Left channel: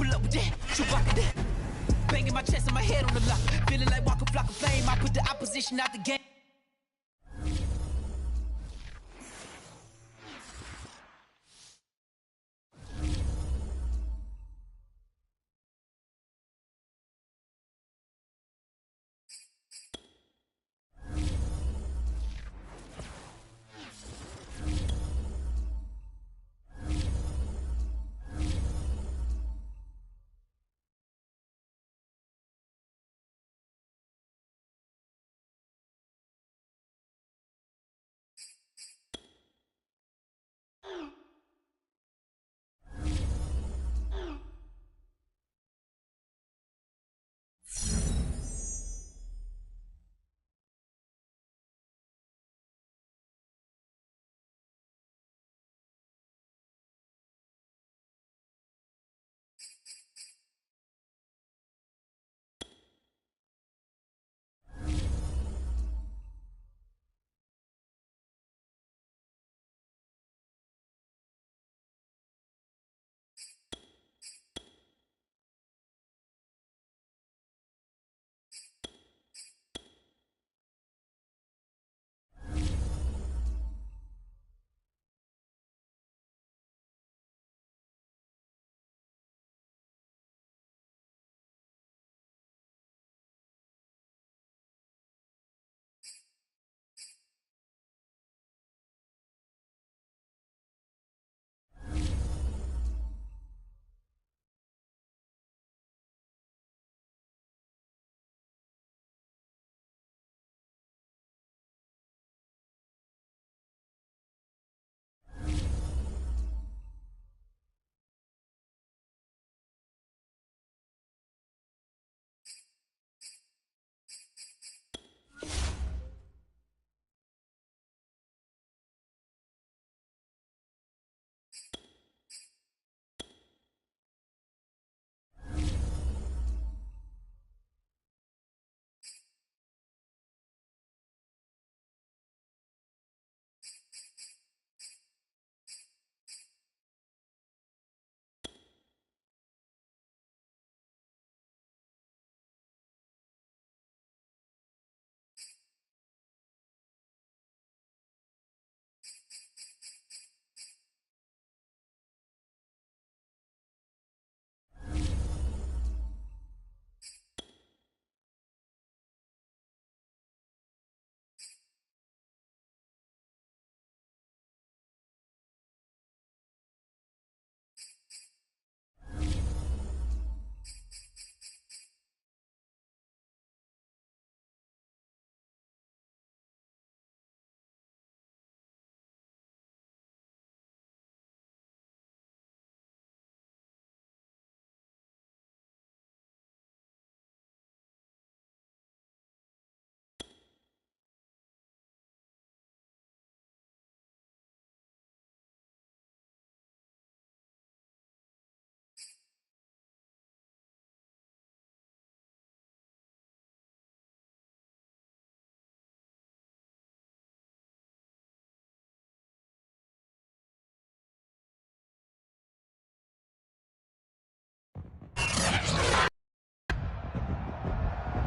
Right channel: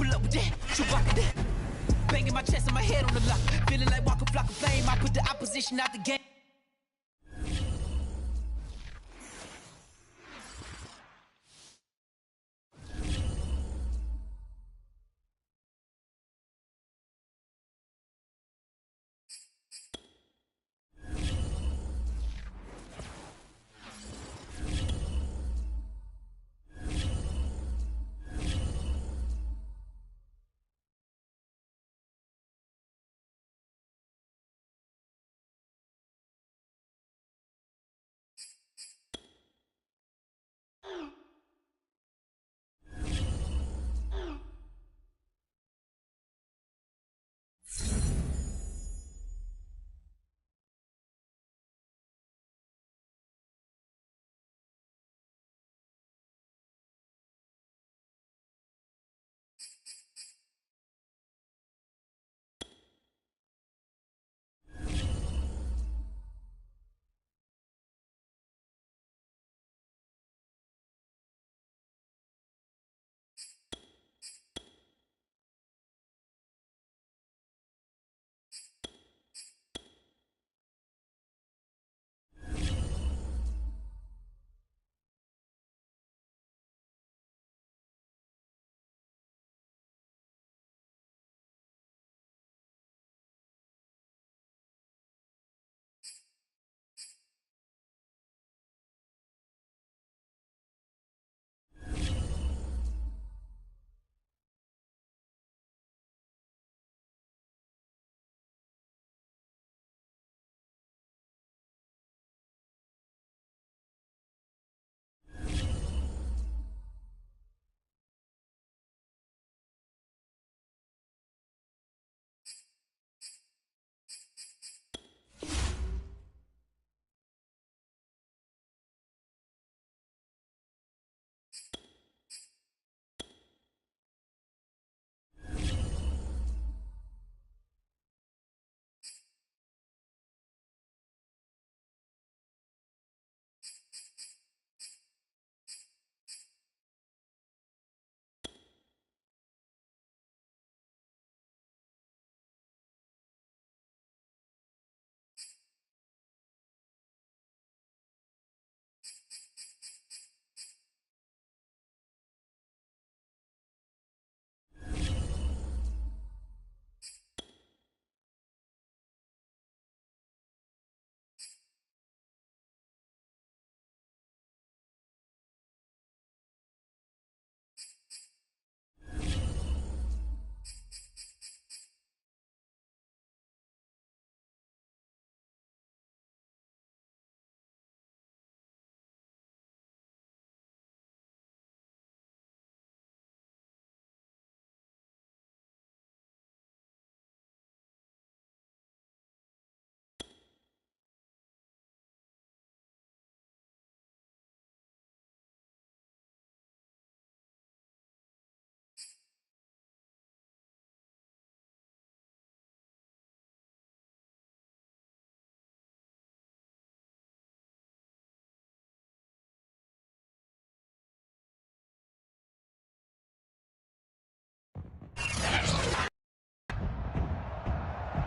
pull up with that, Chewbacca that. Banging my chest and my head on the lock. Feeling like Walker Flock of Flame. I put the opposition out the game.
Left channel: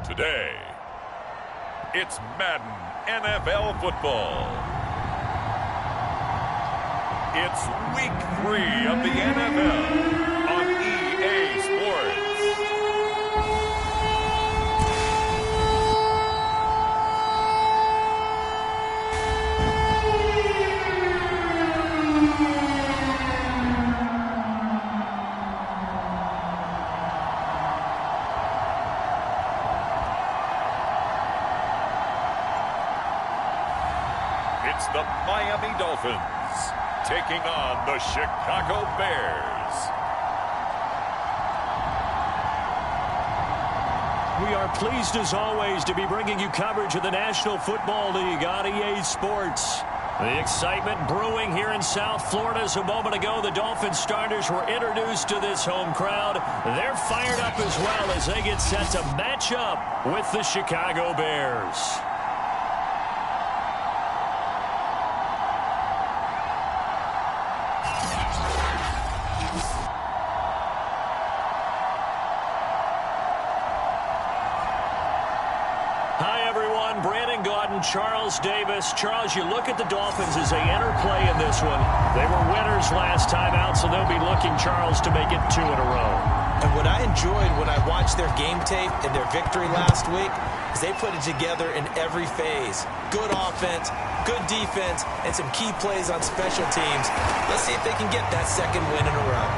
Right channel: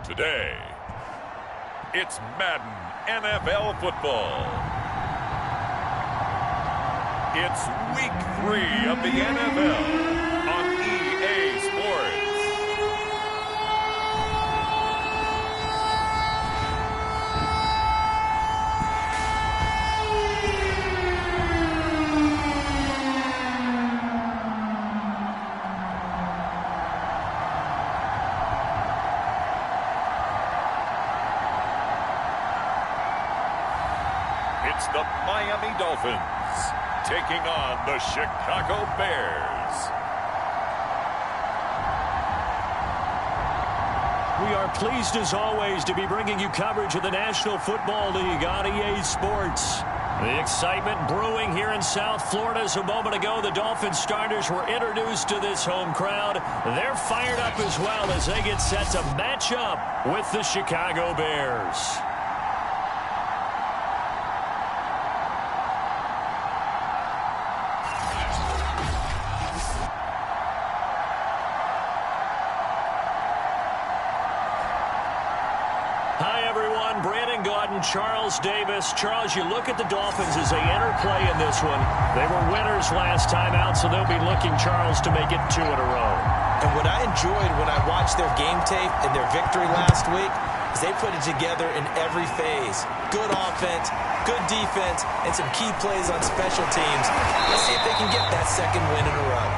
Today, it's Madden NFL football. It's week 3 of the NFL on EA Sports. It's the Miami Dolphins taking on the Chicago Bears. We are pleased as always to be bringing you coverage of the National Football League on EA Sports. The excitement brewing here in South Florida. As a moment ago, the Dolphins starters were introduced to this home crowd. They're fired up as well as they get set to match up with the Chicago Bears. run. Brandon Gaudin, Charles Davis. Charles, you look at the Dolphins as they enter play in this one. They were winners last time out, so they'll be looking, Charles, to make it 2 in a row. And what I enjoyed when I watched their game tape and their victory last week is they put it together in every phase. Good offense, good defense, and some key plays on special teams. Let's see if they can get that second win in a row.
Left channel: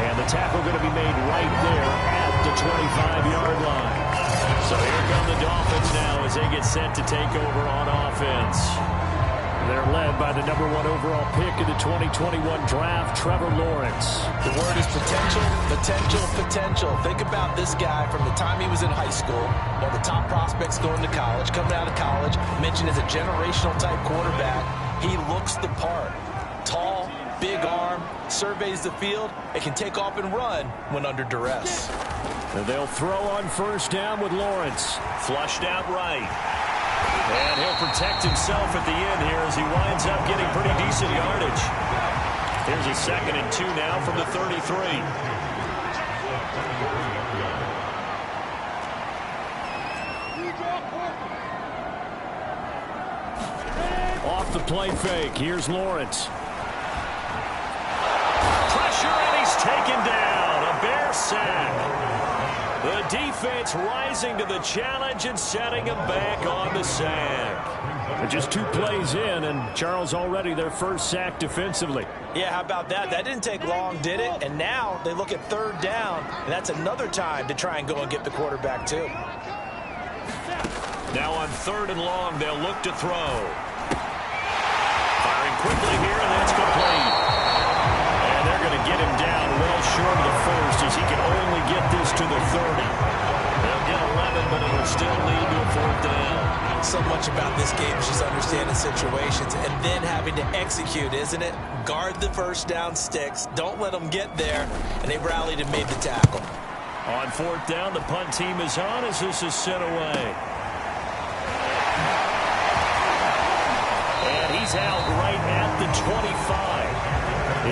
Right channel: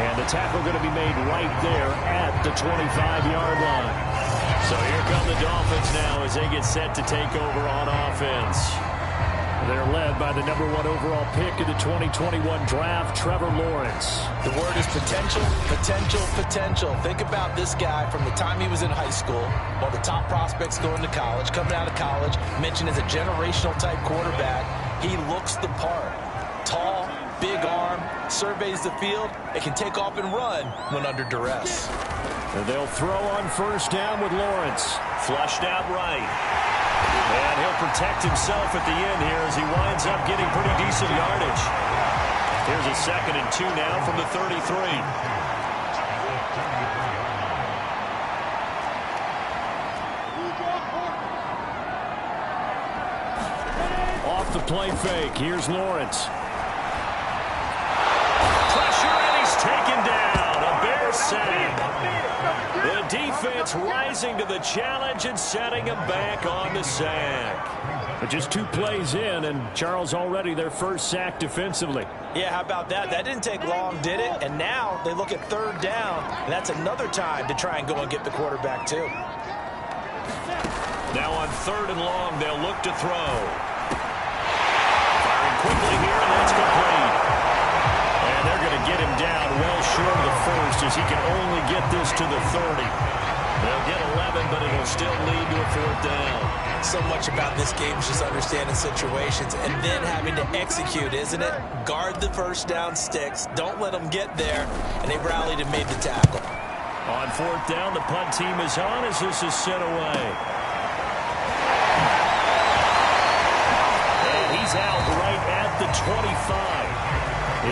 And the tackle going to be made right there at the 25-yard line. So here come the Dolphins now as they get set to take over on offense. They're led by the #1 overall pick of the 2021 draft, Trevor Lawrence. The word is potential, potential, potential. Think about this guy from the time he was in high school, one of the top prospects going to college, coming out of college, mentioned as a generational type quarterback. He looks the part. Tall, big arm, surveys the field, and can take off and run when under duress. And they'll throw on first down with Lawrence. Flushed out right. And he'll protect himself at the end here as he winds up getting pretty decent yardage. Here's a 2nd and 2 now from the 33. Off the play fake. Here's Lawrence. Pressure, and he's taken down. A Bear sack. The defense rising to the challenge and setting him back on the sack. But just 2 plays in, and Charles already their first sack defensively. Yeah, how about that? That didn't take long, did it? And now they look at 3rd down, and that's another time to try and go and get the quarterback too. Now on 3rd and long, they'll look to throw. Firing quickly here, and that's complete. And they're going to get him down well short of the first as he can only get this to the 30. They'll get 11, but it'll still lead to a 4th down. So much about this game is just understanding situations and then having to execute, isn't it? Guard the first down sticks. Don't let them get there. And they rallied and made the tackle. On 4th down, the punt team is on as this is sent away. And he's out right at the 25.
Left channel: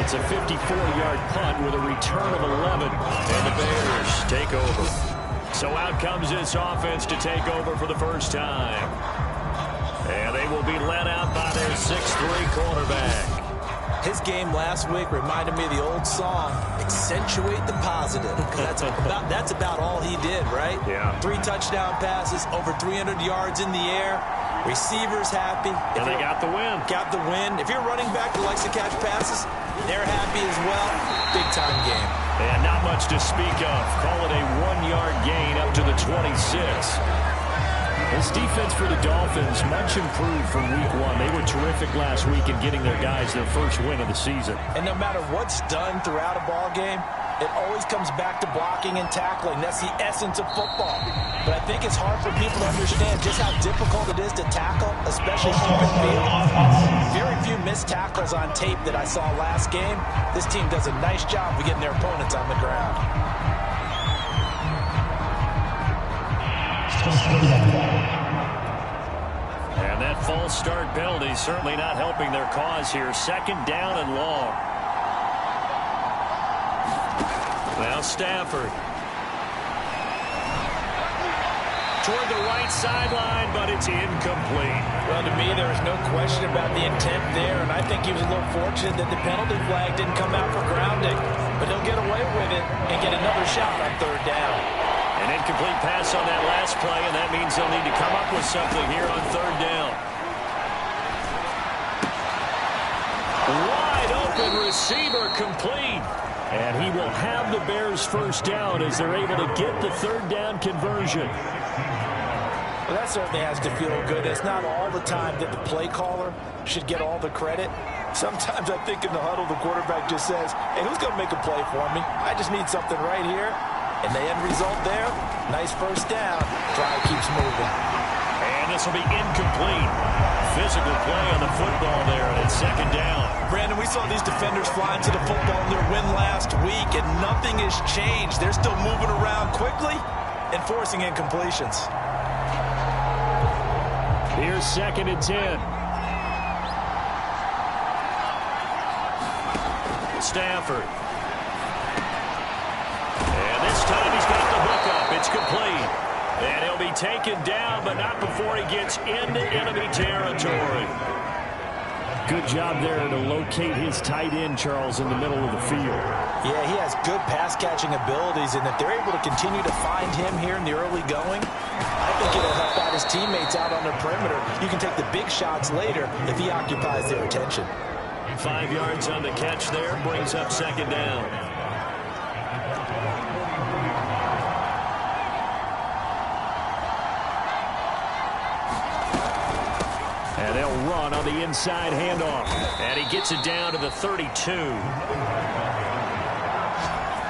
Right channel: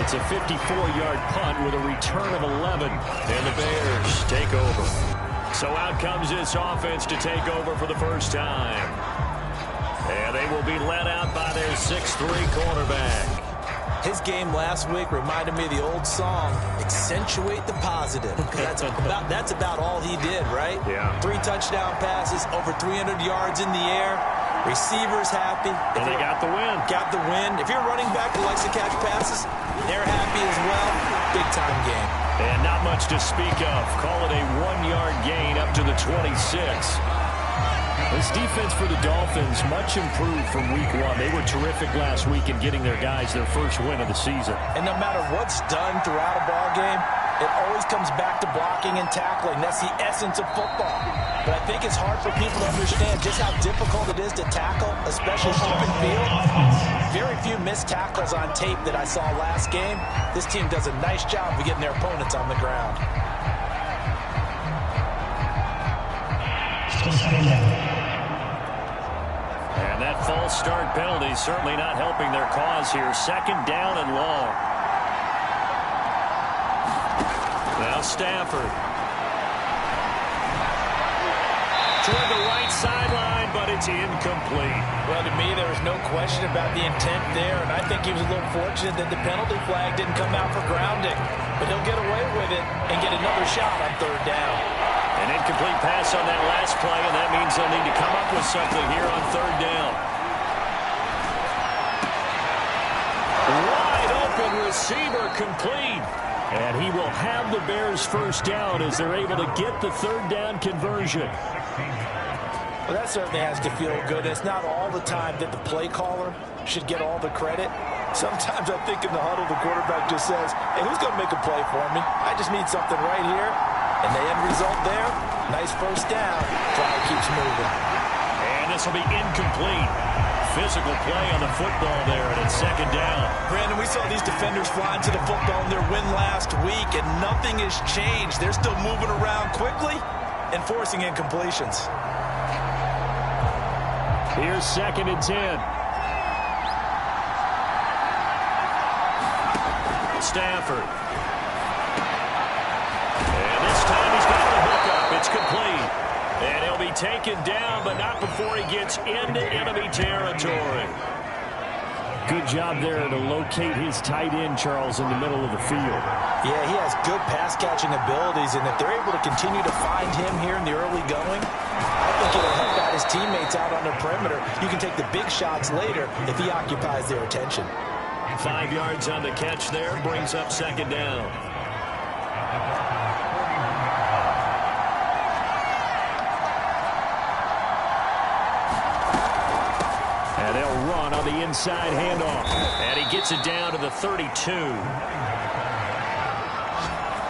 It's a 54-yard punt with a return of 11, and the Bears take over. So out comes this offense to take over for the first time. And they will be led out by their 6'3" quarterback. His game last week reminded me of the old song, Accentuate the Positive. Because that's about all he did, right? Yeah. 3 touchdown passes, over 300 yards in the air. Receivers happy. And they got the win. Got the win. If you're a running back that likes to catch passes, they're happy as well. Big-time game. And not much to speak of. Call it a 1-yard gain up to the 26. This defense for the Dolphins, much improved from week 1. They were terrific last week in getting their guys their first win of the season. And no matter what's done throughout a ball game, it always comes back to blocking and tackling. That's the essence of football. But I think it's hard for people to understand just how difficult it is to tackle, especially open field. Very few missed tackles on tape that I saw last game. This team does a nice job of getting their opponents on the ground. And that false start penalty certainly not helping their cause here. 2nd down and long. Now Stafford. Toward the right sideline, but it's incomplete. Well, to me, there was no question about the intent there, and I think he was a little fortunate that the penalty flag didn't come out for grounding. But he'll get away with it and get another shot on 3rd down. An incomplete pass on that last play, and that means they'll need to come up with something here on 3rd down. Wide open receiver complete. And he will have the Bears first down as they're able to get the 3rd down conversion. Well, that certainly has to feel good. It's not all the time that the play caller should get all the credit. Sometimes I think in the huddle, the quarterback just says, hey, who's going to make a play for me? I just need something right here. And the end result there, nice first down. Drive keeps moving. And this will be incomplete. Physical play on the football there, and it's 2nd down. Brandon, we saw these defenders flying to the football in their win last week, and nothing has changed. They're still moving around quickly and forcing incompletions. Here's 2nd and 10. Stafford. And this time he's got the hook up. It's complete. And he'll be taken down, but not before he gets into enemy territory. Good job there to locate his tight end, Charles, in the middle of the field. Yeah, he has good pass-catching abilities, and if they're able to continue to find him here in the early going, I think it'll help out his teammates out on the perimeter. You can take the big shots later if he occupies their attention. 5 yards on the catch there, brings up second down. And they'll run on the inside handoff. And he gets it down to the 32.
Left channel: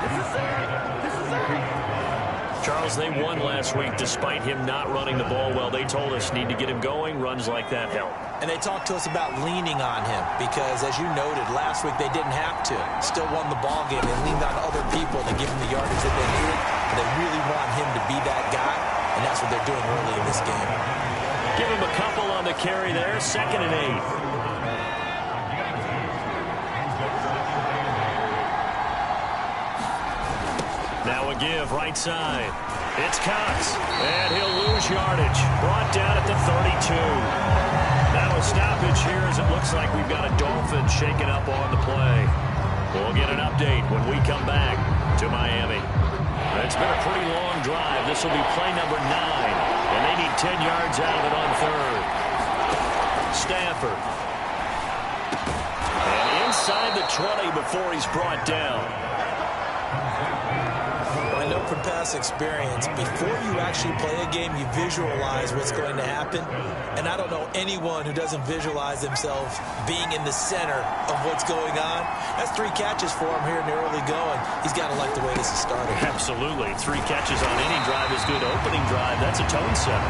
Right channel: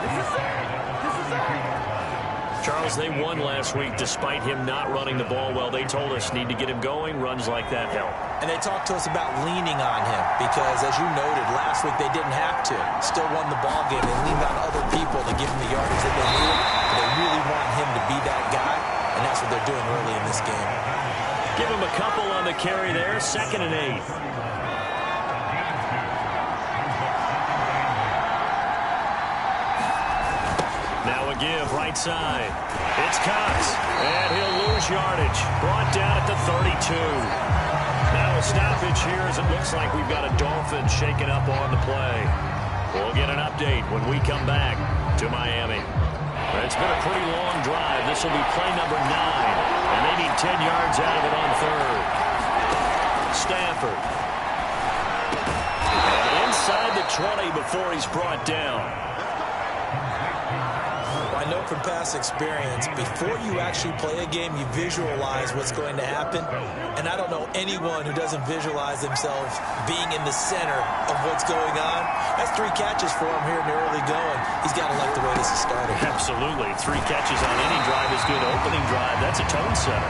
This is Charles, they won last week despite him not running the ball well. They told us need to get him going. Runs like that help. And they talked to us about leaning on him because, as you noted, last week they didn't have to. Still won the ball game. They leaned on other people to give him the yardage that they needed. But they really want him to be that guy, and that's what they're doing early in this game. Give him a couple on the carry there. 2nd and 8. Now a give right side. It's Cox. And he'll lose yardage. Brought down at the 32. Now a stoppage here as it looks like we've got a Dolphin shaken up on the play. We'll get an update when we come back to Miami. It's been a pretty long drive. This will be play number 9. And they need 10 yards out of it on 3rd. Stafford. And inside the 20 before he's brought down. Well, I know from past experience, before you actually play a game, you visualize what's going to happen. And I don't know anyone who doesn't visualize themselves being in the center of what's going on. That's 3 catches for him here in the early going. He's got to like the way this is starting. Absolutely. 3 catches on any drive is good. Opening drive, that's a tone setter.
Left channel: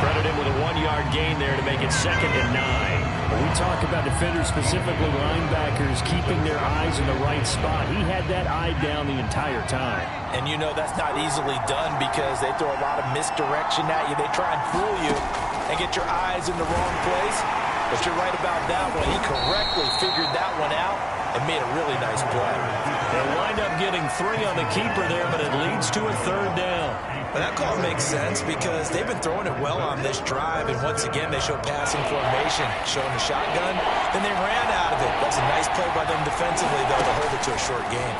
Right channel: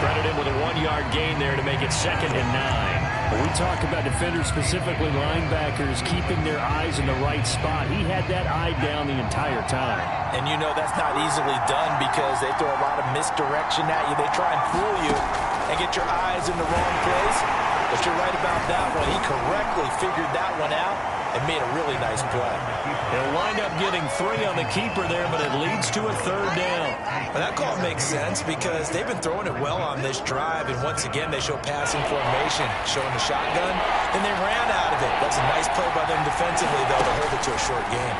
Credit him with a 1-yard gain there to make it 2nd and 9. When we talk about defenders, specifically linebackers, keeping their eyes in the right spot, he had that eye down the entire time. And you know that's not easily done because they throw a lot of misdirection at you. They try and fool you and get your eyes in the wrong place. But you're right about that one. He correctly figured that one out and made a really nice play. He'll wind up getting 3 on the keeper there, but it leads to a 3rd down. Well, that call makes sense because they've been throwing it well on this drive, and once again, they show passing formation, showing the shotgun. Then they ran out of it. That's a nice play by them defensively, though, to hold it to a short game.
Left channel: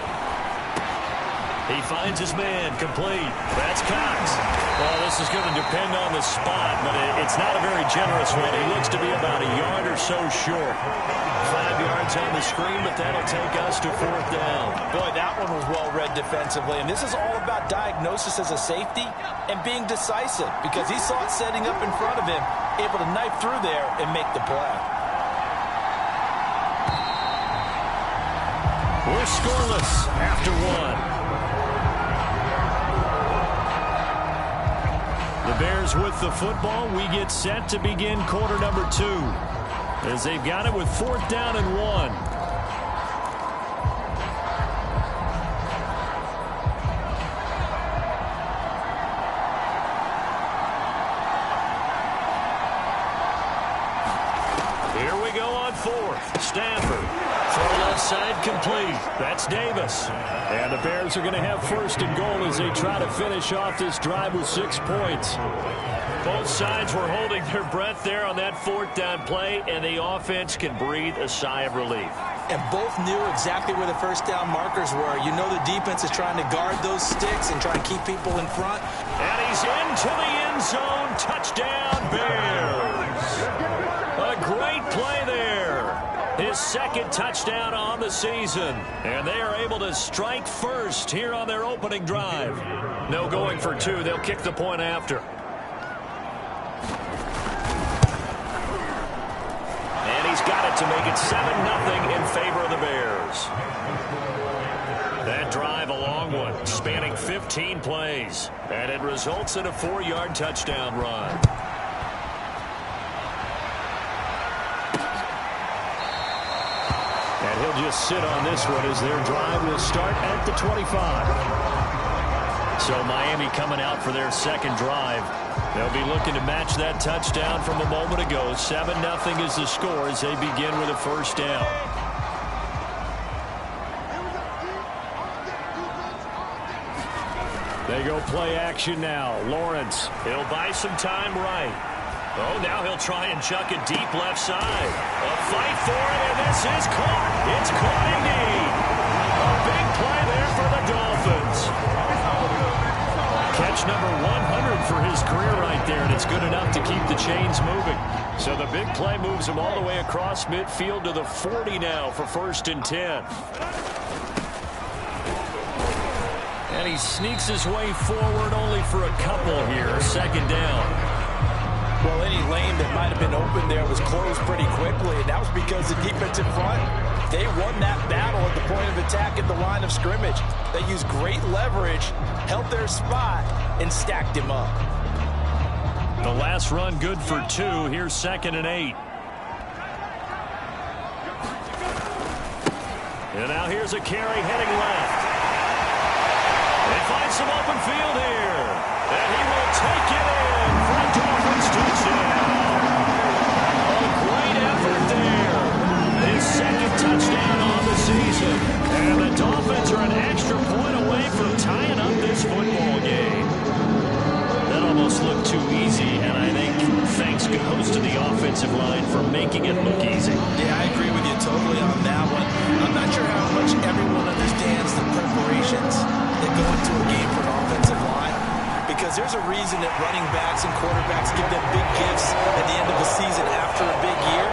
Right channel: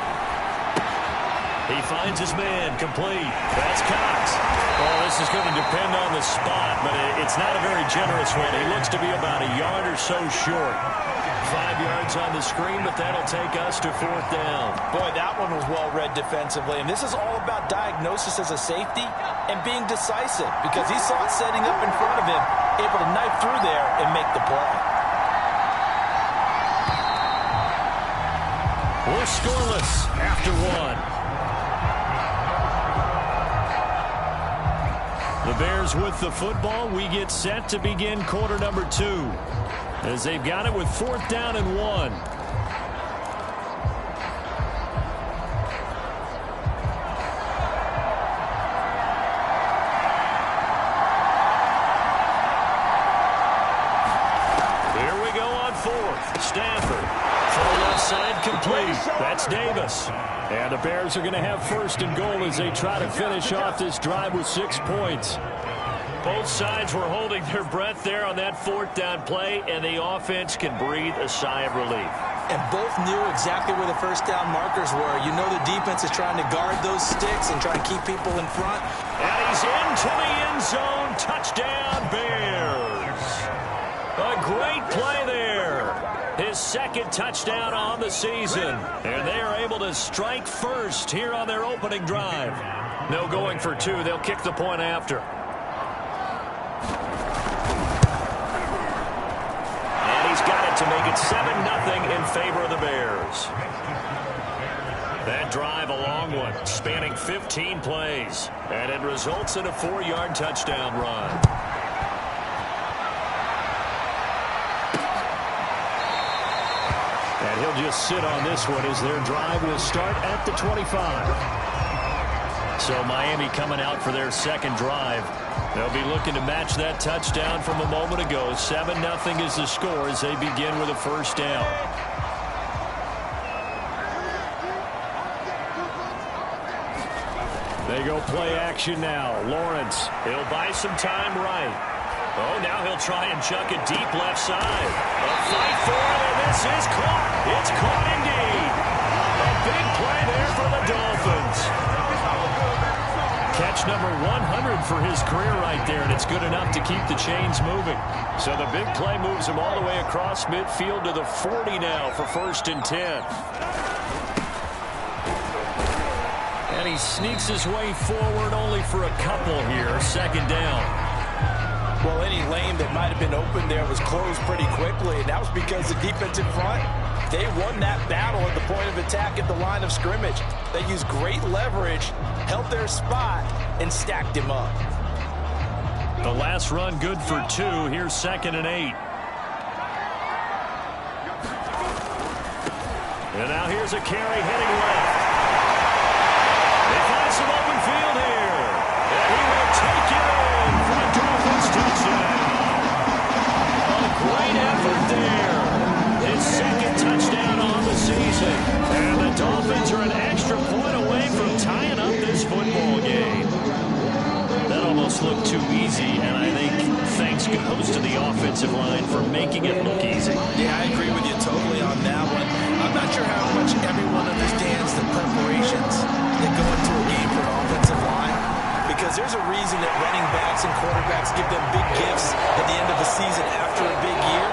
He finds his man, complete. That's Cox. Well, this is going to depend on the spot, but it's not a very generous one. He looks to be about a yard or so short. 5 yards on the screen, but that'll take us to 4th down. Boy, that one was well read defensively, and this is all about diagnosis as a safety and being decisive because he saw it setting up in front of him, able to knife through there and make the play. We're scoreless after 1. The Bears with the football. We get set to begin quarter number 2. As they've got it with 4th down and 1. Here we go on 4th. Stafford. Throw left side complete. That's Davis. And the Bears are going to have 1st and goal as they try to finish off this drive with 6 points. Both sides were holding their breath there on that 4th down play, and the offense can breathe a sigh of relief. And both knew exactly where the 1st down markers were. You know the defense is trying to guard those sticks and try and keep people in front. And he's into the end zone. Touchdown, Bears. A great play there. His 2nd touchdown on the season. And they are able to strike first here on their opening drive. No going for 2. They'll kick the point after. And he's got it to make it 7-0 in favor of the Bears. That drive, a long one, spanning 15 plays. And it results in a 4-yard touchdown run. And he'll just sit on this one as their drive will start at the 25. So Miami coming out for their 2nd drive. They'll be looking to match that touchdown from a moment ago. 7-0 is the score as they begin with a 1st down. They go play action now. Lawrence, he'll buy some time right. Oh, now he'll try and chuck it deep left side. A fight for it, and this is caught. It's caught indeed. A big play there for the Dolphins. Catch number 100 for his career right there, and it's good enough to keep the chains moving. So the big play moves him all the way across midfield to the 40 now for 1st and 10. And he sneaks his way forward only for a couple here. 2nd down. Well, any lane that might have been open there was closed pretty quickly, and that was because the defense in front, they won that battle at the point of attack at the line of scrimmage. They used great leverage, held their spot, and stacked him up. The last run good for 2. Here's 2nd and 8. And now here's a carry heading left. They find some open field here. And he will take it in for a Dolphins touchdown. A great effort there. His 2nd touchdown on the season. And the Dolphins are an extra point away from tying up this football game. That almost looked too easy, and I think thanks goes to the offensive line for making it look easy. Yeah, I agree with you totally on that one. I'm not sure how much everyone understands the preparations that go into a game for an offensive line, because there's a reason that running backs and quarterbacks give them big gifts at the end of a season after a big year.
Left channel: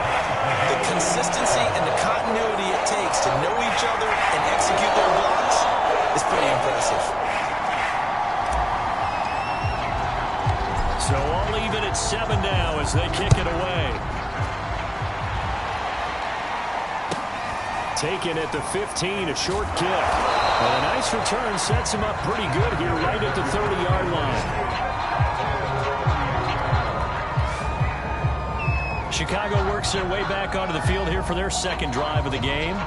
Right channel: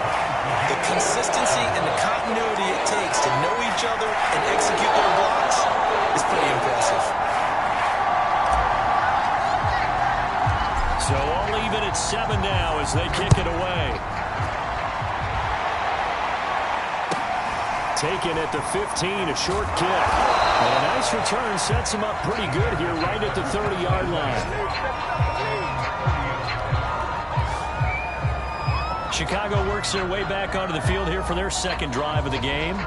The consistency and the continuity it takes to know each other and execute their blocks is pretty impressive. So all even at 7 now as they kick it away. Taken at the 15, a short kick. And a nice return sets him up pretty good here right at the 30-yard line. Chicago works their way back onto the field here for their 2nd drive of the game.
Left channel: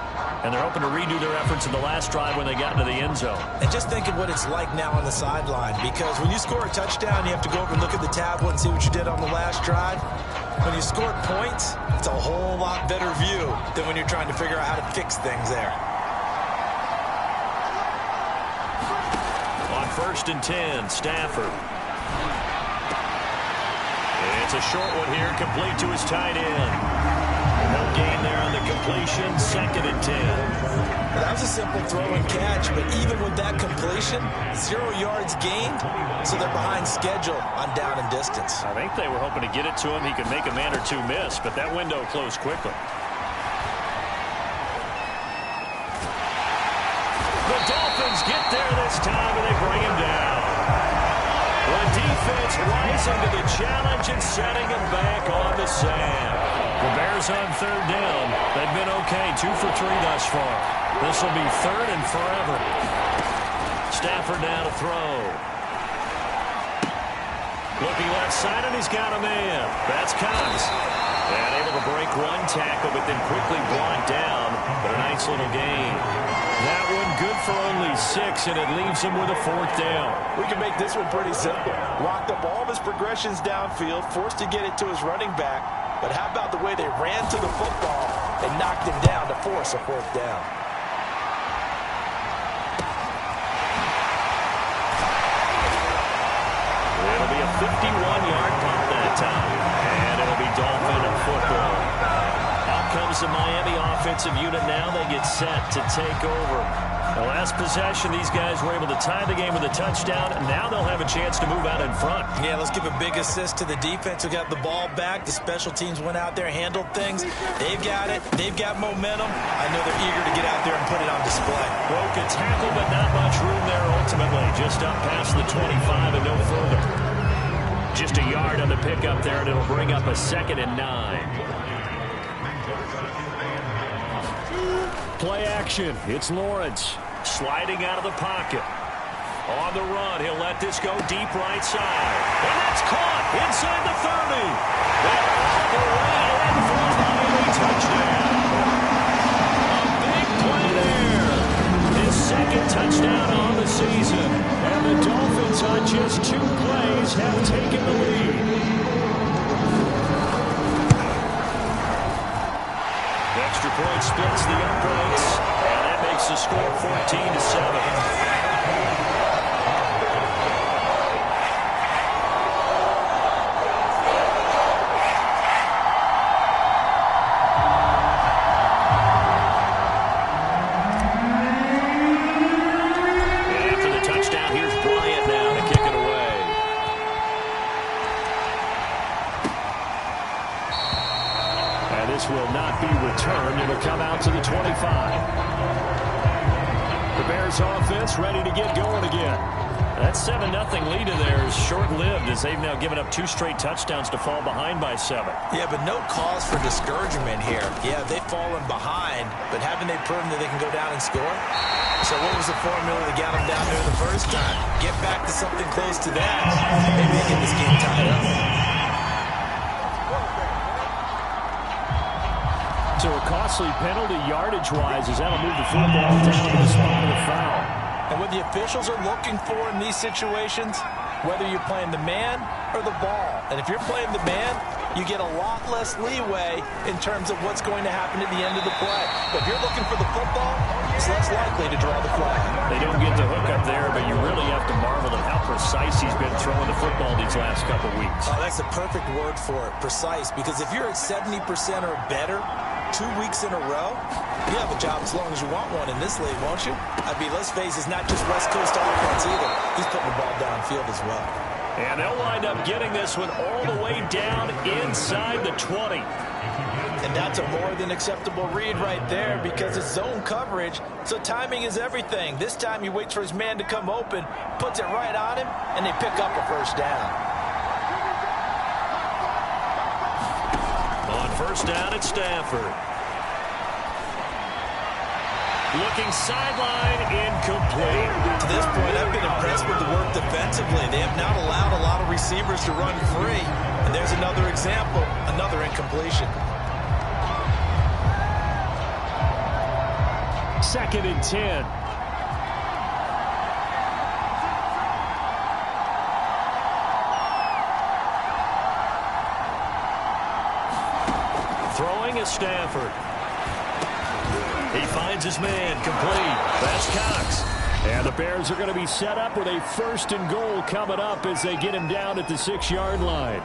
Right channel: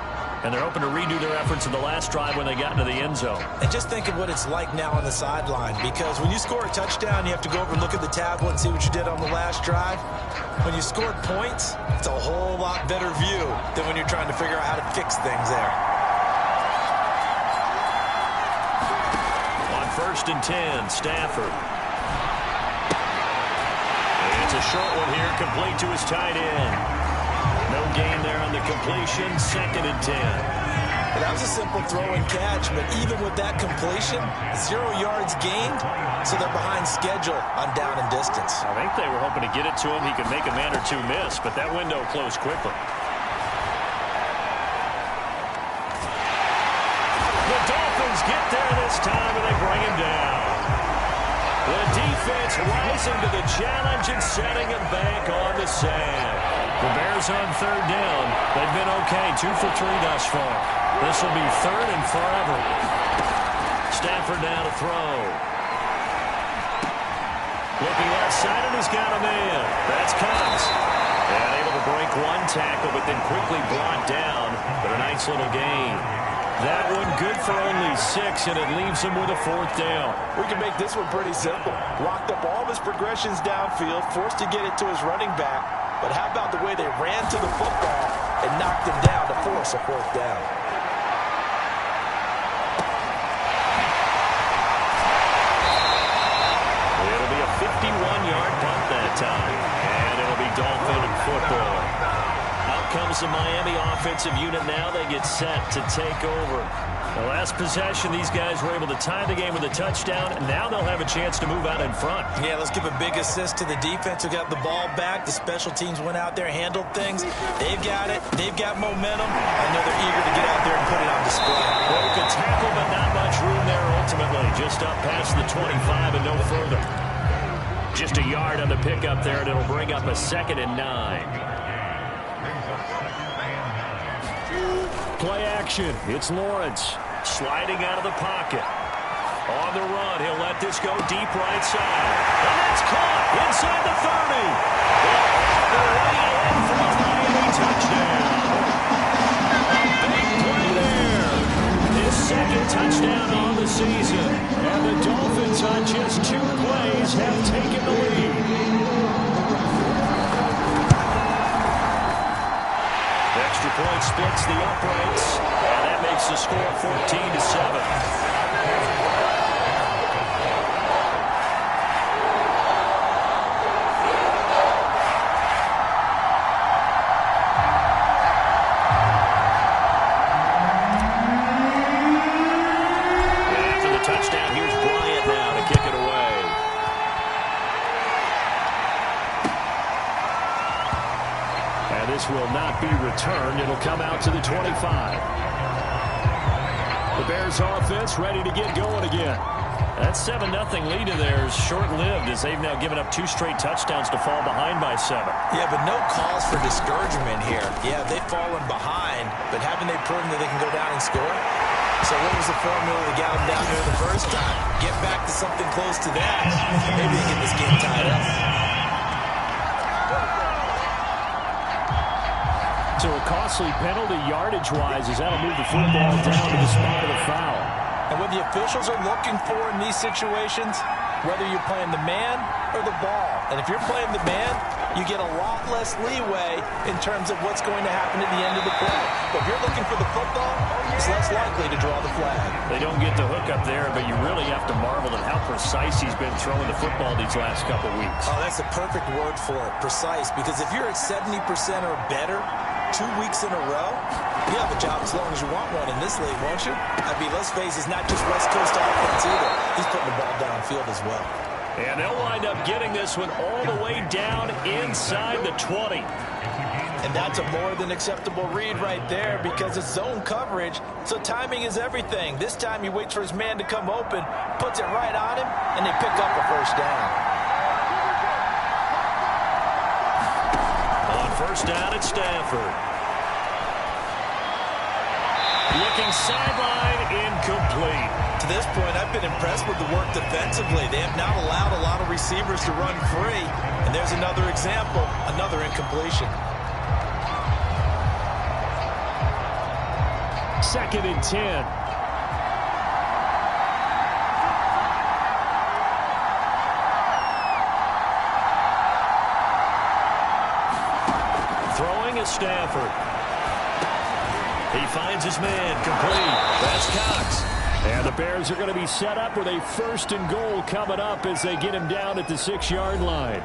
And they're hoping to redo their efforts in the last drive when they got into the end zone. And just think of what it's like now on the sideline, because when you score a touchdown, you have to go over and look at the tablet and see what you did on the last drive. When you scored points, it's a whole lot better view than when you're trying to figure out how to fix things there. On 1st and 10, Stafford. It's a short one here, complete to his tight end. No gain there on the completion, 2nd and 10. Well, that was a simple throw and catch, but even with that completion, 0 yards gained, so they're behind schedule on down and distance. I think they were hoping to get it to him. He could make a man or two miss, but that window closed quickly. The Dolphins get there this time, and they bring him down. The defense rising to the challenge and setting him back on the sand. The Bears on 3rd down. They've been okay, 2 for 3 thus far. This will be 3rd and forever. Stafford now to throw. Looking left side, and he's got a man. That's Cox. And able to break one tackle, but then quickly brought down. But a nice little gain. That one good for only 6, and it leaves him with a 4th down. We can make this one pretty simple. Locked up all of his progressions downfield, forced to get it to his running back. But how about the way they ran to the football and knocked him down to force a 4th down? It'll be a 51-yard punt that time. And it'll be Dolphin football. Out comes the Miami offensive unit now. They get set to take over. The last possession, these guys were able to tie the game with a touchdown, and now they'll have a chance to move out in front. Yeah, let's give a big assist to the defense who got the ball back. The special teams went out there, handled things. They've got it. They've got momentum. I know they're eager to get out there and put it on display. Broke a tackle, but not much room there ultimately. Just up past the 25 and no further. Just a yard on the pickup there, and it'll bring up a 2nd and 9. Play action. It's Lawrence sliding out of the pocket. On the run, he'll let this go deep right side. And that's caught inside the 30. And all the way in for a Miami touchdown. A big play there. His 2nd touchdown on the season. And the Dolphins on just 2 plays have taken the lead. Extra point splits the uprights, and that makes the score 14-7. will not be returned. It'll come out to the 25. The Bears offense ready to get going again. That 7-0 lead of theirs short-lived as they've now given up 2 straight touchdowns to fall behind by 7. Yeah, but no cause for discouragement here. Yeah, they've fallen behind, but haven't they proven that they can go down and score? So what was the formula that got them down there the first time? Get back to something close to that. Maybe they get this game tied up. So a costly penalty yardage-wise as that'll move the football down to the spot of the foul. And what the officials are looking for in these situations, whether you're playing the man or the ball. And if you're playing the man, you get a lot less leeway in terms of what's going to happen at the end of the play. But if you're looking for the football, it's less likely to draw the flag. They don't get the hook up there, but you really have to marvel at how precise he's been throwing the football these last couple weeks. Oh, that's a perfect word for it, precise. Because if you're at 70% or better 2 weeks in a row, you have a job as long as you want one in this league, won't you? I mean, let's face it, it's not just West Coast offense either. He's putting the ball downfield as well. And they'll wind up getting this one all the way down inside the 20. And that's a more than acceptable read right there because it's zone coverage, so timing is everything. This time he waits for his man to come open, puts it right on him, and they pick up a first down. On first down, it's Stafford. Looking sideline, incomplete. To this point, I've been impressed with the work defensively. They have not allowed a lot of receivers to run free. And there's another example, another incompletion. 2nd and 10. Throwing is Stafford. He finds his man, complete. That's Cox. And the Bears are going to be set up with a 1st and goal coming up as they get him down at the 6-yard line.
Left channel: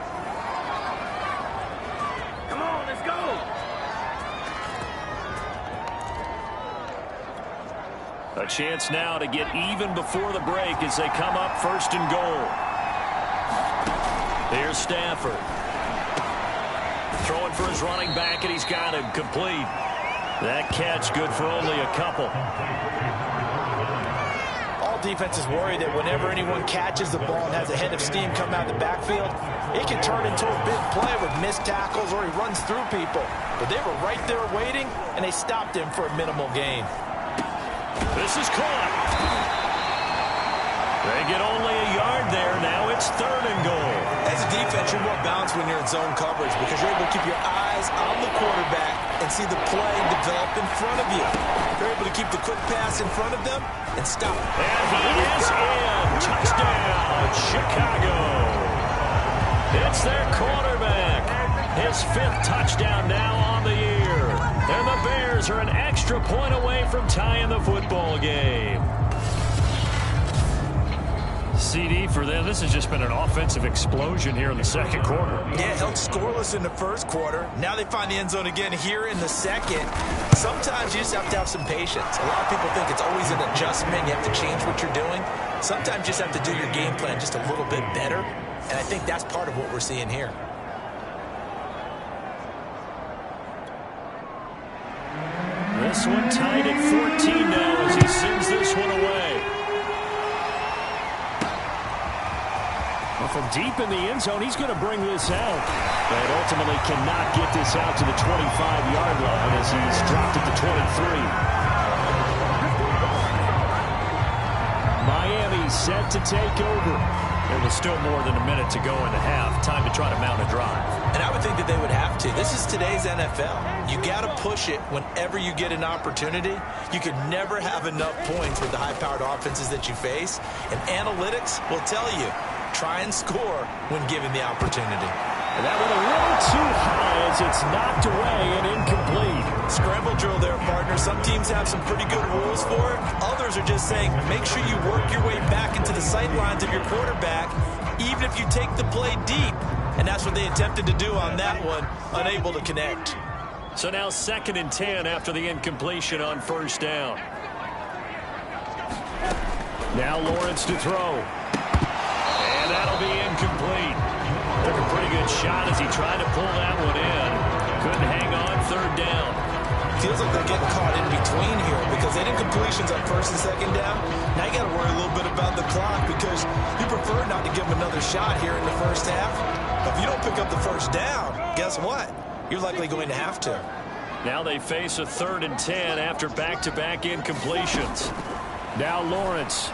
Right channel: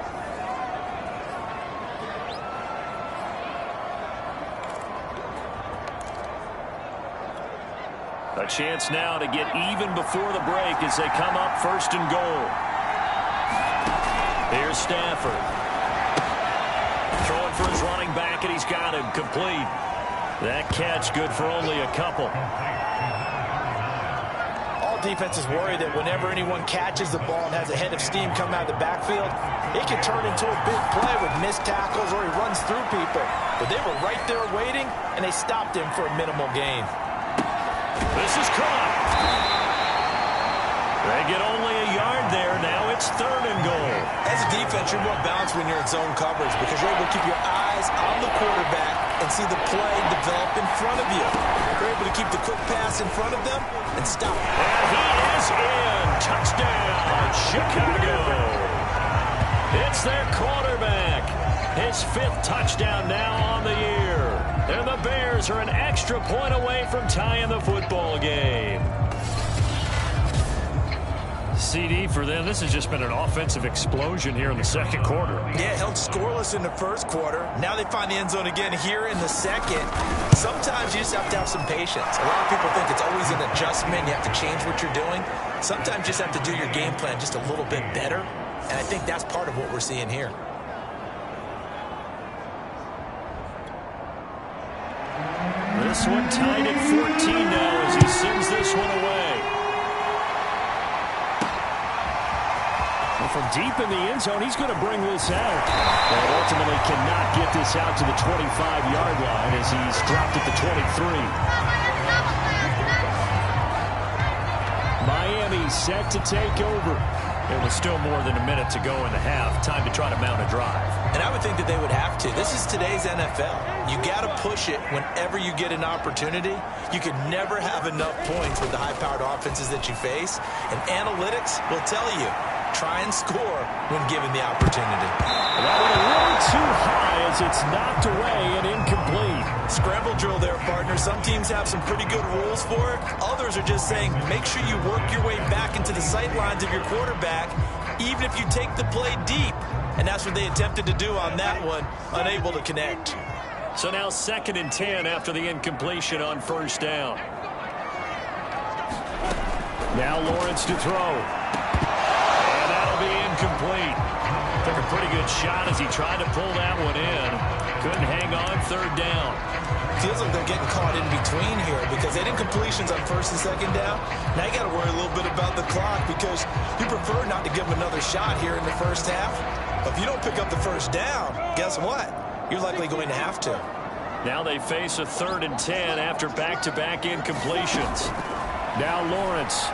A chance now to get even before the break as they come up 1st and goal. Here's Stafford. Throwing for his running back, and he's got him complete. That catch good for only a couple. All defenses worry that whenever anyone catches the ball and has a head of steam come out of the backfield, it can turn into a big play with missed tackles or he runs through people. But they were right there waiting, and they stopped him for a minimal gain. This is caught. They get only a yard there. Now it's 3rd and goal. As a defense, you're more balanced when you're in zone coverage because you're able to keep your eyes on the quarterback and see the play develop in front of you. You're able to keep the quick pass in front of them and stop it. And he is in. Touchdown, Chicago. It's their quarterback. His 5th touchdown now on the year. And the Bears are an extra point away from tying the football game. CD for them. This has just been an offensive explosion here in the 2nd quarter. Yeah, held scoreless in the 1st quarter. Now they find the end zone again here in the 2nd. Sometimes you just have to have some patience. A lot of people think it's always an adjustment. You have to change what you're doing. Sometimes you just have to do your game plan just a little bit better. And I think that's part of what we're seeing here. This one tied at 14 now as he sends this one away. Well, from deep in the end zone, he's going to bring this out. And ultimately cannot get this out to the 25-yard line as he's dropped at the 23. Miami set to take over. There was still more than a minute to go in the half. Time to try to mount a drive. And I would think that they would have to. This is today's NFL. You got to push it whenever you get an opportunity. You can never have enough points with the high-powered offenses that you face. And analytics will tell you, try and score when given the opportunity. And that one a little too high as it's knocked away and incomplete. Scramble drill there, partner. Some teams have some pretty good rules for it. Others are just saying, make sure you work your way back into the sight lines of your quarterback, even if you take the play deep. And that's what they attempted to do on that one, unable to connect. So now 2nd and 10 after the incompletion on 1st down. Now Lawrence to throw. And that'll be incomplete. Took a pretty good shot as he tried to pull that one in. Couldn't hang on, third down. Feels like they're getting caught in between here because they didn't completions on first and second down. Now you got to worry a little bit about the clock because you prefer not to give them another shot here in the first half. But if you don't pick up the first down, guess what? You're likely going to have to. Now they face a 3rd and 10 after back-to-back incompletions. Now Lawrence.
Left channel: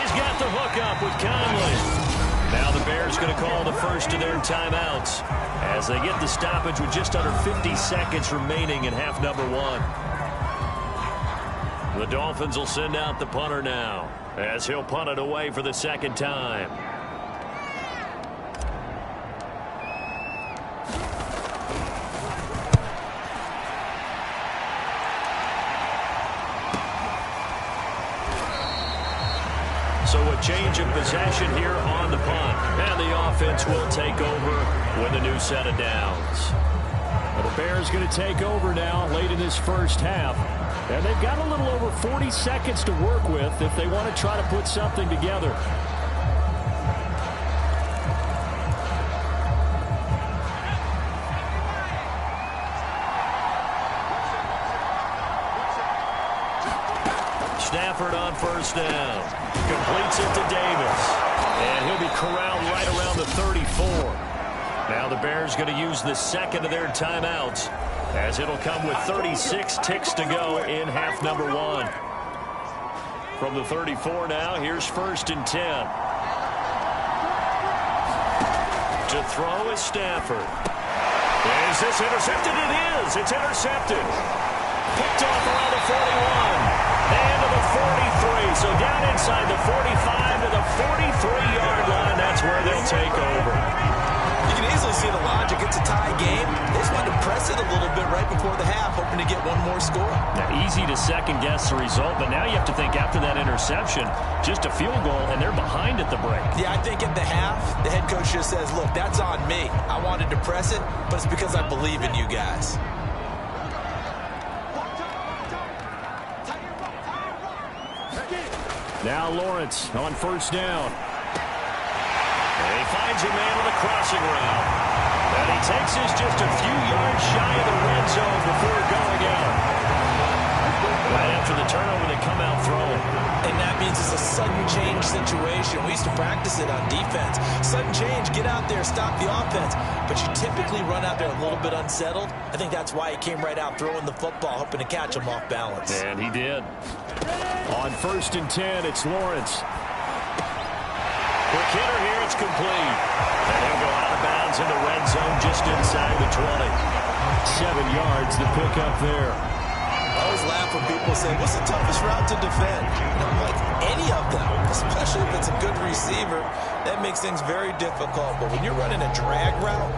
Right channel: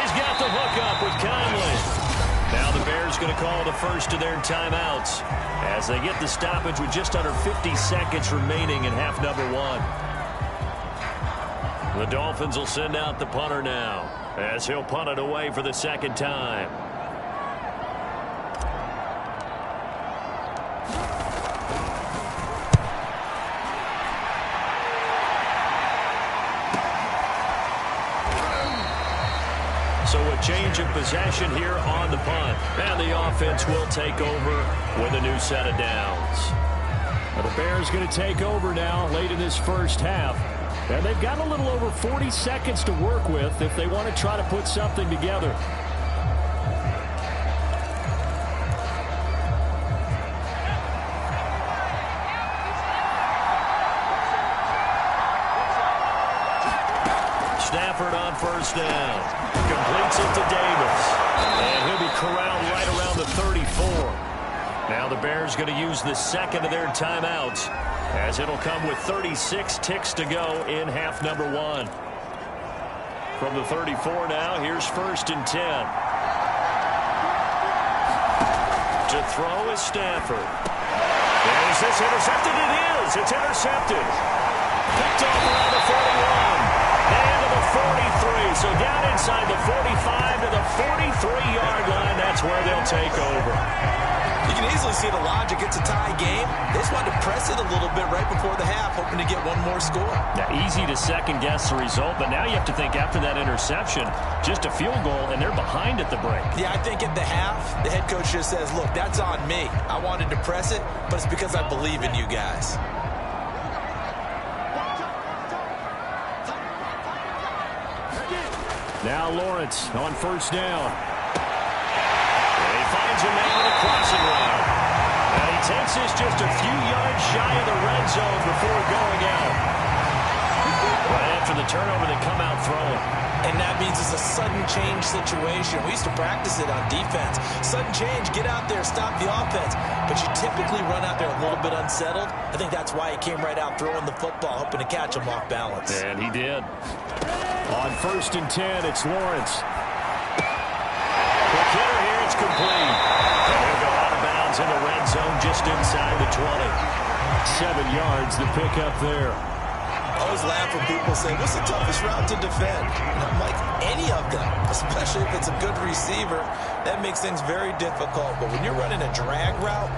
He's got the hook up with Conley. Now the Bears going to call the first of their timeouts as they get the stoppage with just under 50 seconds remaining in half number 1. The Dolphins will send out the punter now as he'll punt it away for the second time. So a change of possession here on the punt. And the offense will take over with a new set of downs. Well, the Bears going to take over now late in this first half. And they've got a little over 40 seconds to work with if they want to try to put something together. Stafford on first down. Completes it to Davis. And he'll be corralled right around the 34. Now the Bears going to use the second of their timeouts as it'll come with 36 ticks to go in half number 1. From the 34 now, here's 1st and 10. To throw is Stafford. Is this intercepted? It is. It's intercepted. Picked off around the 41. And to the 43. So down inside the 45 to the 43-yard line. That's where they'll take over. You can easily see the logic. It's a tie game. They just wanted to press it a little bit right before the half, hoping to get one more score. Now, easy to second-guess the result, but now you have to think after that interception, just a field goal, and they're behind at the break. Yeah, I think at the half, the head coach just says, look, that's on me. I wanted to press it, but it's because I believe in you guys. Now Lawrence on first down. And he finds a man on a crossing route. And he takes this just a few yards shy of the red zone before going out. Right after the turnover, they come out throwing. And that means it's a sudden change situation. We used to practice it on defense. Sudden change, get out there, stop the offense. But you typically run out there a little bit unsettled. I think that's why he came right out throwing the football, hoping to catch him off balance. And he did. On 1st and 10, it's Lawrence. Quick hitter here, it's complete. And he'll go out of bounds in the red zone just inside the 20. 7 yards to pick up there. I always laugh when people say, what's the toughest route to defend? And I'm like, any of them, especially if it's a good receiver. That makes things very difficult. But when you're running a drag route,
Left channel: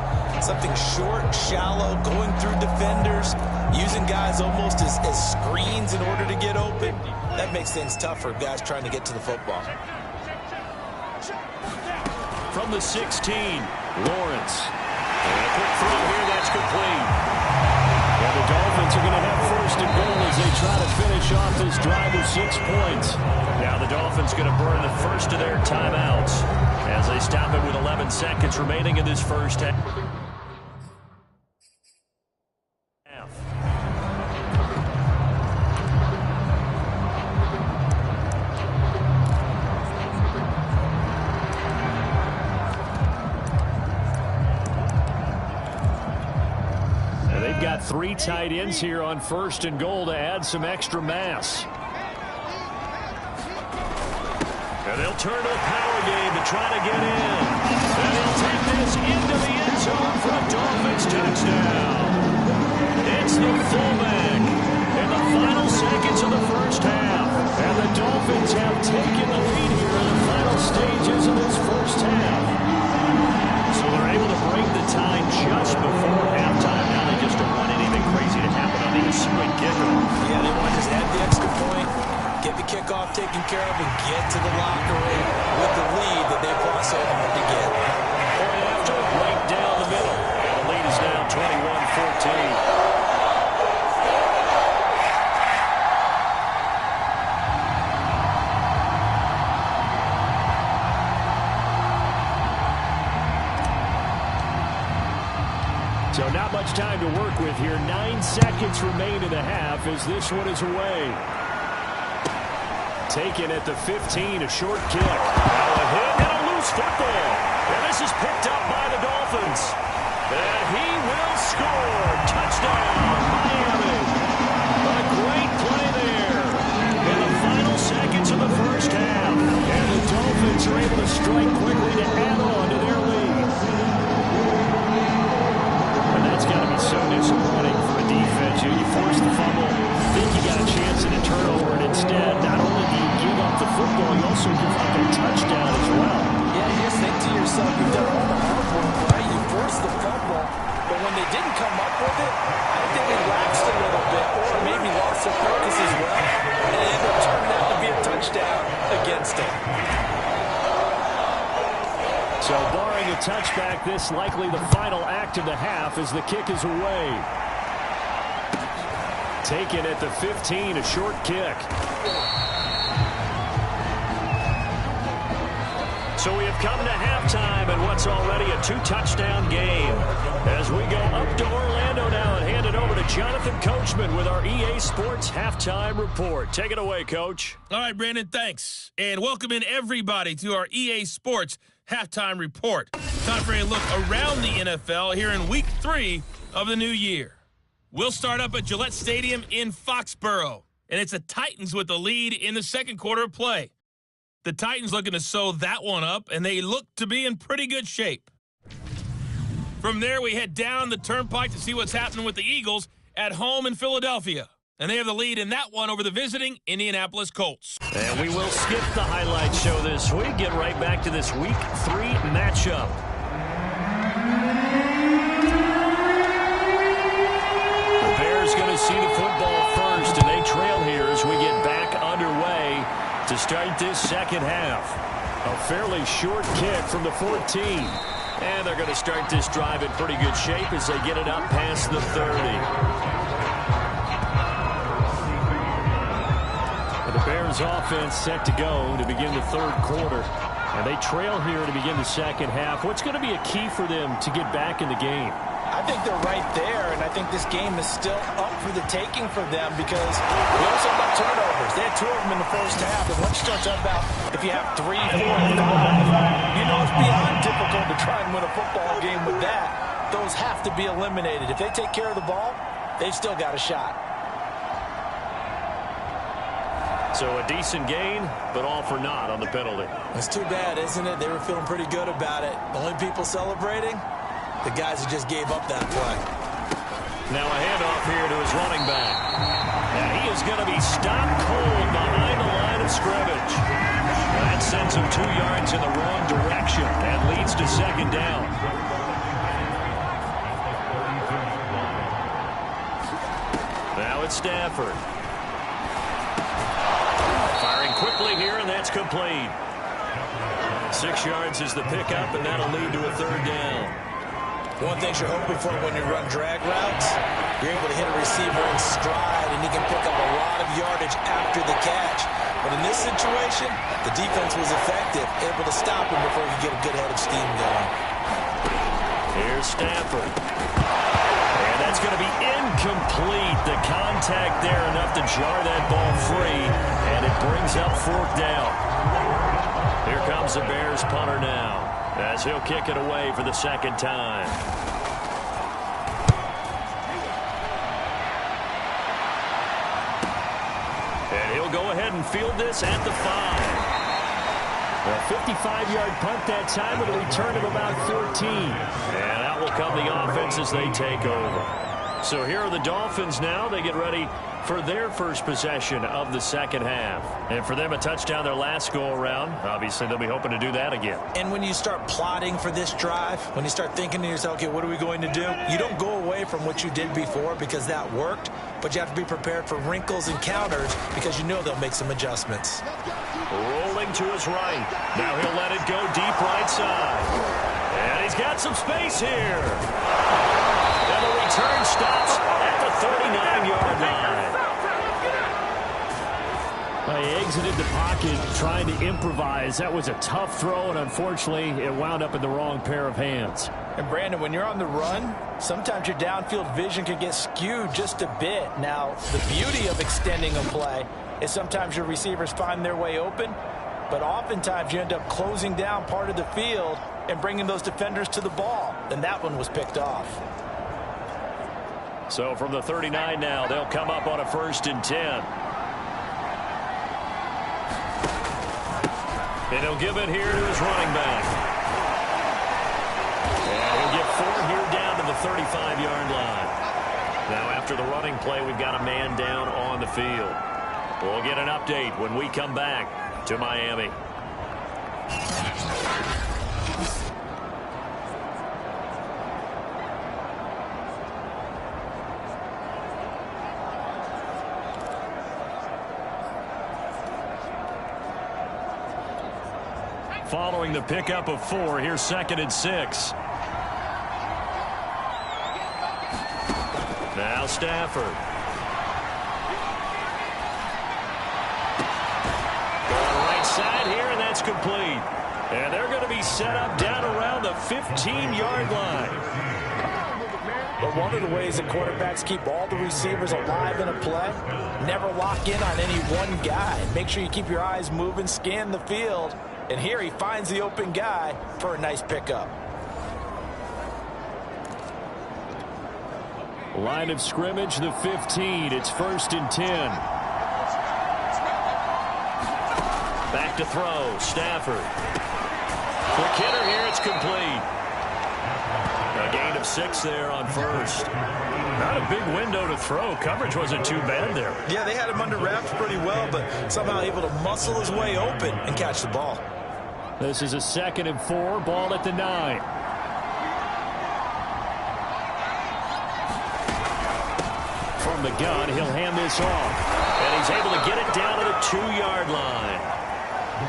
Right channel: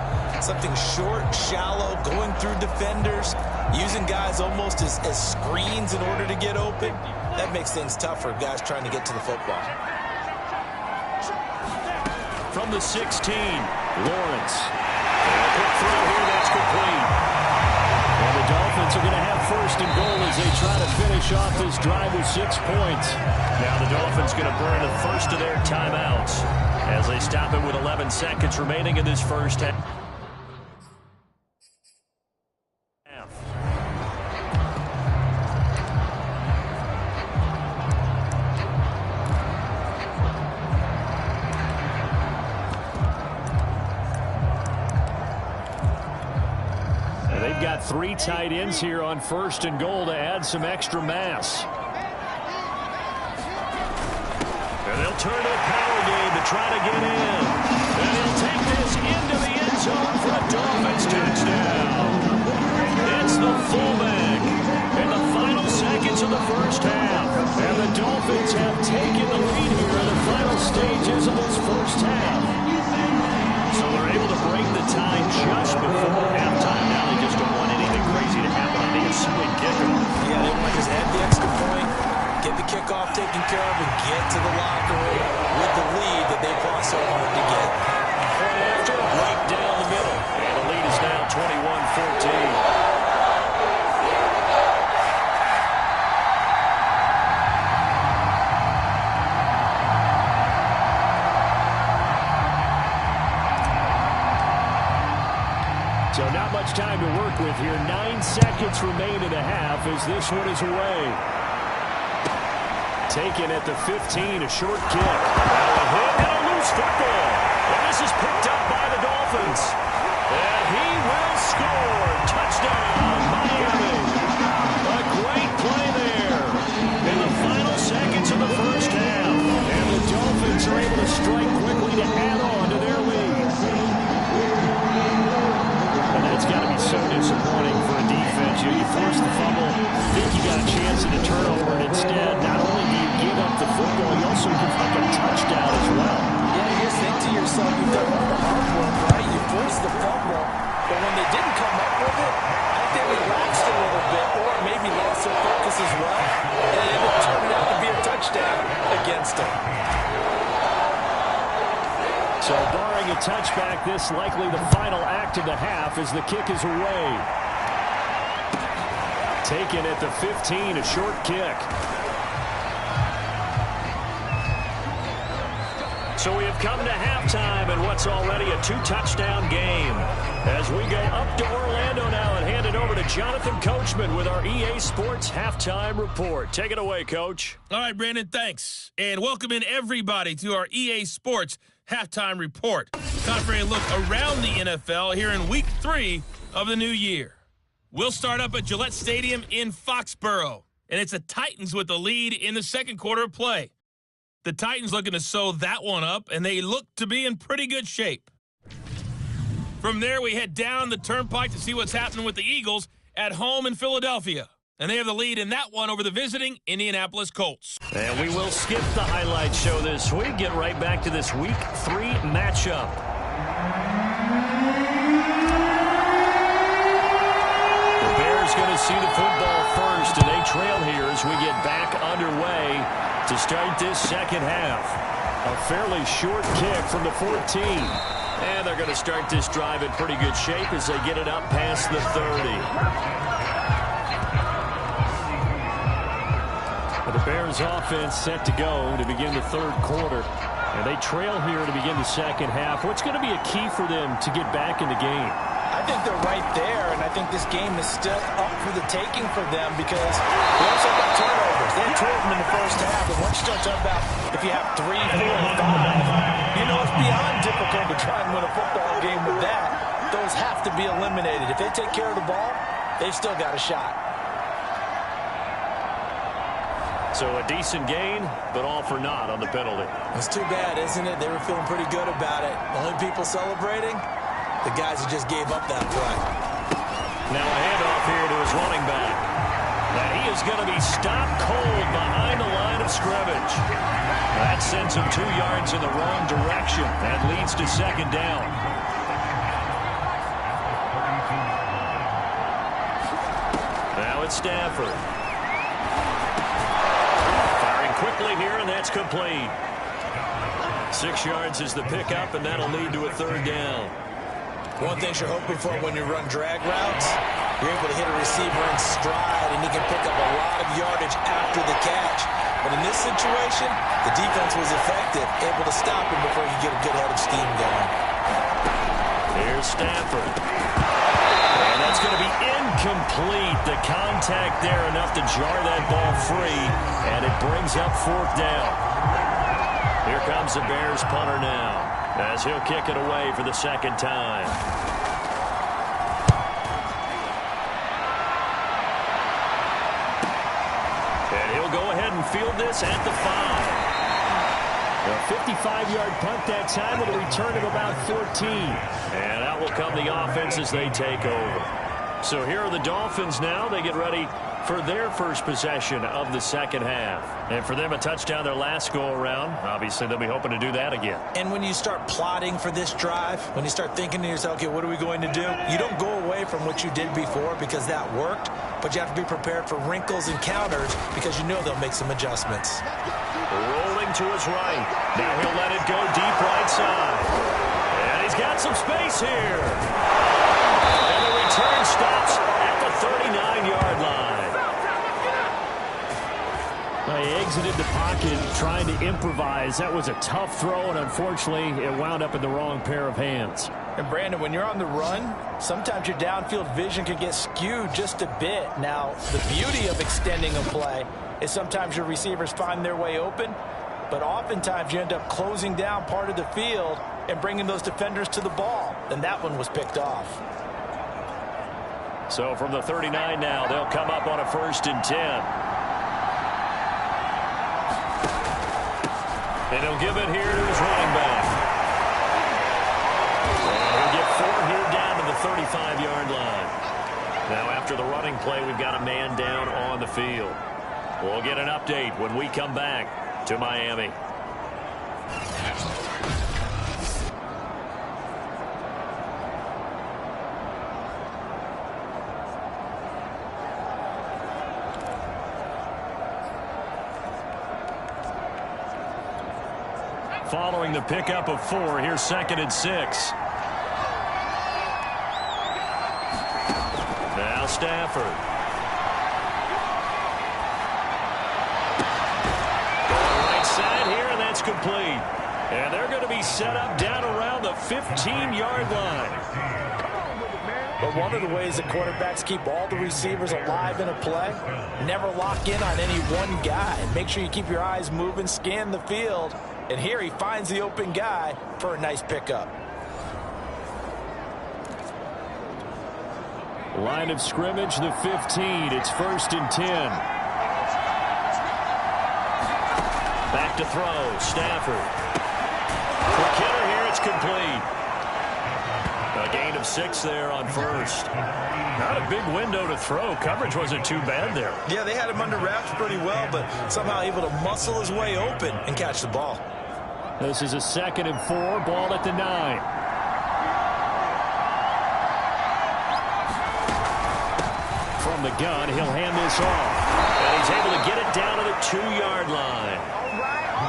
something short, shallow, going through defenders, using guys almost as screens in order to get open, that makes things tough for guys trying to get to the football. From the 16, Lawrence. And a quick throw here, that's complete. And the Dolphins are going to have 1st and goal as they try to finish off this drive with 6 points. Now the Dolphins going to burn the first of their timeouts as they stop it with 11 seconds remaining in this first half. They've got 3 tight ends here on 1st and goal to add some extra mass. And they'll turn to the power game to try to get in. And he'll take this into the end zone for a Dolphins touchdown. It's the fullback in the final seconds of the first half. And the Dolphins have taken the lead here in the final stages of this first half. So they're able to break the tie just before halftime. Now they just don't want anything crazy to happen on the ensuing kickoff. Yeah, they want to just add the extra point, get the kickoff taken care of, and get to the locker room with the lead that they fought so hard to get. Point after, right down the middle. And the lead is now 21-14. So not much time to work with here. 9 seconds remain in the half as this one is away. Taken at the 15, a short kick. Now a hit and a loose football. And this is picked up by the Dolphins. And he will score. Touchdown, Miami. A great play there in the final seconds of the first half. And the Dolphins are able to strike quickly to add on to their lead. And that's got to be so disappointing for a defense. You force the fumble, think you got a chance at a turnover, and instead, not only do you give up the football, you also give up a touchdown as well. Yeah, you just think to yourself, you've done all the hard work, right? You forced the fumble, but when they didn't come up with it, I think they relaxed a little bit, or maybe lost their focus as well, and it ended up turning out to be a touchdown against them. So barring a touchback, this likely the final act of the half as the kick is away. Taken at the 15, a short kick. So we have come to halftime in what's already a 2-touchdown game. As we go up to Orlando now and hand it over to Jonathan Coachman with our EA Sports Halftime Report. Take it away, Coach. All right, Brandon, thanks. And welcome in everybody to our EA Sports Halftime Report. Time for a look around the NFL here in Week 3 of the new year. We'll start up at Gillette Stadium in Foxborough, and it's the Titans with the lead in the second quarter of play. The Titans looking to sew that one up, and they look to be in pretty good shape. From there, we head down the turnpike to see what's happening with the Eagles at home in Philadelphia. And they have the lead in that one over the visiting Indianapolis Colts. And we will skip the highlight show this week. Get right back to this Week 3 matchup. The Bears going to see the football first, and they trail here as we get back underway to start this second half. A fairly short kick from the 14. And they're going to start this drive in pretty good shape as they get it up past the 30. The Bears offense set to go to begin the third quarter. And they trail here to begin the second half. What's going to be a key for them to get back in the game? I think they're right there, and I think this game is still up for the taking for them because we also have about turnovers. They had 2 of them in the first half, and once you start talking about if you have 3, 4, 5, you know it's beyond difficult to try and win a football game with that. Those have to be eliminated. If they take care of the ball, they've still got a shot. So a decent gain, but all for naught on the penalty. It's too bad, isn't it? They were feeling pretty good about it. The only people celebrating, the guys who just gave up that play. Now a handoff here to his running back. And he is going to be stopped cold behind the line of scrimmage. That sends him 2 yards in the wrong direction and leads to second down. Now it's Stafford. Firing quickly here, and that's complete. 6 yards is the pickup, and that'll lead to a third down. One thing you're hoping for when you run drag routes, you're able to hit a receiver in stride, and he can pick up a lot of yardage after the catch. But in this situation, the defense was effective, able to stop him before he could get a good head of steam going. Here's Stafford. And that's going to be incomplete. The contact there enough to jar that ball free, and it brings up fourth down. Here comes the Bears punter now, as he'll kick it away for the second time. And he'll go ahead and field this at the 5. A 55-yard punt that time with a return of about 14. And out will come the offense as they take over. So here are the Dolphins now. They get ready for their first possession of the second half. And for them, a touchdown their last go-around. Obviously, they'll be hoping to do that again. And when you start plotting for this drive, when you start thinking to yourself, okay, what are we going to do? You don't go away from what you did before because that worked, but you have to be prepared for wrinkles and counters because you know they'll make some adjustments. Rolling to his right. Now he'll let it go deep right side. And he's got some space here. And the return stops at the 39-yard line. Well, he exited the pocket trying to improvise. That was a tough throw, and unfortunately, it wound up in the wrong pair of hands. And Brandon, when you're on the run, sometimes your downfield vision can get skewed just a bit. Now, the beauty of extending a play is sometimes your receivers find their way open, but oftentimes you end up closing down part of the field and bringing those defenders to the ball. And that one was picked off. So from the 39 now, they'll come up on a 1st and 10. And he'll give it here to his running back. And he'll get 4 here down to the 35-yard line. Now after the running play, we've got a man down on the field. We'll get an update when we come back to Miami. Following the pickup of 4, here's 2nd and 6. Now Stafford. Going right side here, and that's complete. And they're going to be set up down around the 15-yard line. But one of the ways that quarterbacks keep all the receivers alive in a play, never lock in on any one guy. Make sure you keep your eyes moving, scan the field. And here he finds the open guy for a nice pickup. Line of scrimmage, the 15. It's 1st and 10. Back to throw. Stafford. Quick hitter here. It's complete. A gain of 6 there on 1st. Not a big window to throw. Coverage wasn't too bad there. Yeah, they had him under wraps pretty well, but somehow able to muscle his way open and catch the ball. This is a 2nd and 4. Ball at the 9. From the gun, he'll hand this off. And he's able to get it down to the 2-yard line.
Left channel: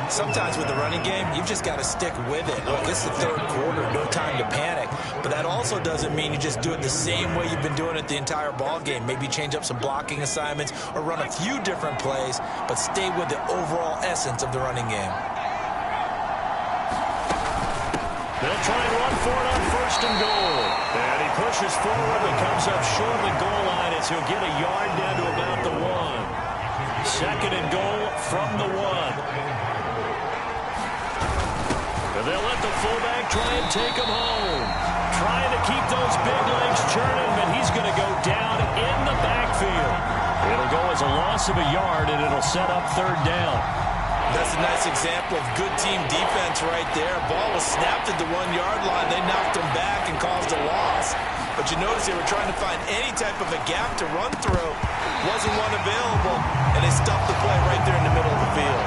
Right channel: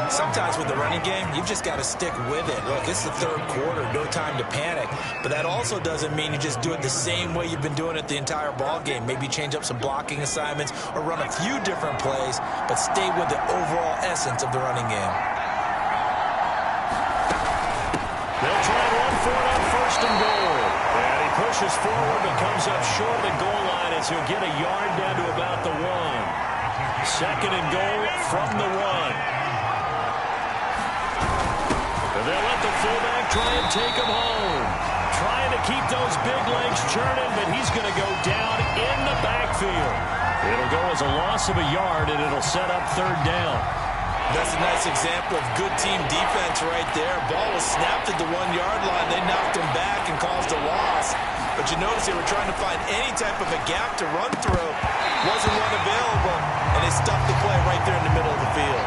Sometimes with the running game, you've just got to stick with it. Look, it's the 3rd quarter, no time to panic. But that also doesn't mean you just do it the same way you've been doing it the entire ball game. Maybe change up some blocking assignments or run a few different plays, but stay with the overall essence of the running game. They'll try and run for it on 1st and goal. And he pushes forward but comes up short of the goal line as he'll get a yard down to about the 1. 2nd and goal from the 1. And they'll let the fullback try and take him home. Trying to keep those big legs churning, but he's going to go down in the backfield. It'll go as a loss of a yard, and it'll set up 3rd down. That's a nice example of good team defense right there. Ball was snapped at the 1-yard line. They knocked him back and caused a loss. But you notice they were trying to find any type of a gap to run through. Wasn't one available, and they stuffed the play right there in the middle of the field.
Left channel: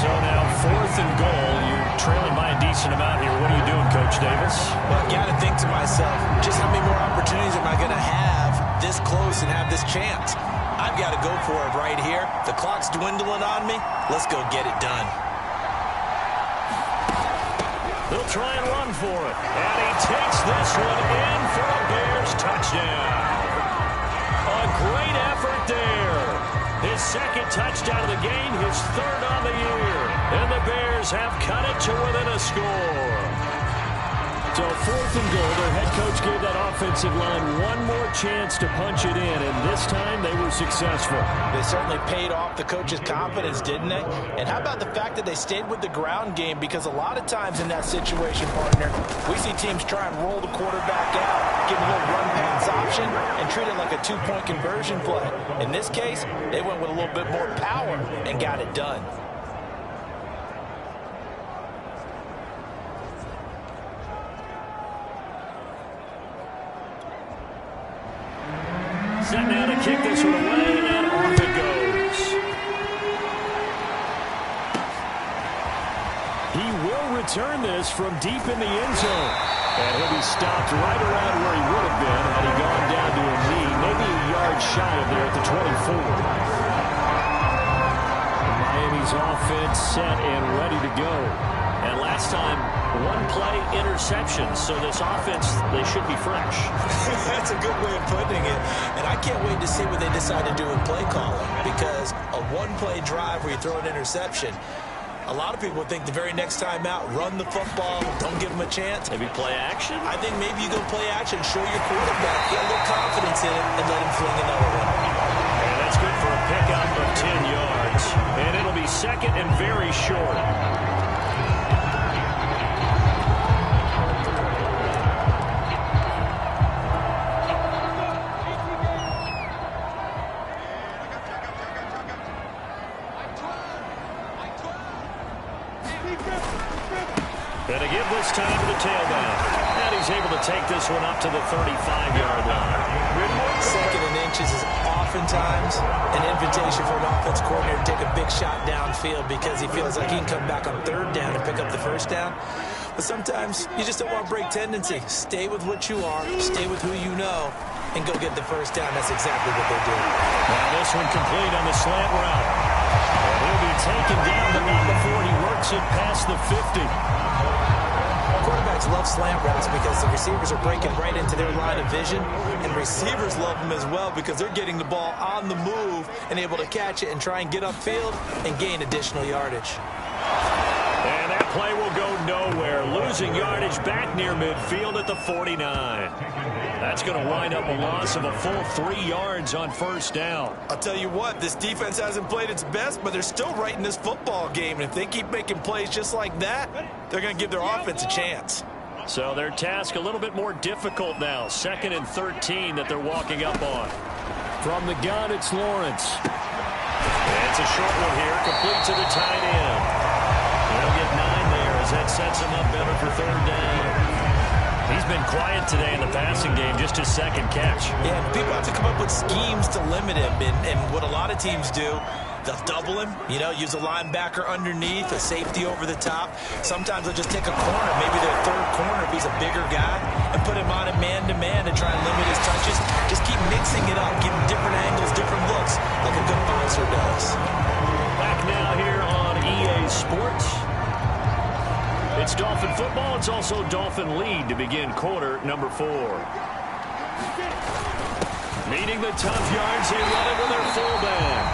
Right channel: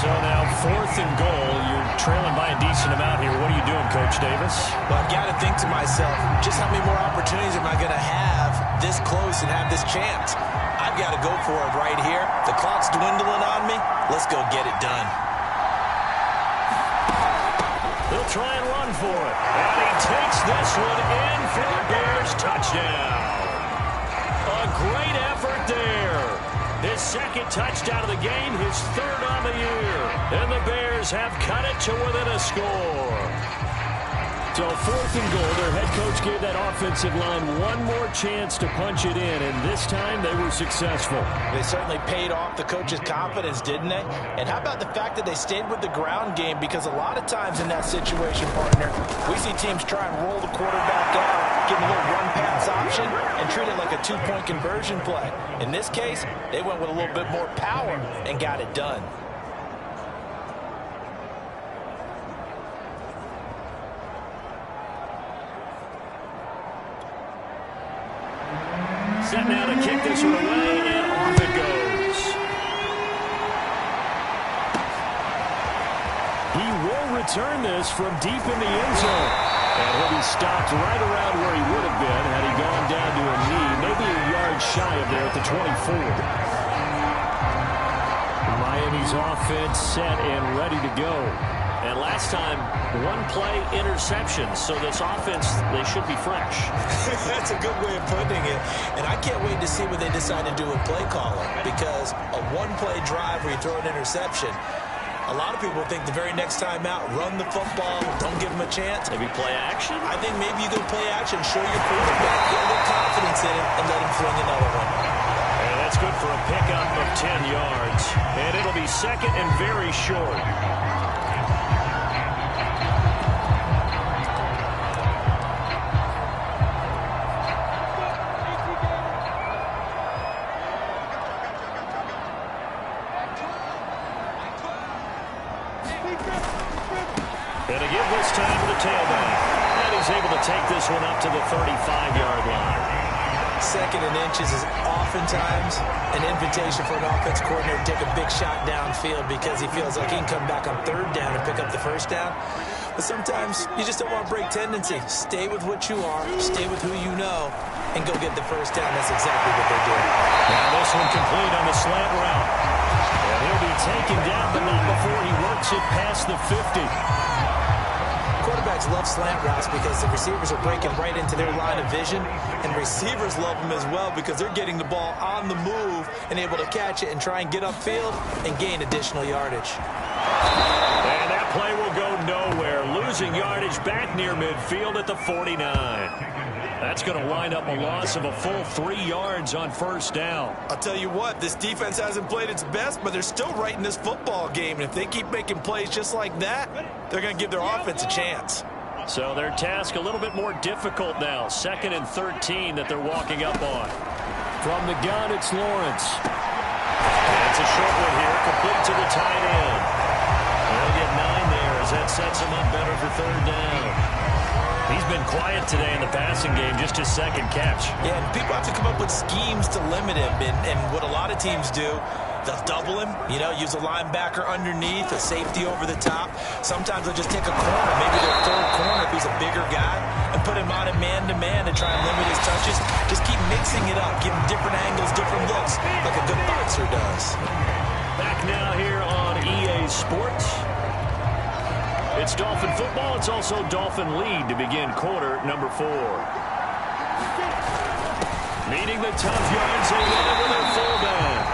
So now 4th and goal. You're trailing by a decent amount here. What are you doing, Coach Davis? Well, I've got to think to myself, just how many more opportunities am I going to have this close and have this chance? I've got to go for it right here. The clock's dwindling on me. Let's go get it done. They'll try and run for it. And he takes this one in for a Bears touchdown. A great effort there. His 2nd touchdown of the game, his 3rd on the year. And the Bears have cut it to within a score. So 4th and goal, their head coach gave that offensive line one more chance to punch it in, and this time they were successful. They certainly paid off the coach's confidence, didn't they? And how about the fact that they stayed with the ground game? Because a lot of times in that situation, partner, we see teams try and roll the quarterback out, give him a little run-pass option, and treat it like a 2-point conversion play. In this case, they went with a little bit more power and got it done. Set now to kick this one away, and off it goes. He will return this from deep in the end zone. And he'll be stopped right around where he would have been had he gone down to a knee, maybe a yard shy of there at the 24. Miami's offense set and ready to go. And last time, 1 play interception. So this offense, they should be fresh. That's a good way of putting it. And I can't wait to see what they decide to do with play calling. Because a 1-play drive where you throw an interception, A lot of people think the very next time out, run the football, don't give them a chance. Maybe play action? I think maybe you go play action, show your quarterback, get a little confidence in it, and let him fling another one. And that's good for a pickup of 10 yards. And it'll be second and very short. And to give this time to the tailback. And he's able to take this one up to the 35-yard line. Second and inches is oftentimes an invitation for an offense coordinator to take a big shot downfield because he feels like he can come back on third down and pick up the first down. But sometimes you just don't want to break tendency. Stay with what you are, stay with who you know, and go get the first down. That's exactly what they did. Now this one complete on the slant route. And he'll be taken down, but not before he works it past the 50. Quarterbacks love slant routes because the receivers are breaking right into their line of vision, and receivers love them as well because they're getting the ball on the move and able to catch it and try and get upfield and gain additional yardage. And that play will go nowhere, losing yardage back near midfield at the 49. That's going to wind up a loss of a full 3 yards on first down. I'll tell you what, this defense hasn't played its best, but they're still right in this football game. And if they keep making plays just like that, they're going to give their offense a chance. So their task a little bit more difficult now. 2nd and 13 that they're walking up on. From the gun, it's Lawrence. And it's a short one here, complete to the tight end. They'll get 9 there as that sets him up better for third down. He's been quiet today in the passing game, just his second catch. Yeah, and people have to come up with schemes to limit him. And what a lot of teams do, they'll double him, use a linebacker underneath, a safety over the top. Sometimes they'll just take a corner, maybe their third corner if he's a bigger guy, and put him on it man-to-man to try and limit his touches. Just keep mixing it up, give him different angles, different looks, like a good boxer does. Back now here on EA Sports. It's Dolphin football. It's also Dolphin lead to begin quarter number 4. Meeting the tough yards, they run it with their fullback.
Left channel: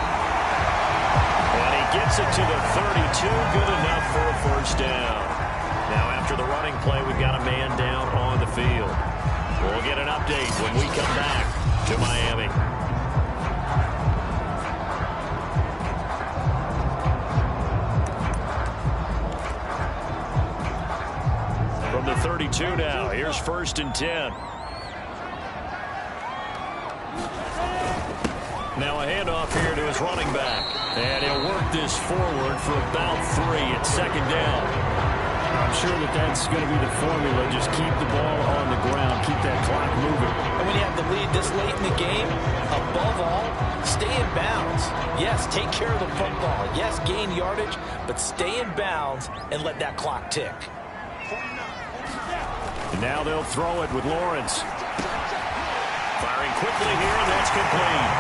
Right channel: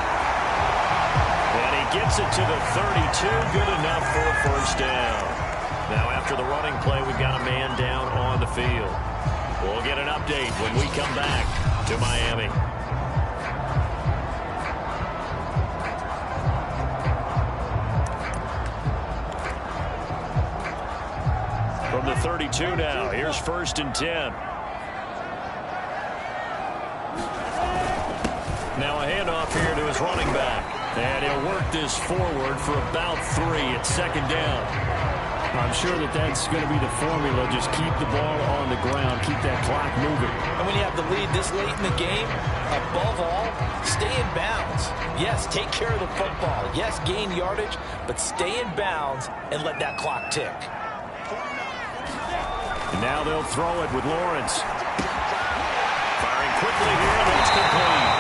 And he gets it to the 32. Good enough for a first down. Now after the running play, we've got a man down on the field. We'll get an update when we come back to Miami. From the 32 now, here's 1st and 10. Now a handoff here to his running back. And he'll work this forward for about 3 at 2nd down. I'm sure that's going to be the formula. Just keep the ball on the ground. Keep that clock moving. And when you have the lead this late in the game, above all, stay in bounds. Yes, take care of the football. Yes, gain yardage, but stay in bounds and let that clock tick. And now they'll throw it with Lawrence. Firing quickly here, and that's complete.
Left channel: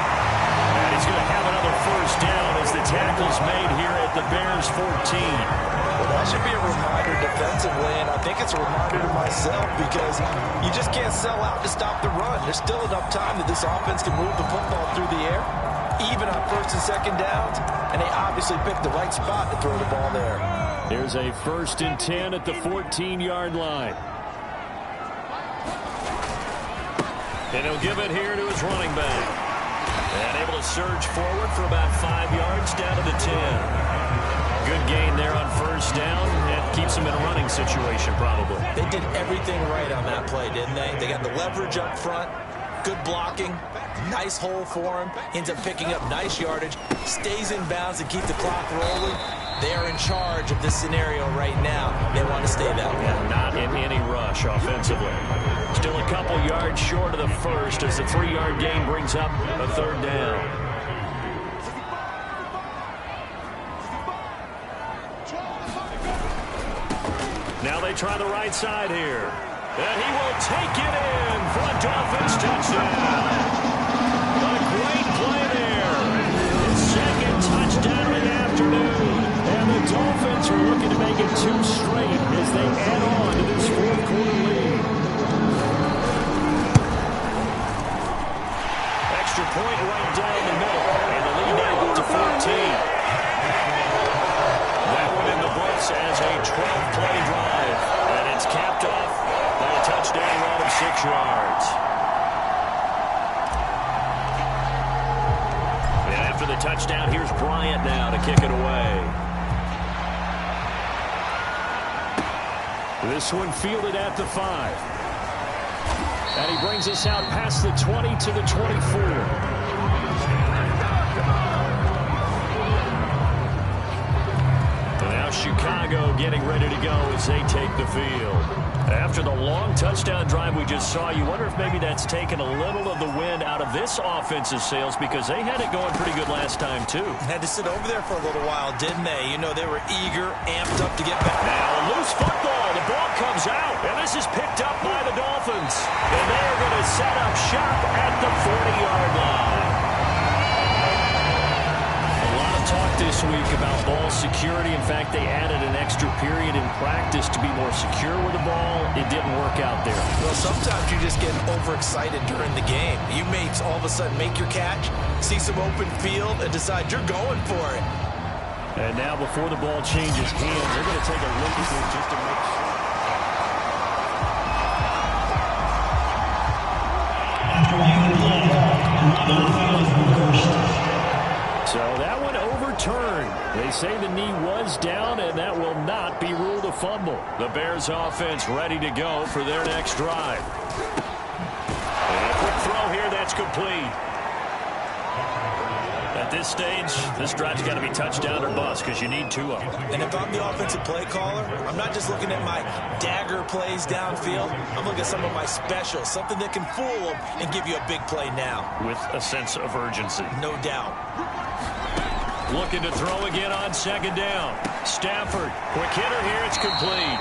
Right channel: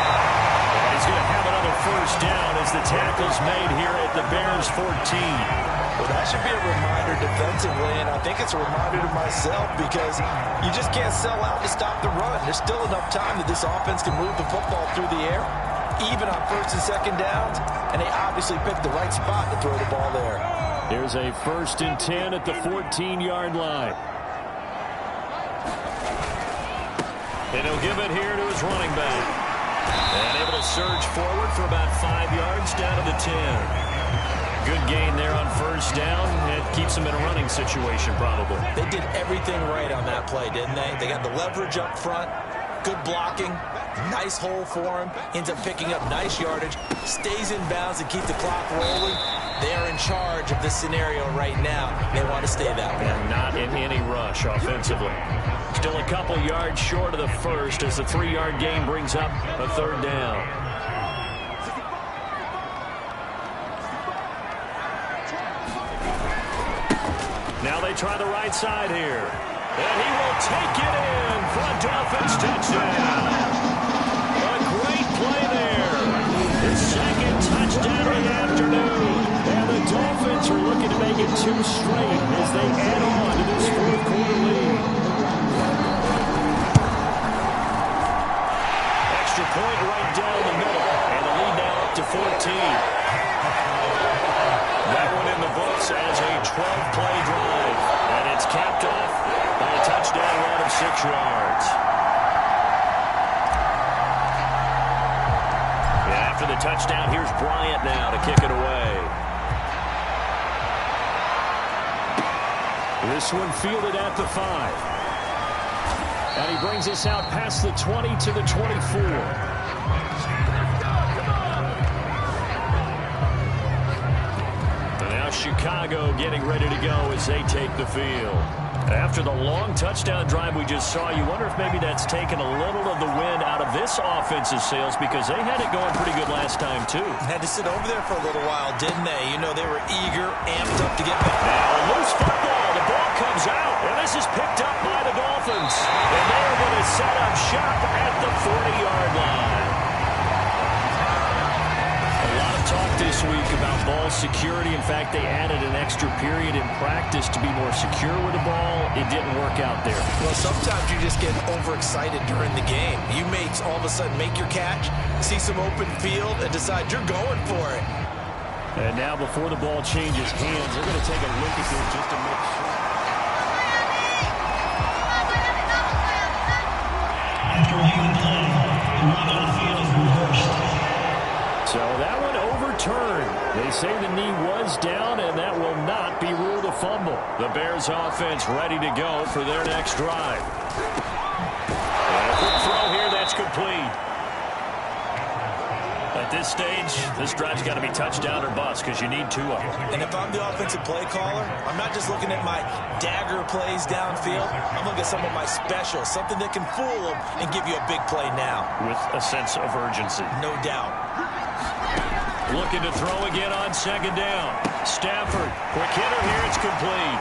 And he's going to have another first down as the tackle's made here at the Bears 14. Well, that should be a reminder defensively, and I think it's a reminder to myself because you just can't sell out to stop the run. There's still enough time that this offense can move the football through the air, even on 1st and 2nd downs, and they obviously picked the right spot to throw the ball there. Here's a 1st and 10 at the 14-yard line. And he'll give it here to his running back. And able to surge forward for about 5 yards down to the 10. Good gain there on first down. It keeps him in a running situation probably. They did everything right on that play, didn't they? They got the leverage up front, good blocking, nice hole for him, ends up picking up nice yardage, stays in bounds to keep the clock rolling. They are in charge of this scenario right now. They want to stay that way. And not in any rush offensively. Still a couple yards short of the first as the 3-yard gain brings up a third down. Now they try the right side here. And he will take it in for a Dolphins touchdown. A great play there. His 2nd touchdown of the afternoon. And the Dolphins are looking to make it 2 straight as they add on to this 4th quarter lead. Extra point right down the middle. And the lead now up to 14. That one in the starts as a 12-play drive, and it's capped off by a touchdown run of 6 yards. And after the touchdown, here's Bryant now to kick it away. This one fielded at the 5. And he brings us out past the 20 to the 24. And now Chicago getting ready to go as they take the field. After the long touchdown drive we just saw, you wonder if maybe that's taken a little of the wind out of this offense's sails, because they had it going pretty good last time, too. Had to sit over there for a little while, didn't they? You know, they were eager, amped up to get back. Now a loose football. The ball comes out, and this is picked up by the Dolphins. And they are going to set up shop at the 40-yard line. A lot of talk this week about ball security. In fact, they added an extra period in practice to be more secure with the ball. It didn't work out there. Well, sometimes you just get overexcited during the game. You may all of a sudden make your catch, see some open field, and decide you're going for it. And now before the ball changes hands, they're going to take a look at this just to make sure. After reviewing the play, the run on the field is reversed. So that one overturned. They say the knee was down, and that will not be ruled a fumble. The Bears offense ready to go for their next drive. And a quick throw here that's complete. At this stage, this drive's got to be touchdown or bust, because you need 2 of them. And if I'm the offensive play caller, I'm not just looking at my dagger plays downfield. I'm looking at some of my specials, something that can fool them and give you a big play now. With a sense of urgency. No doubt. Looking to throw again on 2nd down. Stafford, quick hitter here, it's complete.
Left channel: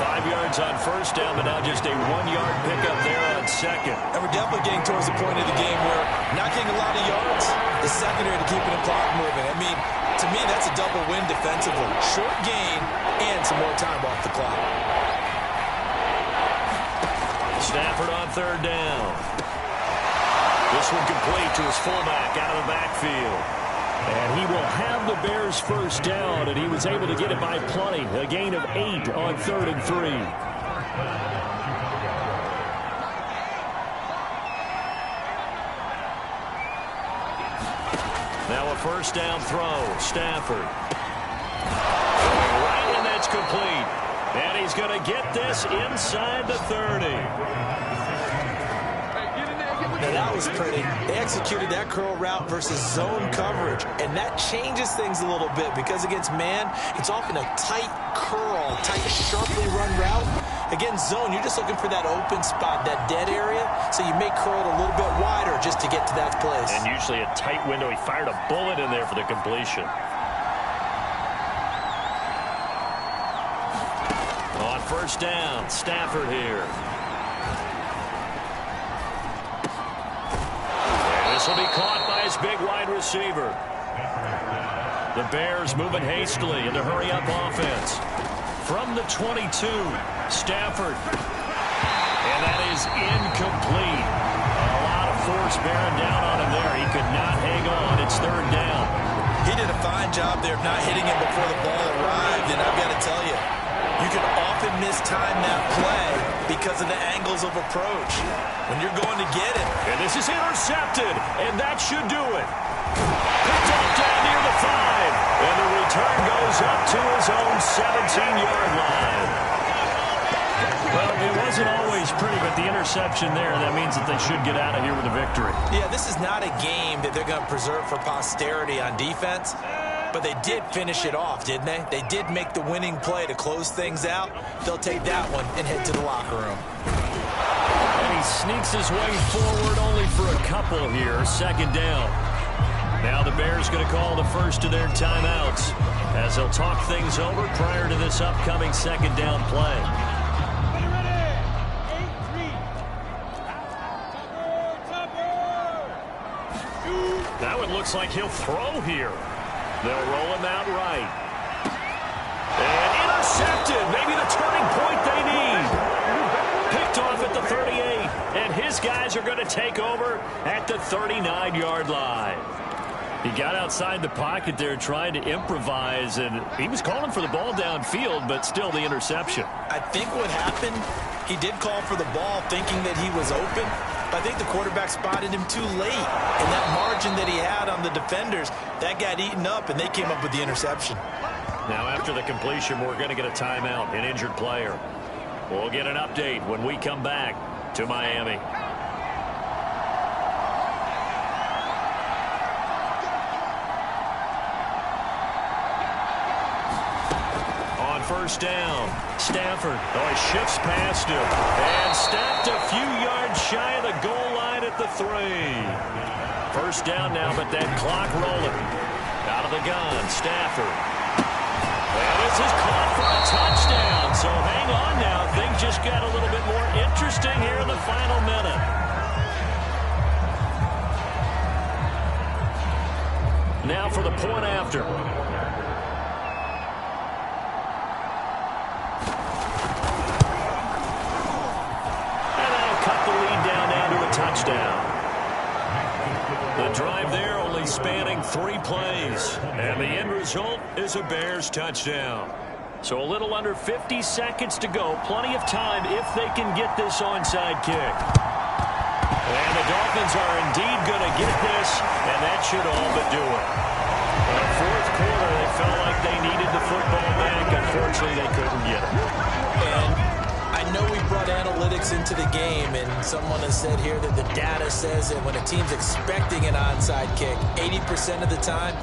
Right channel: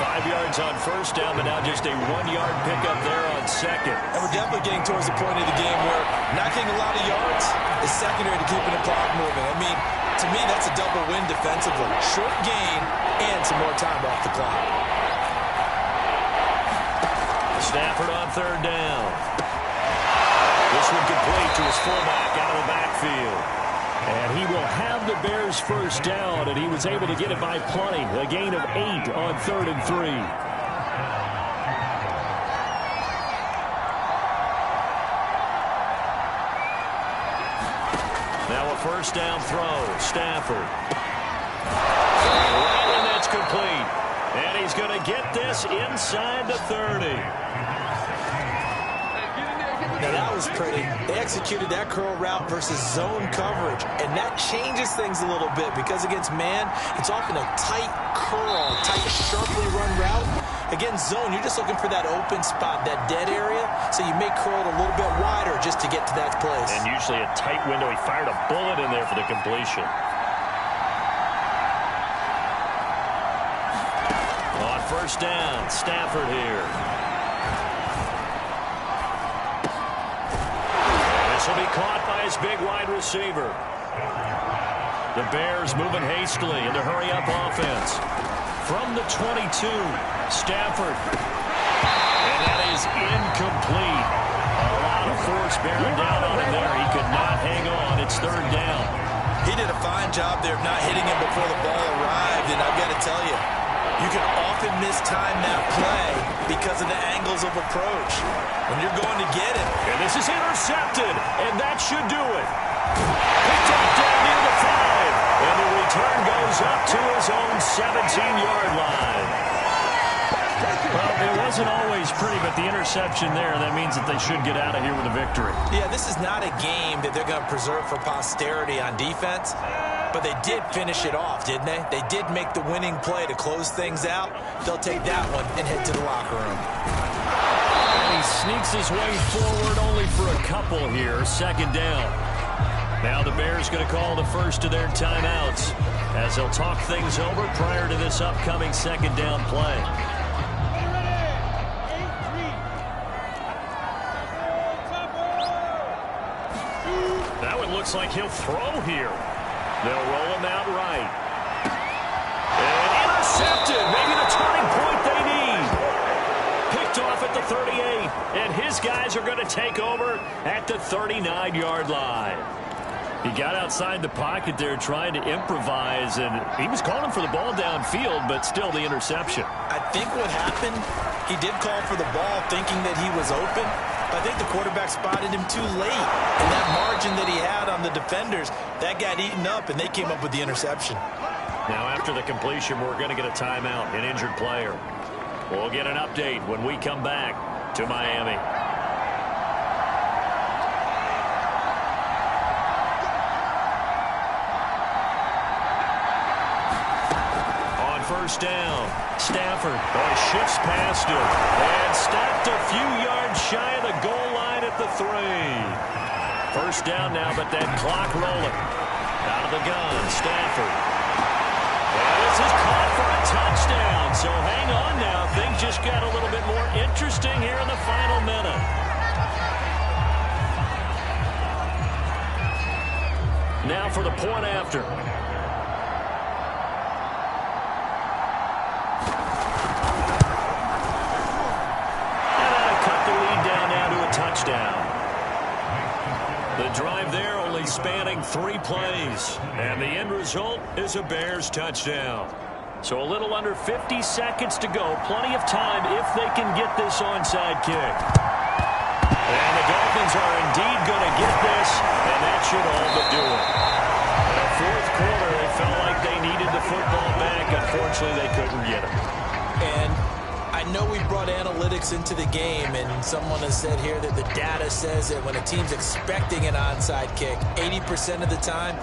5 yards on 1st down, but now just a 1-yard pickup there on 2nd. And we're definitely getting towards the point of the game where not getting a lot of yards is secondary to keeping the clock moving. I mean, to me, that's a double win defensively. Short gain and some more time off the clock. Stafford on 3rd down. This one complete to his fullback out of the backfield. And he will have the Bears' 1st down, and he was able to get it by plenty. A gain of 8 on 3rd and 3. Now a 1st down throw. Stafford. Going right, and that's complete. And he's going to get this inside the 30. Now that was pretty. They executed that curl route versus zone coverage, and that changes things a little bit, because against man, it's often a tight curl, tight, sharply run route. Against zone, you're just looking for that open spot, that dead area, so you may curl it a little bit wider just to get to that place. And usually a tight window. He fired a bullet in there for the completion. On 1st down, Stafford here. This will be caught by his big wide receiver. The Bears moving hastily in the hurry-up offense. From the 22, Stafford. And that is incomplete. A lot of force bearing down on him there. He could not hang on. It's 3rd down. He did a fine job there of not hitting him before the ball arrived, and I've got to tell you, you can often mistime that play because of the angles of approach when you're going to get it. And this is intercepted, and that should do it. Picked off down near the 5, and the return goes up to his own 17-yard line. Well, it wasn't always pretty, but the interception there, that means that they should get out of here with a victory. Yeah, this is not a game that they're going to preserve for posterity on defense. But they did finish it off, didn't they? They did make the winning play to close things out. They'll take that one and head to the locker room. And he sneaks his way forward only for a couple here. 2nd down. Now the Bears going to call the first of their timeouts as they'll talk things over prior to this upcoming 2nd down play. That one looks like he'll throw here. They'll roll him out right. And intercepted. Maybe the turning point they need. Picked off at the 38. And his guys are going to take over at the 39-yard line. He got outside the pocket there trying to improvise, and he was calling for the ball downfield, but still the interception. I think what happened, he did call for the ball thinking that he was open, but I think the quarterback spotted him too late. And that margin that he had on the defenders, that got eaten up, and they came up with the interception. Now after the completion, we're going to get a timeout, an injured player. We'll get an update when we come back to Miami. First down. Stafford. Oh, he shifts past him. And stopped a few yards shy of the goal line at the 3. First down now, but that clock rolling. Out of the gun. Stafford. And this is caught for a touchdown. So hang on now. Things just got a little bit more interesting here in the final minute. Now for the point after. Touchdown. The drive there only spanning 3 plays, and the end result is a Bears touchdown. So a little under 50 seconds to go. Plenty of time if they can get this onside kick. And the Dolphins are indeed going to get this, and that should all but do it. In the fourth quarter, they felt like they needed the football back. Unfortunately, they couldn't get it. And I know we brought analytics into the game, and someone has said here that the data says that when a team's expecting an onside kick, 80% of the time,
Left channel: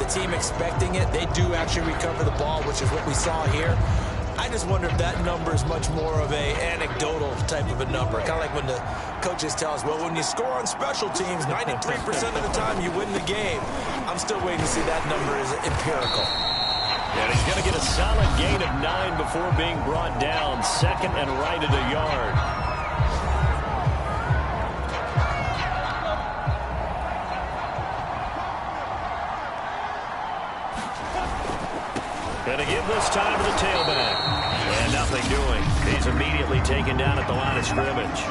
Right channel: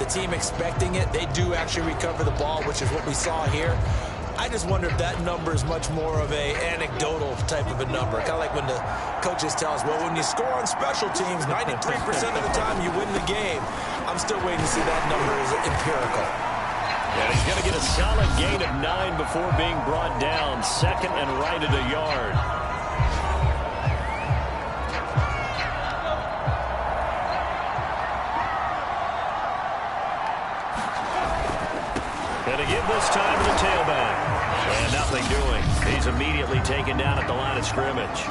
the team expecting it, they do actually recover the ball, which is what we saw here. I just wonder if that number is much more of a anecdotal type of a number. Kind of like when the coaches tell us, well, when you score on special teams, 93% of the time you win the game. I'm still waiting to see that number is empirical. And he's going to get a solid gain of 9 before being brought down. Second and right at a yard. Going to give this time to the tailback. And nothing doing. He's immediately taken down at the line of scrimmage.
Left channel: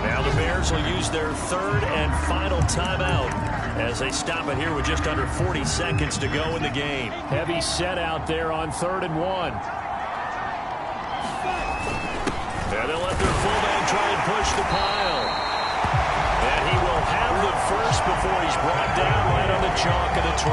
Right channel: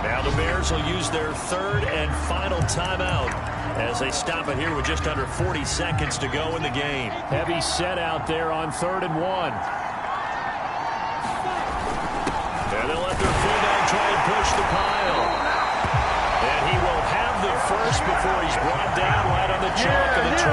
Now the Bears will use their third and final timeout as they stop it here with just under 40 seconds to go in the game. Heavy set out there on 3rd and 1. And they'll let their fullback try and push the pile. And he will have the first before he's brought down right on the chalk of the 20.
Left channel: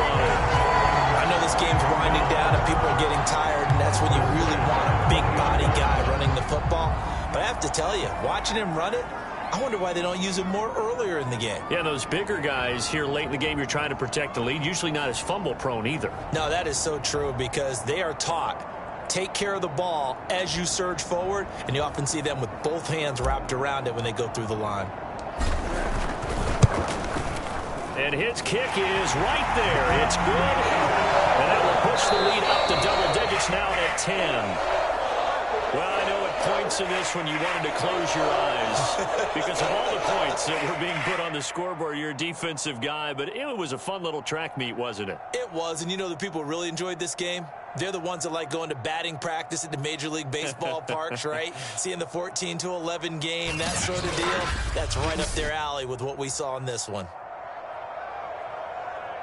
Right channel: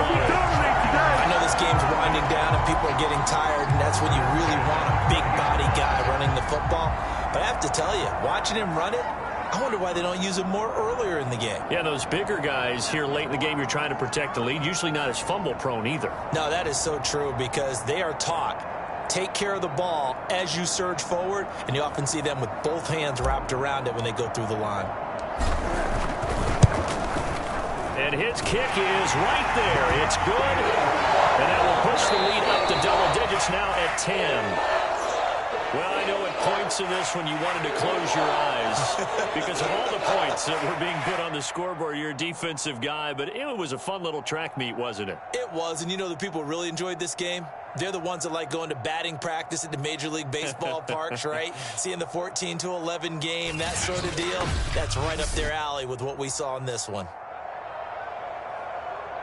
I know this game's winding down and people are getting tired, and that's when you really want a big body guy running the football. But I have to tell you, watching him run it, I wonder why they don't use him more earlier in the game. Yeah, those bigger guys here late in the game, you're trying to protect the lead, usually not as fumble prone either. No, that is so true because they are taught, take care of the ball as you surge forward, and you often see them with both hands wrapped around it when they go through the line. And his kick is right there. It's good. And that will push the lead up to double digits now at 10. Well, I know at points in this when you wanted to close your eyes because of all the points that were being put on the scoreboard. You're a defensive guy, but it was a fun little track meet, wasn't it? It was, and you know the people who really enjoyed this game? They're the ones that like going to batting practice at the Major League Baseball parks, right? Seeing the 14-11 game, that sort of deal. That's right up their alley with what we saw in this one.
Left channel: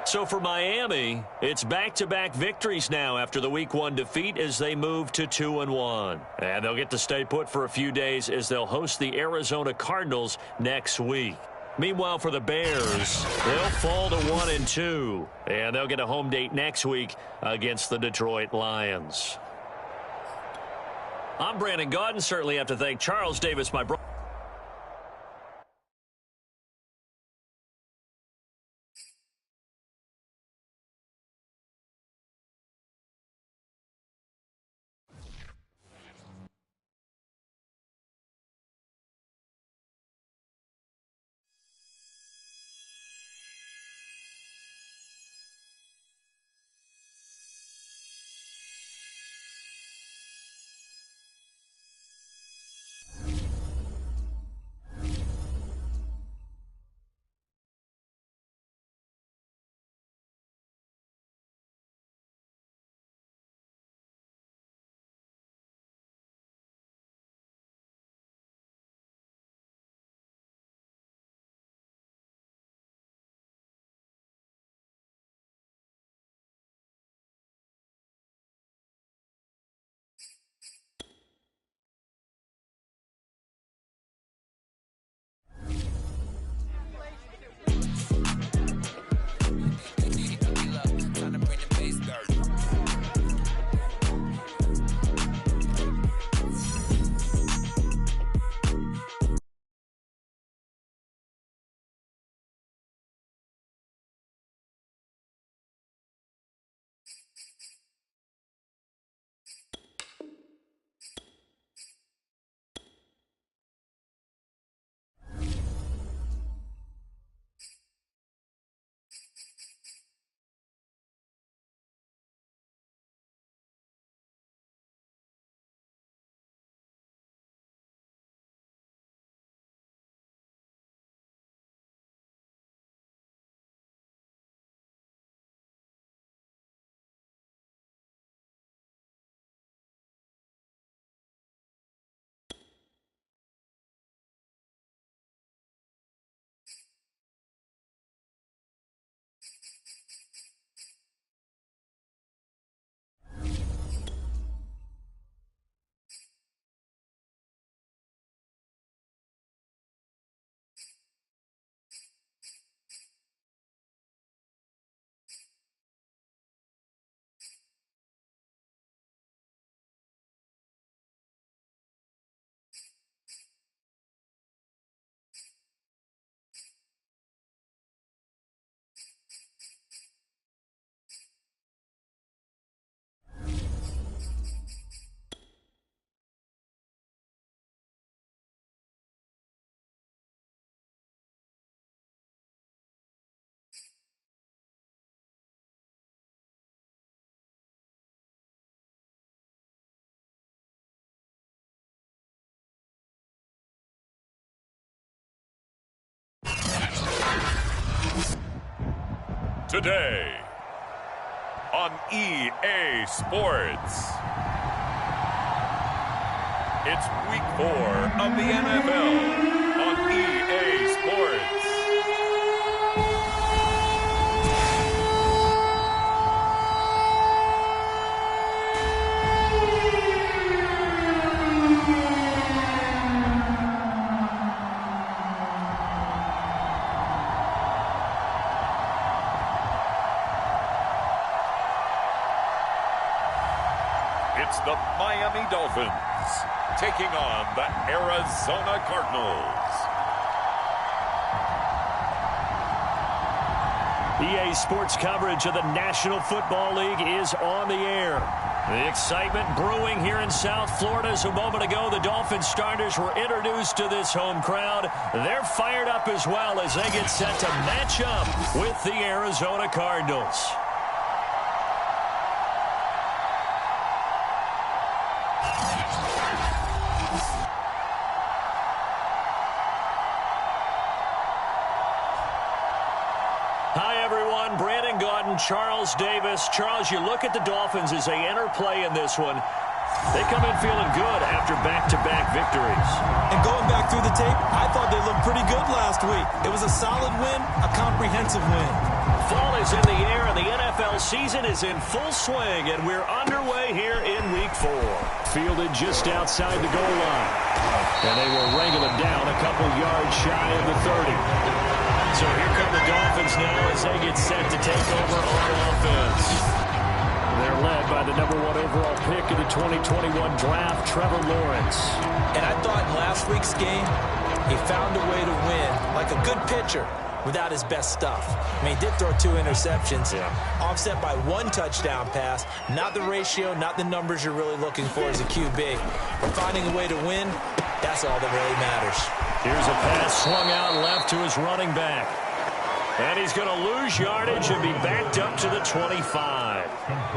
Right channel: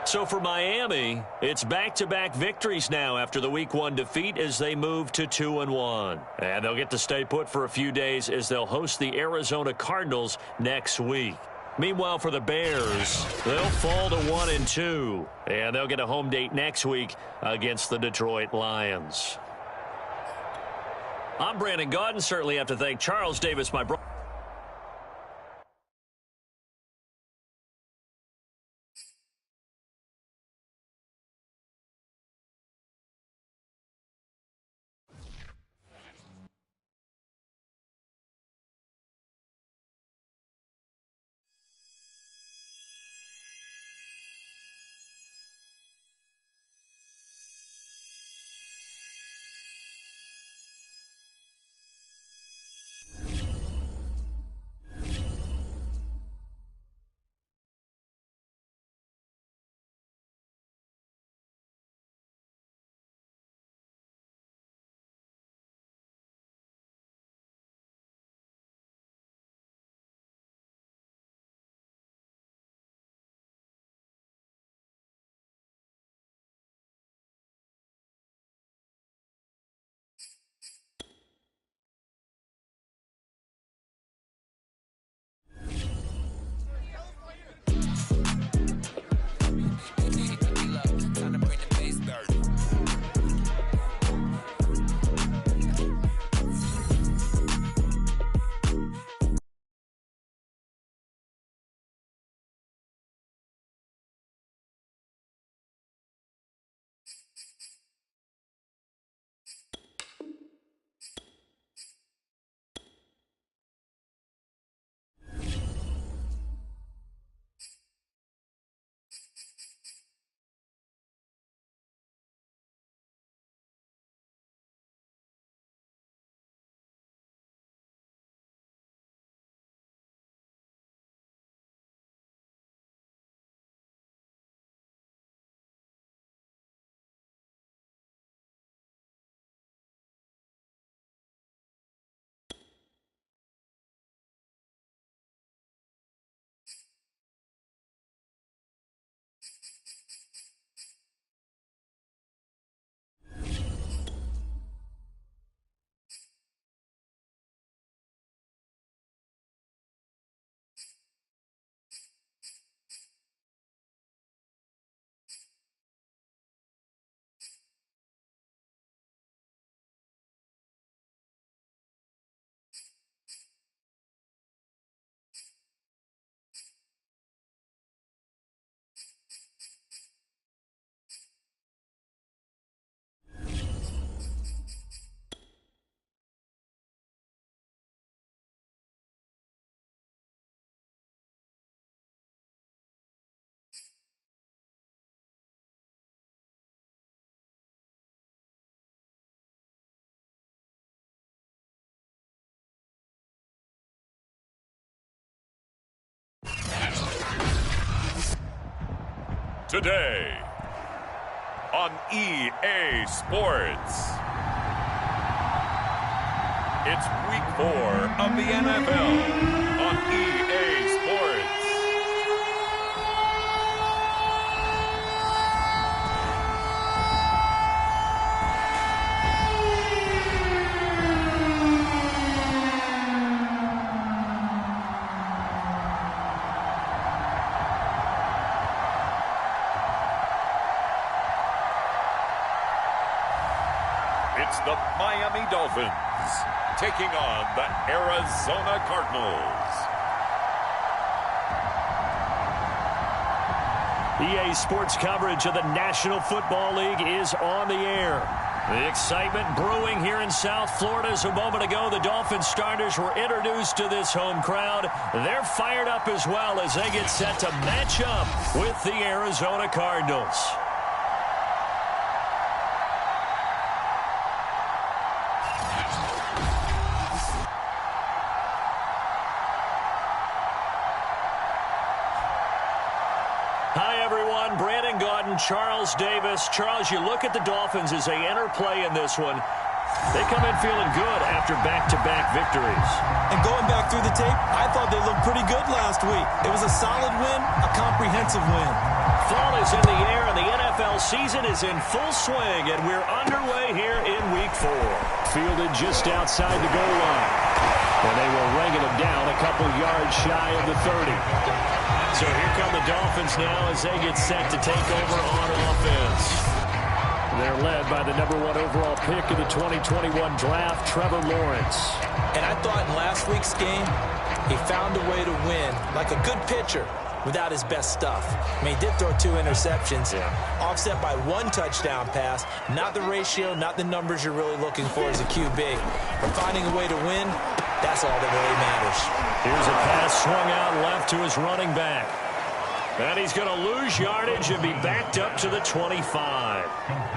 So for Miami, it's back-to-back victories now after the Week 1 defeat as they move to 2-1. And they'll get to stay put for a few days as they'll host the Arizona Cardinals next week. Meanwhile, for the Bears, they'll fall to 1-2. And they'll get a home date next week against the Detroit Lions. I'm Brandon Gaudin. Certainly have to thank Charles Davis, my brother. today on EA Sports. It's week 4 of the NFL on EA Sports. It's the Miami Dolphins taking on the Arizona Cardinals. EA Sports coverage of the National Football League is on the air. The excitement brewing here in South Florida as a moment ago the Dolphins starters were introduced to this home crowd. They're fired up as well as they get set to match up with the Arizona Cardinals. Hi, everyone. Brandon Gaudin, Charles Davis. Charles, you look at the Dolphins as they enter play in this one. They come in feeling good after back-to-back victories. And going back through the tape, I thought they looked pretty good last week. It was a solid win, a comprehensive win. Fall is in the air, and the NFL season is in full swing, and we're underway here in Week 4. Fielded just outside the goal line. And they will wrangle him down a couple yards shy of the 30. So here come the Dolphins now as they get set to take over on offense. They're led by the number 1 overall pick of the 2021 draft, Trevor Lawrence. And I thought in last week's game, he found a way to win, like a good pitcher, without his best stuff. I mean, he did throw 2 interceptions, offset by 1 touchdown pass. Not the ratio, not the numbers you're really looking for as a QB. But finding a way to win, that's all that really matters. Here's a pass swung out left to his running back. And he's going to lose yardage and be backed up to the 25.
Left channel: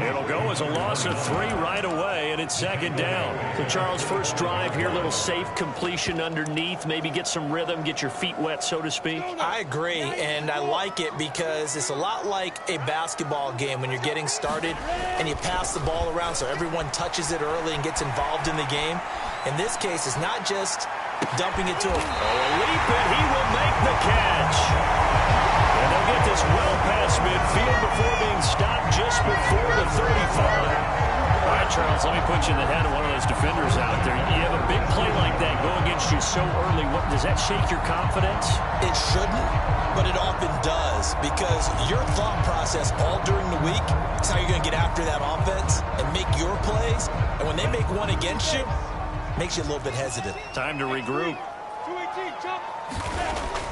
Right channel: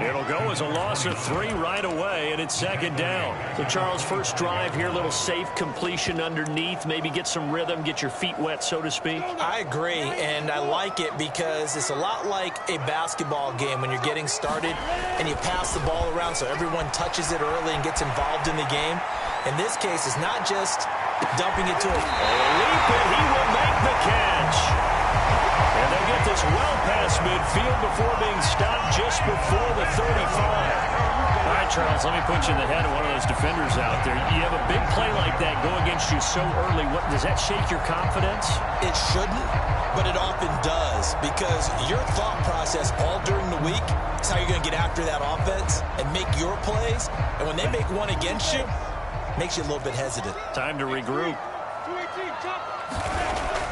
It'll go as a loss of 3 right away, and it's second down. So, Charles, first drive here, little safe completion underneath, maybe get some rhythm, get your feet wet, so to speak. I agree, and I like it because it's a lot like a basketball game when you're getting started and you pass the ball around so everyone touches it early and gets involved in the game. In this case, it's not just dumping it to him. Oh, a leap, and he will make the catch. And they'll get this well past midfield before being stopped just before the 35. All right, Charles, let me put you in the head of one of those defenders out there. You have a big play like that go against you so early. What does that shake your confidence? It shouldn't, but it often does because your thought process all during the week is how you're going to get after that offense and make your plays. And when they make one against you, it makes you a little bit hesitant. Time to regroup.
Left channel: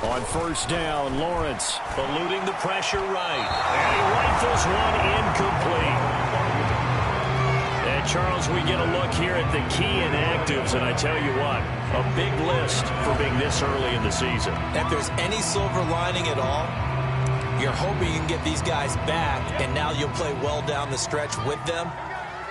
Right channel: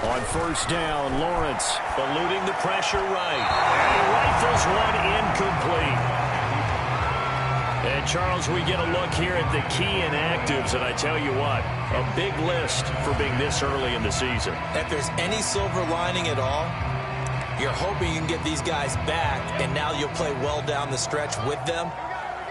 On first down, Lawrence eluding the pressure right. And he rifles one incomplete. And, Charles, we get a look here at the key inactives, and I tell you what, a big list for being this early in the season. If there's any silver lining at all, you're hoping you can get these guys back, and now you'll play well down the stretch with them.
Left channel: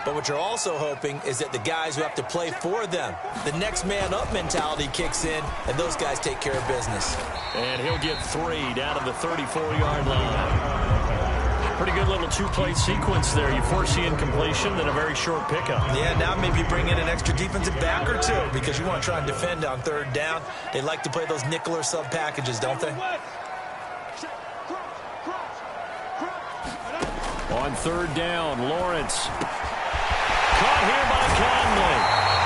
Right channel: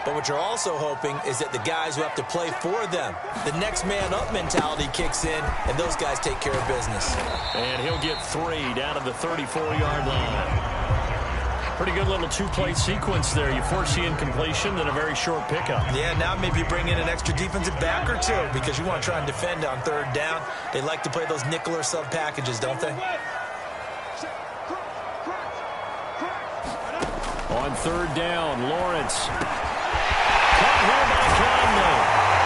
But what you're also hoping is that the guys who have to play for them, the next man up mentality kicks in, and those guys take care of business. And he'll get 3 down to the 34-yard line. Pretty good little 2-play sequence there. You force the incompletion, then a very short pickup. Yeah, now maybe bring in an extra defensive back or 2 because you want to try and defend on third down. They like to play those nickel or sub packages, don't they? On third down, Lawrence. Caught here by Conley.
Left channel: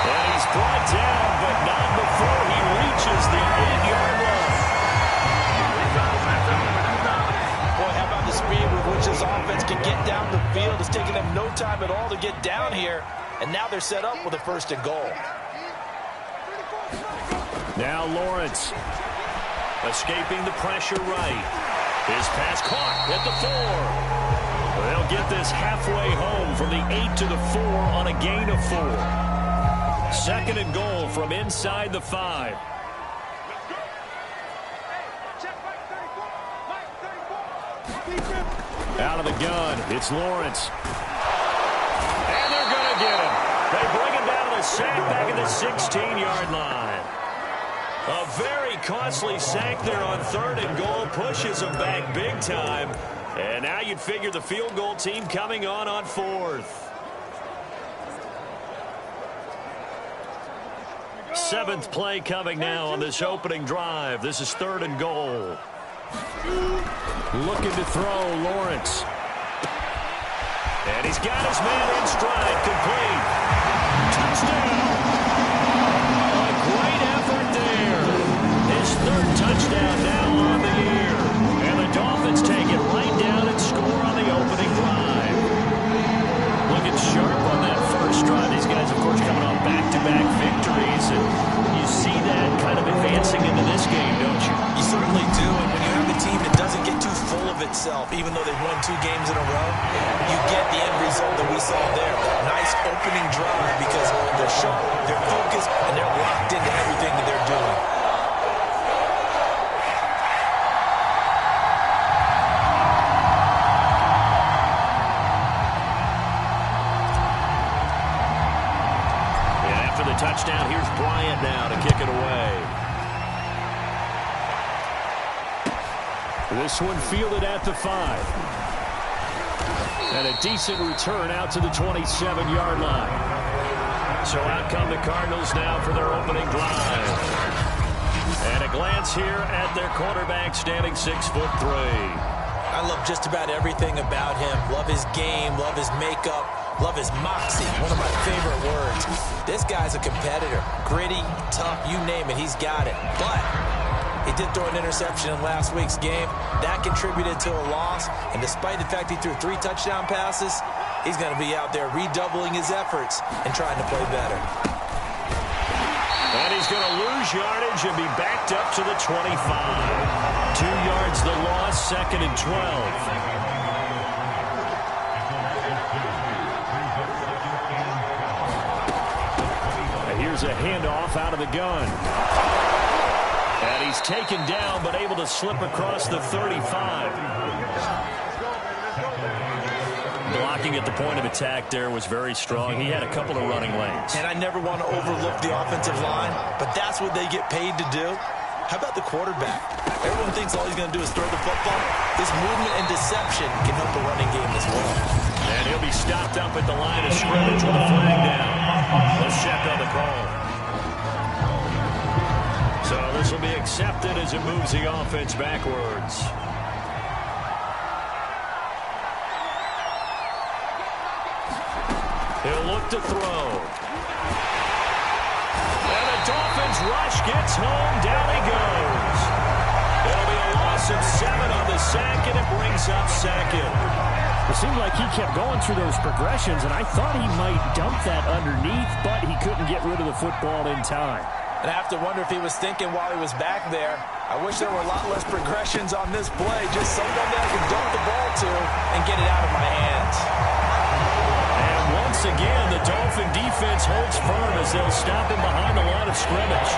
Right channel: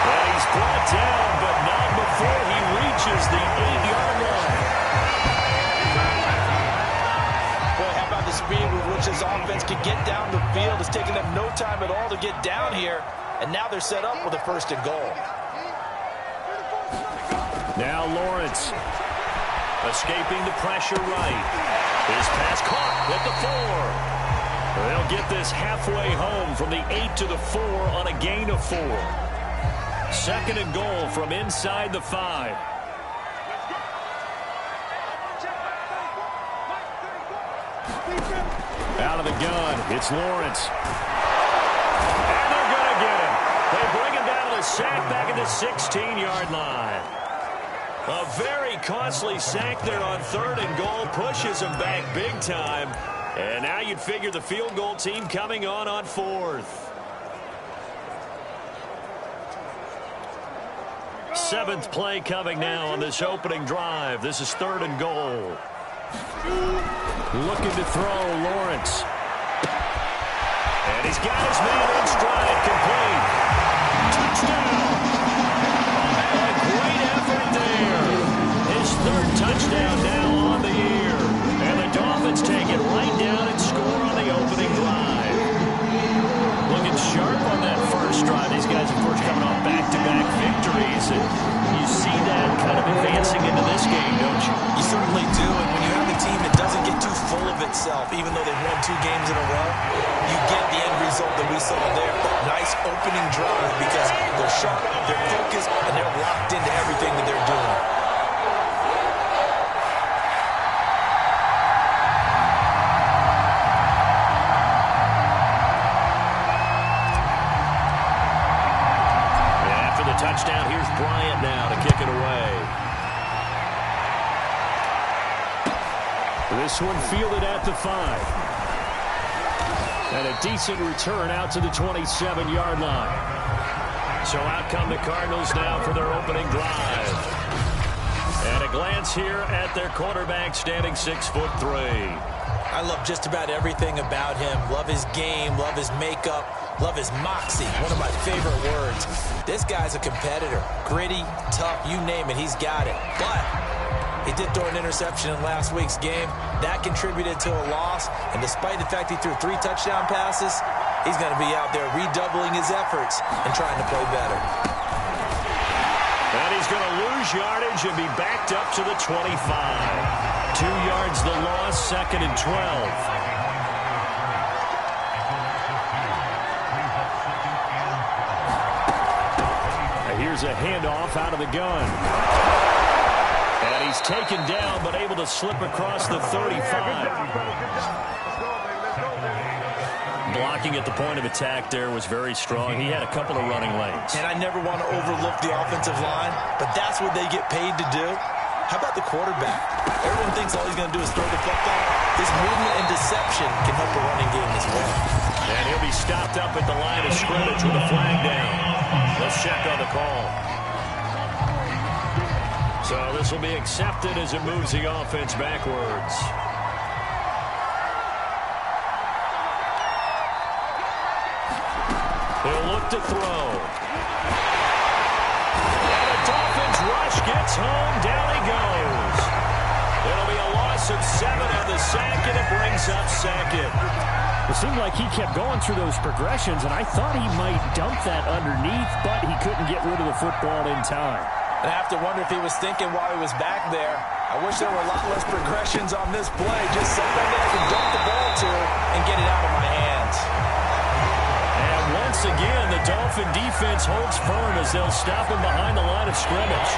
And he's brought down, but not before he reaches the 8-yard line. Boy, how about the speed with which this offense can get down the field? It's taken them no time at all to get down here. And now they're set up with a 1st and goal. Now Lawrence escaping the pressure right. His pass caught at the 4. They'll get this halfway home from the 8 to the 4 on a gain of 4. 2nd and goal from inside the 5. Out of the gun, it's Lawrence. And they're going to get him. They bring him down to the sack back at the 16-yard line. A very costly sack there on 3rd and goal pushes him back big time. And now you'd figure the field goal team coming on fourth. 7th play coming now on this opening drive. This is 3rd and goal. Looking to throw, Lawrence. And he's got his man in stride, complete. Touchdown! A great effort there. His 3rd touchdown now on the year. And the Dolphins take it right down and score on the opening drive. Looking sharp on that first drive. These guys, of course, coming off back-to-back victories. And you see that kind of advancing into this game, don't you? You certainly do. And when you have a team that doesn't get too full of itself, even though they've won 2 games in a row, you get the end result that we saw there. That nice opening drive because they're sharp, they're focused, and they're locked into everything that they're doing. The touchdown. Here's Bryant now to kick it away. This one fielded at the 5. And a decent return out to the 27-yard line. So out come the Cardinals now for their opening drive. And a glance here at their quarterback, standing 6'3". I love just about everything about him. Love his game, love his makeup, love his moxie, one of my favorite words. This guy's a competitor. Gritty, tough, you name it, he's got it. But he did throw an interception in last week's game. That contributed to a loss. And despite the fact he threw 3 touchdown passes, he's going to be out there redoubling his efforts and trying to play better. And he's going to lose yardage and be backed up to the 25. 2 yards the loss, 2nd and 12. Here's a handoff out of the gun. And he's taken down, but able to slip across the 35. Blocking at the point of attack there was very strong. He had a couple of running lanes. And I never want to overlook the offensive line, but that's what they get paid to do. How about the quarterback? Everyone thinks all he's going to do is throw the football. His movement and deception can help a running game as well. And he'll be stopped up at the line of scrimmage with a flag down. Let's check on the call. So this will be accepted as it moves the offense backwards. He'll look to throw. And the Dolphins rush gets home. Down he goes. It'll be a loss of 7 on the sack, and it brings up 2nd. It seemed like he kept going through those progressions, and I thought he might dump that underneath, but he couldn't get rid of the football in time. And I have to wonder if he was thinking while he was back there, I wish there were a lot less progressions on this play, just something that I can dump the ball to and get it out of my hands. And once again, the Dolphin defense holds firm as they'll stop him behind the line of scrimmage.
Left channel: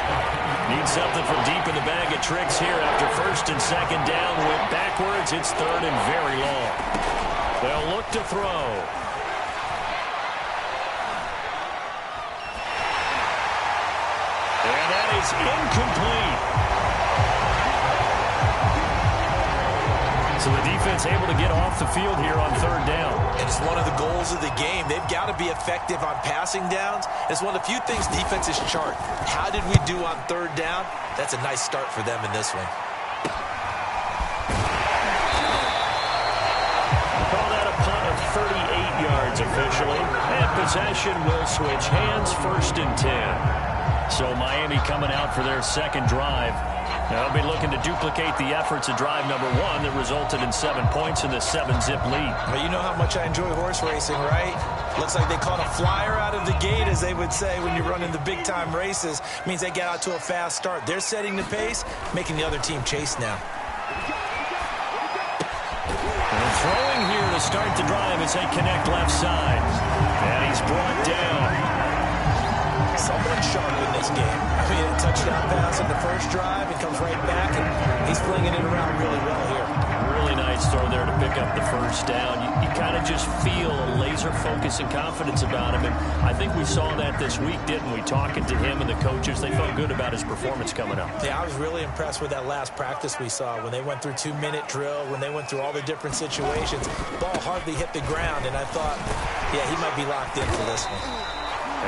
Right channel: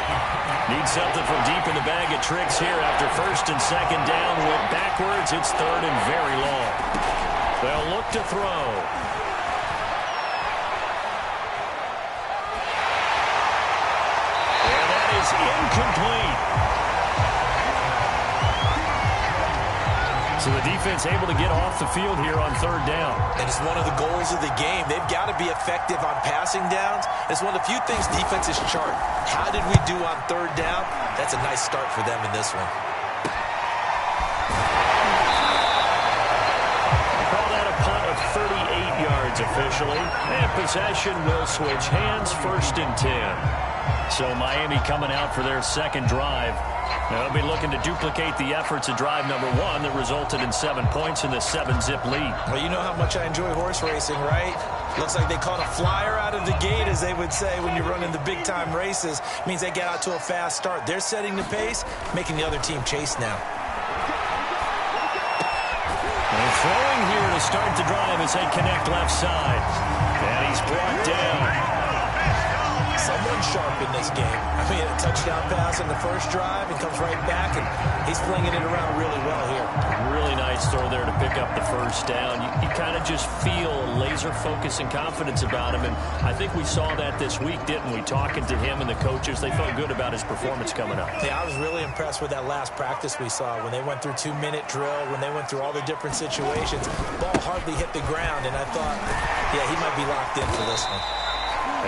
Need something from deep in the bag of tricks here after 1st and 2nd down. Went backwards. It's 3rd and very long. They'll look to throw. And that is incomplete. So the defense able to get off the field here on 3rd down. And it's one of the goals of the game. They've got to be effective on passing downs. It's one of the few things defenses chart. How did we do on 3rd down? That's a nice start for them in this one. Call that a punt of 38 yards officially. And possession will switch hands, 1st and 10. So Miami coming out for their 2nd drive. They'll be looking to duplicate the efforts of drive number 1 that resulted in 7 points in the 7-zip lead. Well, you know how much I enjoy horse racing, right? Looks like they caught a flyer out of the gate, as they would say when you're running the big-time races. Means they get out to a fast start. They're setting the pace, making the other team chase now. And throwing here to start the drive as they connect left side. And he's brought down. someone sharp in this game. I mean, a touchdown pass in the first drive and comes right back, and he's flinging it around really well here. Really nice throw there to pick up the first down. You kind of just feel a laser focus and confidence about him, and I think we saw that this week, didn't we? Talking to him and the coaches, they felt good about his performance coming up. Yeah, I was really impressed with that last practice we saw when they went through 2-minute drill, when they went through all the different situations. Ball hardly hit the ground, and I thought, yeah, he might be locked in for this one.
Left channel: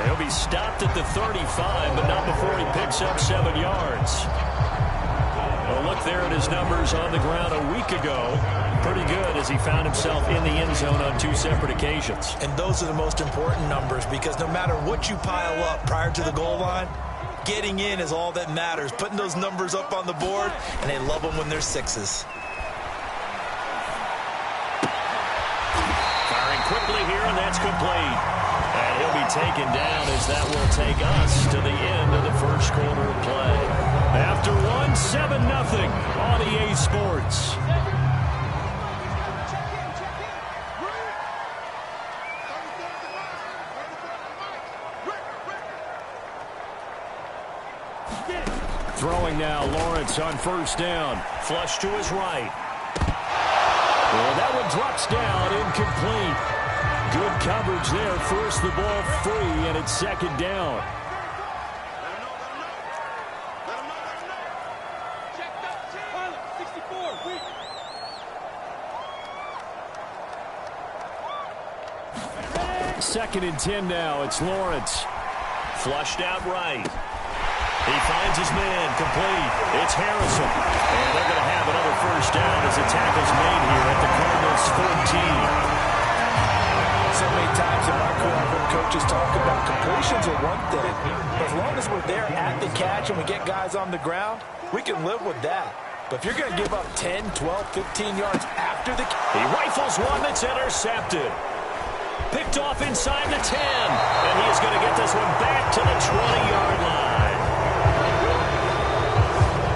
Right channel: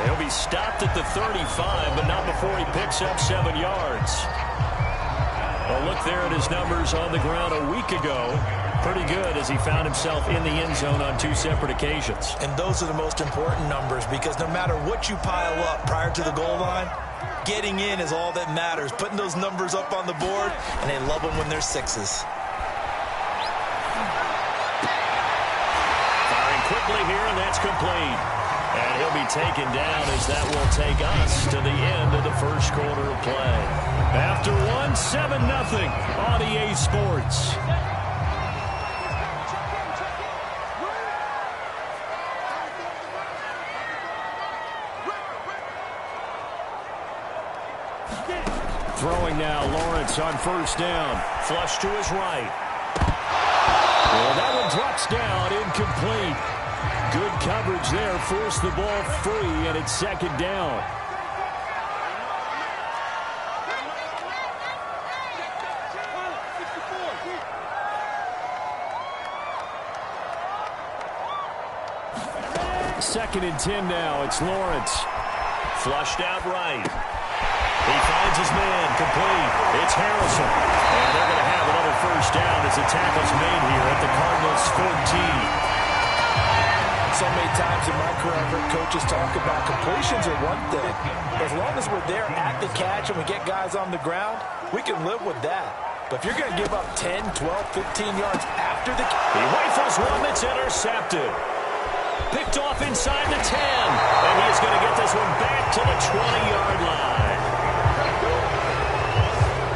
He'll be stopped at the 35, but not before he picks up 7 yards. A look there at his numbers on the ground a week ago. Pretty good as he found himself in the end zone on 2 separate occasions. And those are the most important numbers, because no matter what you pile up prior to the goal line, getting in is all that matters. Putting those numbers up on the board, and they love them when they're 6s. Firing quickly here, and that's complete. And he'll be taken down as that will take us to the end of the first quarter of play. After one, 7-0 on EA Sports. Throwing now, Lawrence on first down. Flush to his right. Well, that one drops down, incomplete. Good coverage there, forced the ball free, and it's second down. Second and 10 now, it's Lawrence. Flushed out right. He finds his man, complete. It's Harrison. And they're going to have another first down as the tackle's made here at the Cardinals' 14. So many times in my career, I've heard coaches talk about completions are one thing. But as long as we're there at the catch and we get guys on the ground, we can live with that. But if you're going to give up 10, 12, 15 yards after the catch. He rifles one that's intercepted. Picked off inside the 10. And he is going to get this one back to the 20-yard line.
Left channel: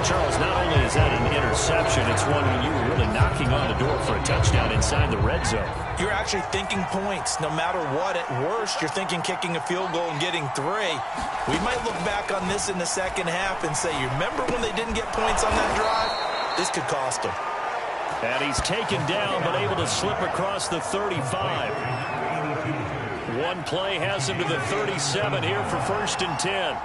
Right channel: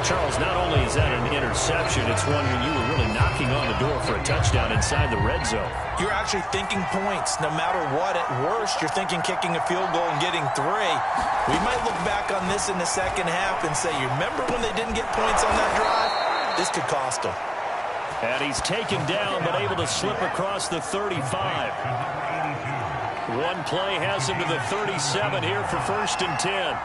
Charles, not only is that an interception, it's one when you were really knocking on the door for a touchdown inside the red zone. You're actually thinking points. No matter what, at worst, you're thinking kicking a field goal and getting 3. We might look back on this in the second half and say, you remember when they didn't get points on that drive? This could cost them. And he's taken down, but able to slip across the 35. One play has him to the 37 here for first and 10.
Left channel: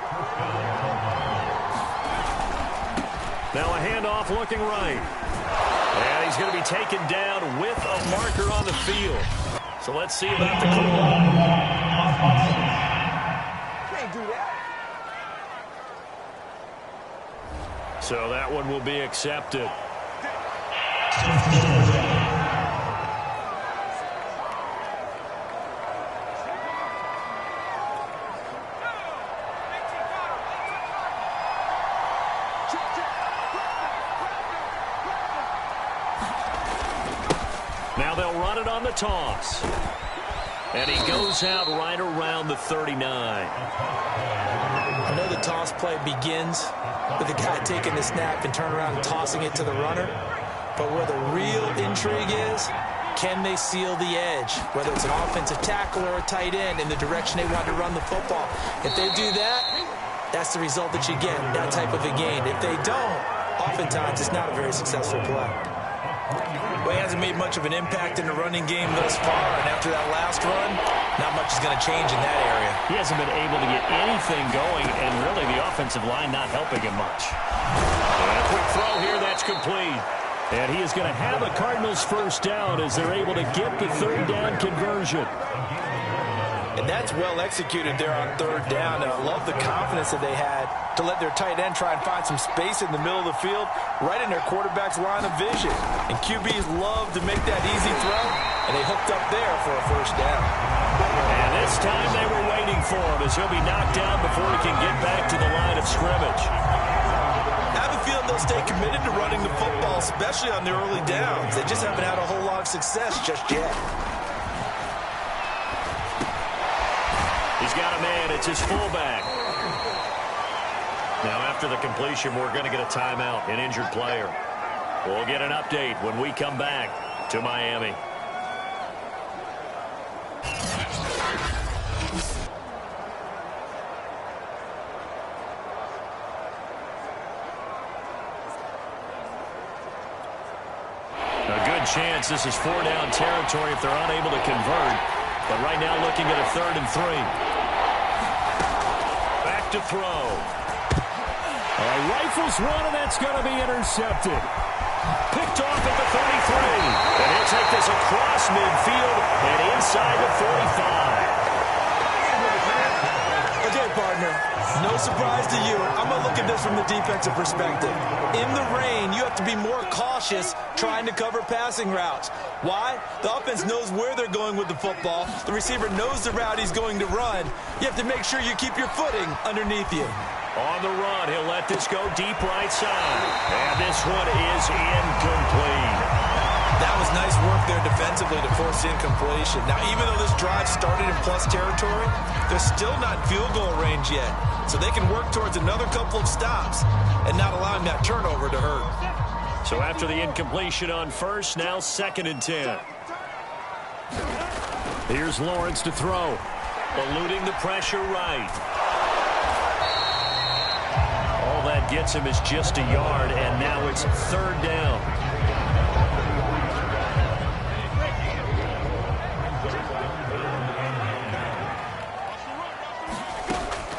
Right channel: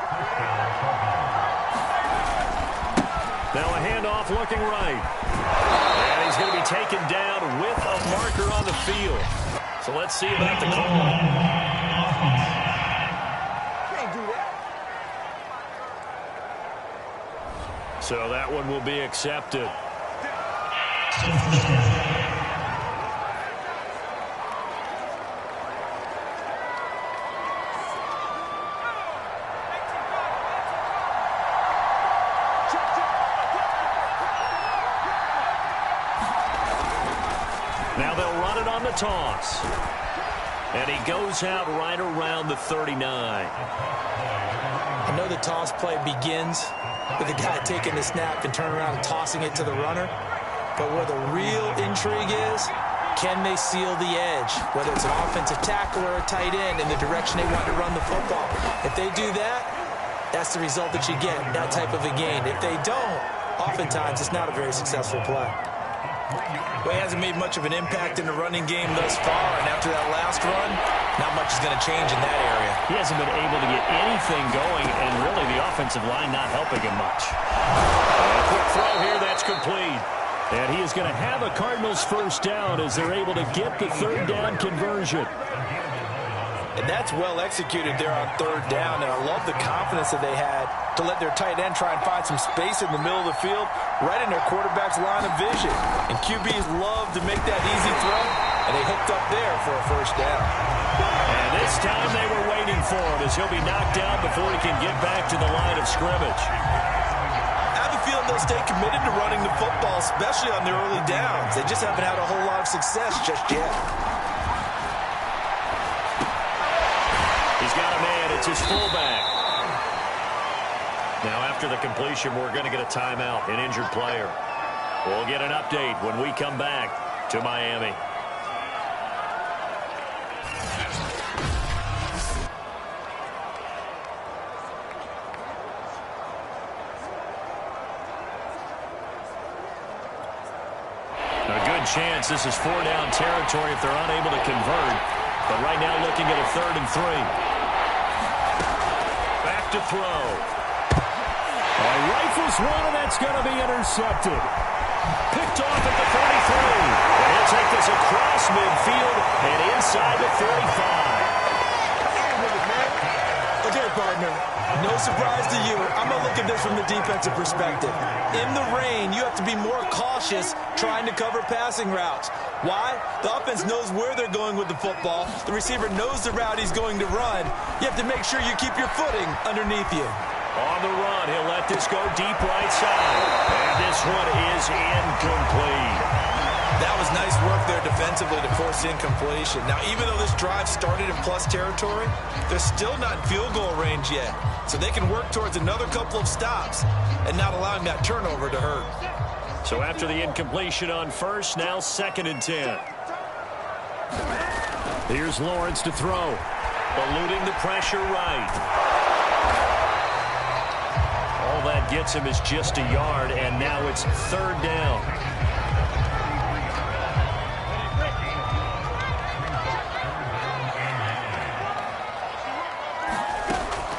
Now a handoff looking right. And he's going to be taken down with a marker on the field. So let's see about the call. Can't do that. So that one will be accepted. Now they'll run it on the toss. And he goes out right around the 39. I know the toss play begins with the guy taking the snap and turning around and tossing it to the runner. But where the real intrigue is, can they seal the edge? Whether it's an offensive tackle or a tight end in the direction they want to run the football. If they do that, that's the result that you get, that type of a gain. If they don't, oftentimes it's not a very successful play. Well, he hasn't made much of an impact in the running game thus far, and after that last run, not much is going to change in that area. He hasn't been able to get anything going, and really the offensive line not helping him much. And a quick throw here, that's complete. And he is going to have a Cardinals first down as they're able to get the third down conversion. And that's well executed there on third down, and I love the confidence that they had to let their tight end try and find some space in the middle of the field, right in their quarterback's line of vision. And QBs love to make that easy throw, and they hooked up there for a first down. And this time they were waiting for him as he'll be knocked down before he can get back to the line of scrimmage. I have a feeling they'll stay committed to running the football, especially on their early downs. They just haven't had a whole lot of success just yet. He's got a man. It's his fullback. Now, after the completion, we're going to get a timeout, an injured player. We'll get an update when we come back to Miami. second chance. This is 4-down territory if they're unable to convert. But right now looking at a 3rd and 3. Back to throw. Rifles one, and that's going to be intercepted. Picked off at the 33. And he'll take this across midfield and inside the 45. Okay, partner, no surprise to you. I'm going to look at this from the defensive perspective. In the rain, you have to be more cautious trying to cover passing routes. Why? The offense knows where they're going with the football. The receiver knows the route he's going to run. You have to make sure you keep your footing underneath you. On the run, he'll let this go deep right side. And this one is incomplete. That was nice work there defensively to force incompletion. Now, even though this drive started in plus territory, they're still not in field goal range yet. So they can work towards another couple of stops and not allowing that turnover to hurt. So after the incompletion on first, now 2nd and 10. Here's Lawrence to throw. Eluding the pressure right. All that gets him is just a yard, and now it's 3rd down.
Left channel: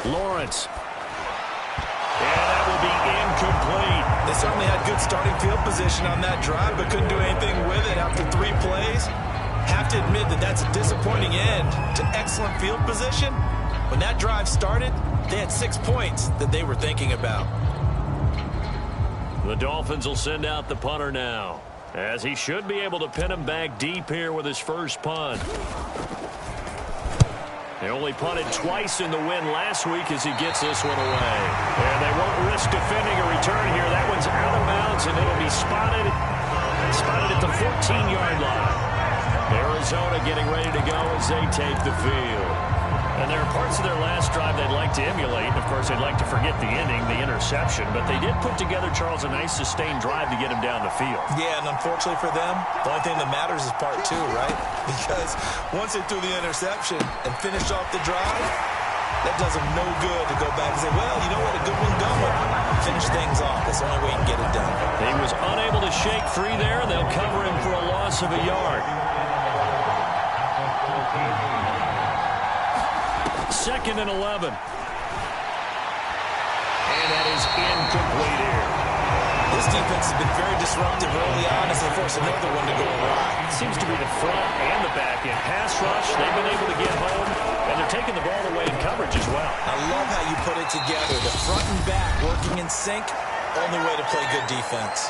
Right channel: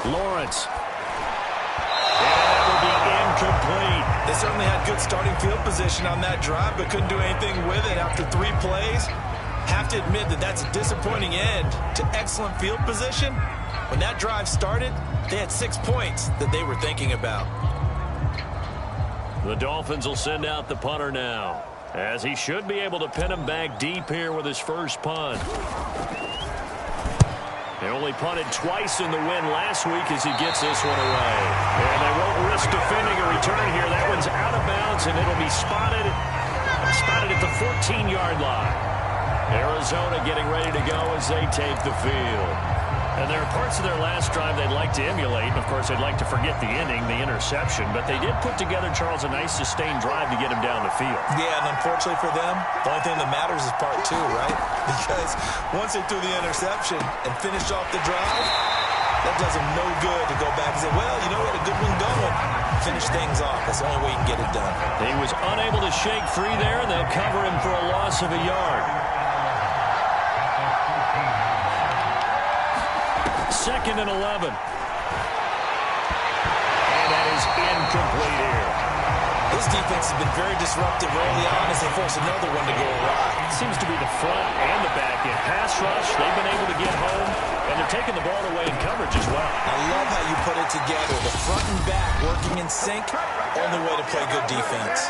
Lawrence. And that will be incomplete. They certainly had good starting field position on that drive, but couldn't do anything with it after 3 plays. Have to admit that that's a disappointing end to excellent field position. When that drive started, they had 6 points that they were thinking about. The Dolphins will send out the punter now, as he should be able to pin him back deep here with his first punt. They only punted twice in the win last week as he gets this one away. And they won't risk defending a return here. That one's out of bounds, and it'll be spotted at the 14-yard line. Arizona getting ready to go as they take the field. And there are parts of their last drive they'd like to emulate. And, of course, they'd like to forget the ending, the interception. But they did put together, Charles, a nice sustained drive to get him down the field. Yeah, and unfortunately for them, the only thing that matters is part 2, right? Because once they threw the interception and finished off the drive, that does them no good to go back and say, well, you know, we had a good one going. Finish things off. That's the only way you can get it done. He was unable to shake free there, and they'll cover him for a loss of a yard. 2nd and 11. And that is incomplete here. This defense has been very disruptive early on as they force another one to go awry. Seems to be the front and the back end. Pass rush, they've been able to get home, and they're taking the ball away in coverage as well. I love how you put it together. The front and back working in sync, only way to play good defense.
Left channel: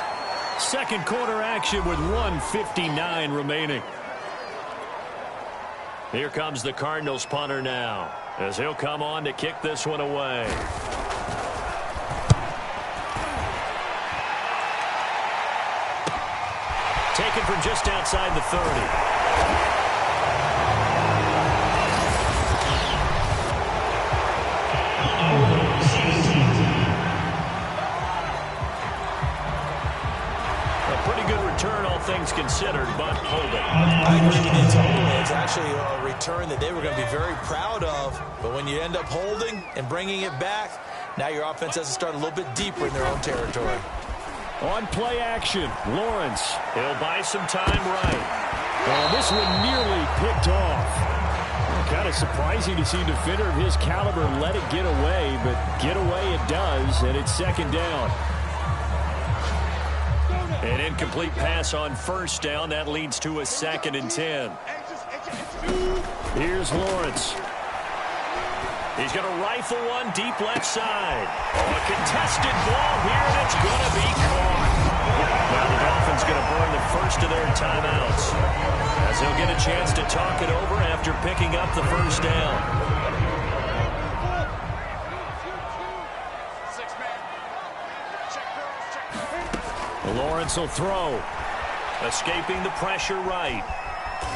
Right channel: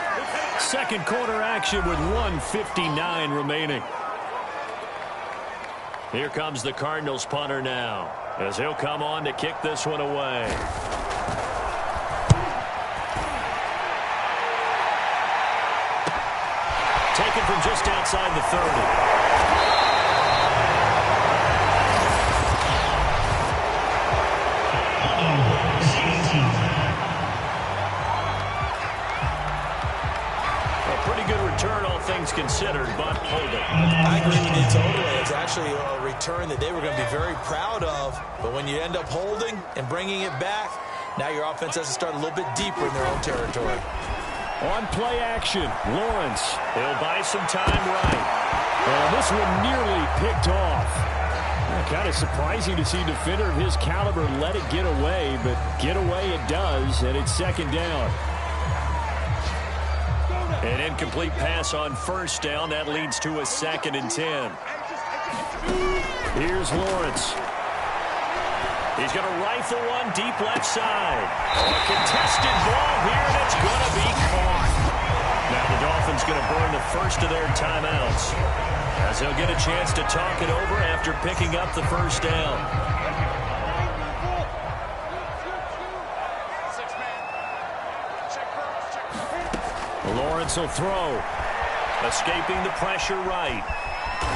Second quarter action with 1:59 remaining. Here comes the Cardinals punter now, as he'll come on to kick this one away. Taken from just outside the 30. A pretty good return, all things considered, but holding. I agree with you totally. It's actually a return that they were going to be very proud of. But when you end up holding and bringing it back, now your offense has to start a little bit deeper in their own territory. On play action, Lawrence. He'll buy some time right. And this one nearly picked off. Kind of surprising to see a defender of his caliber let it get away, but get away it does, and it's 2nd down. An incomplete pass on first down. That leads to a 2nd and 10. Here's Lawrence. He's going to rifle one deep left side. A contested ball here, and it's going to be caught. Now the Dolphins going to burn the first of their timeouts, as they'll get a chance to talk it over after picking up the first down. Lawrence will throw. Escaping the pressure right.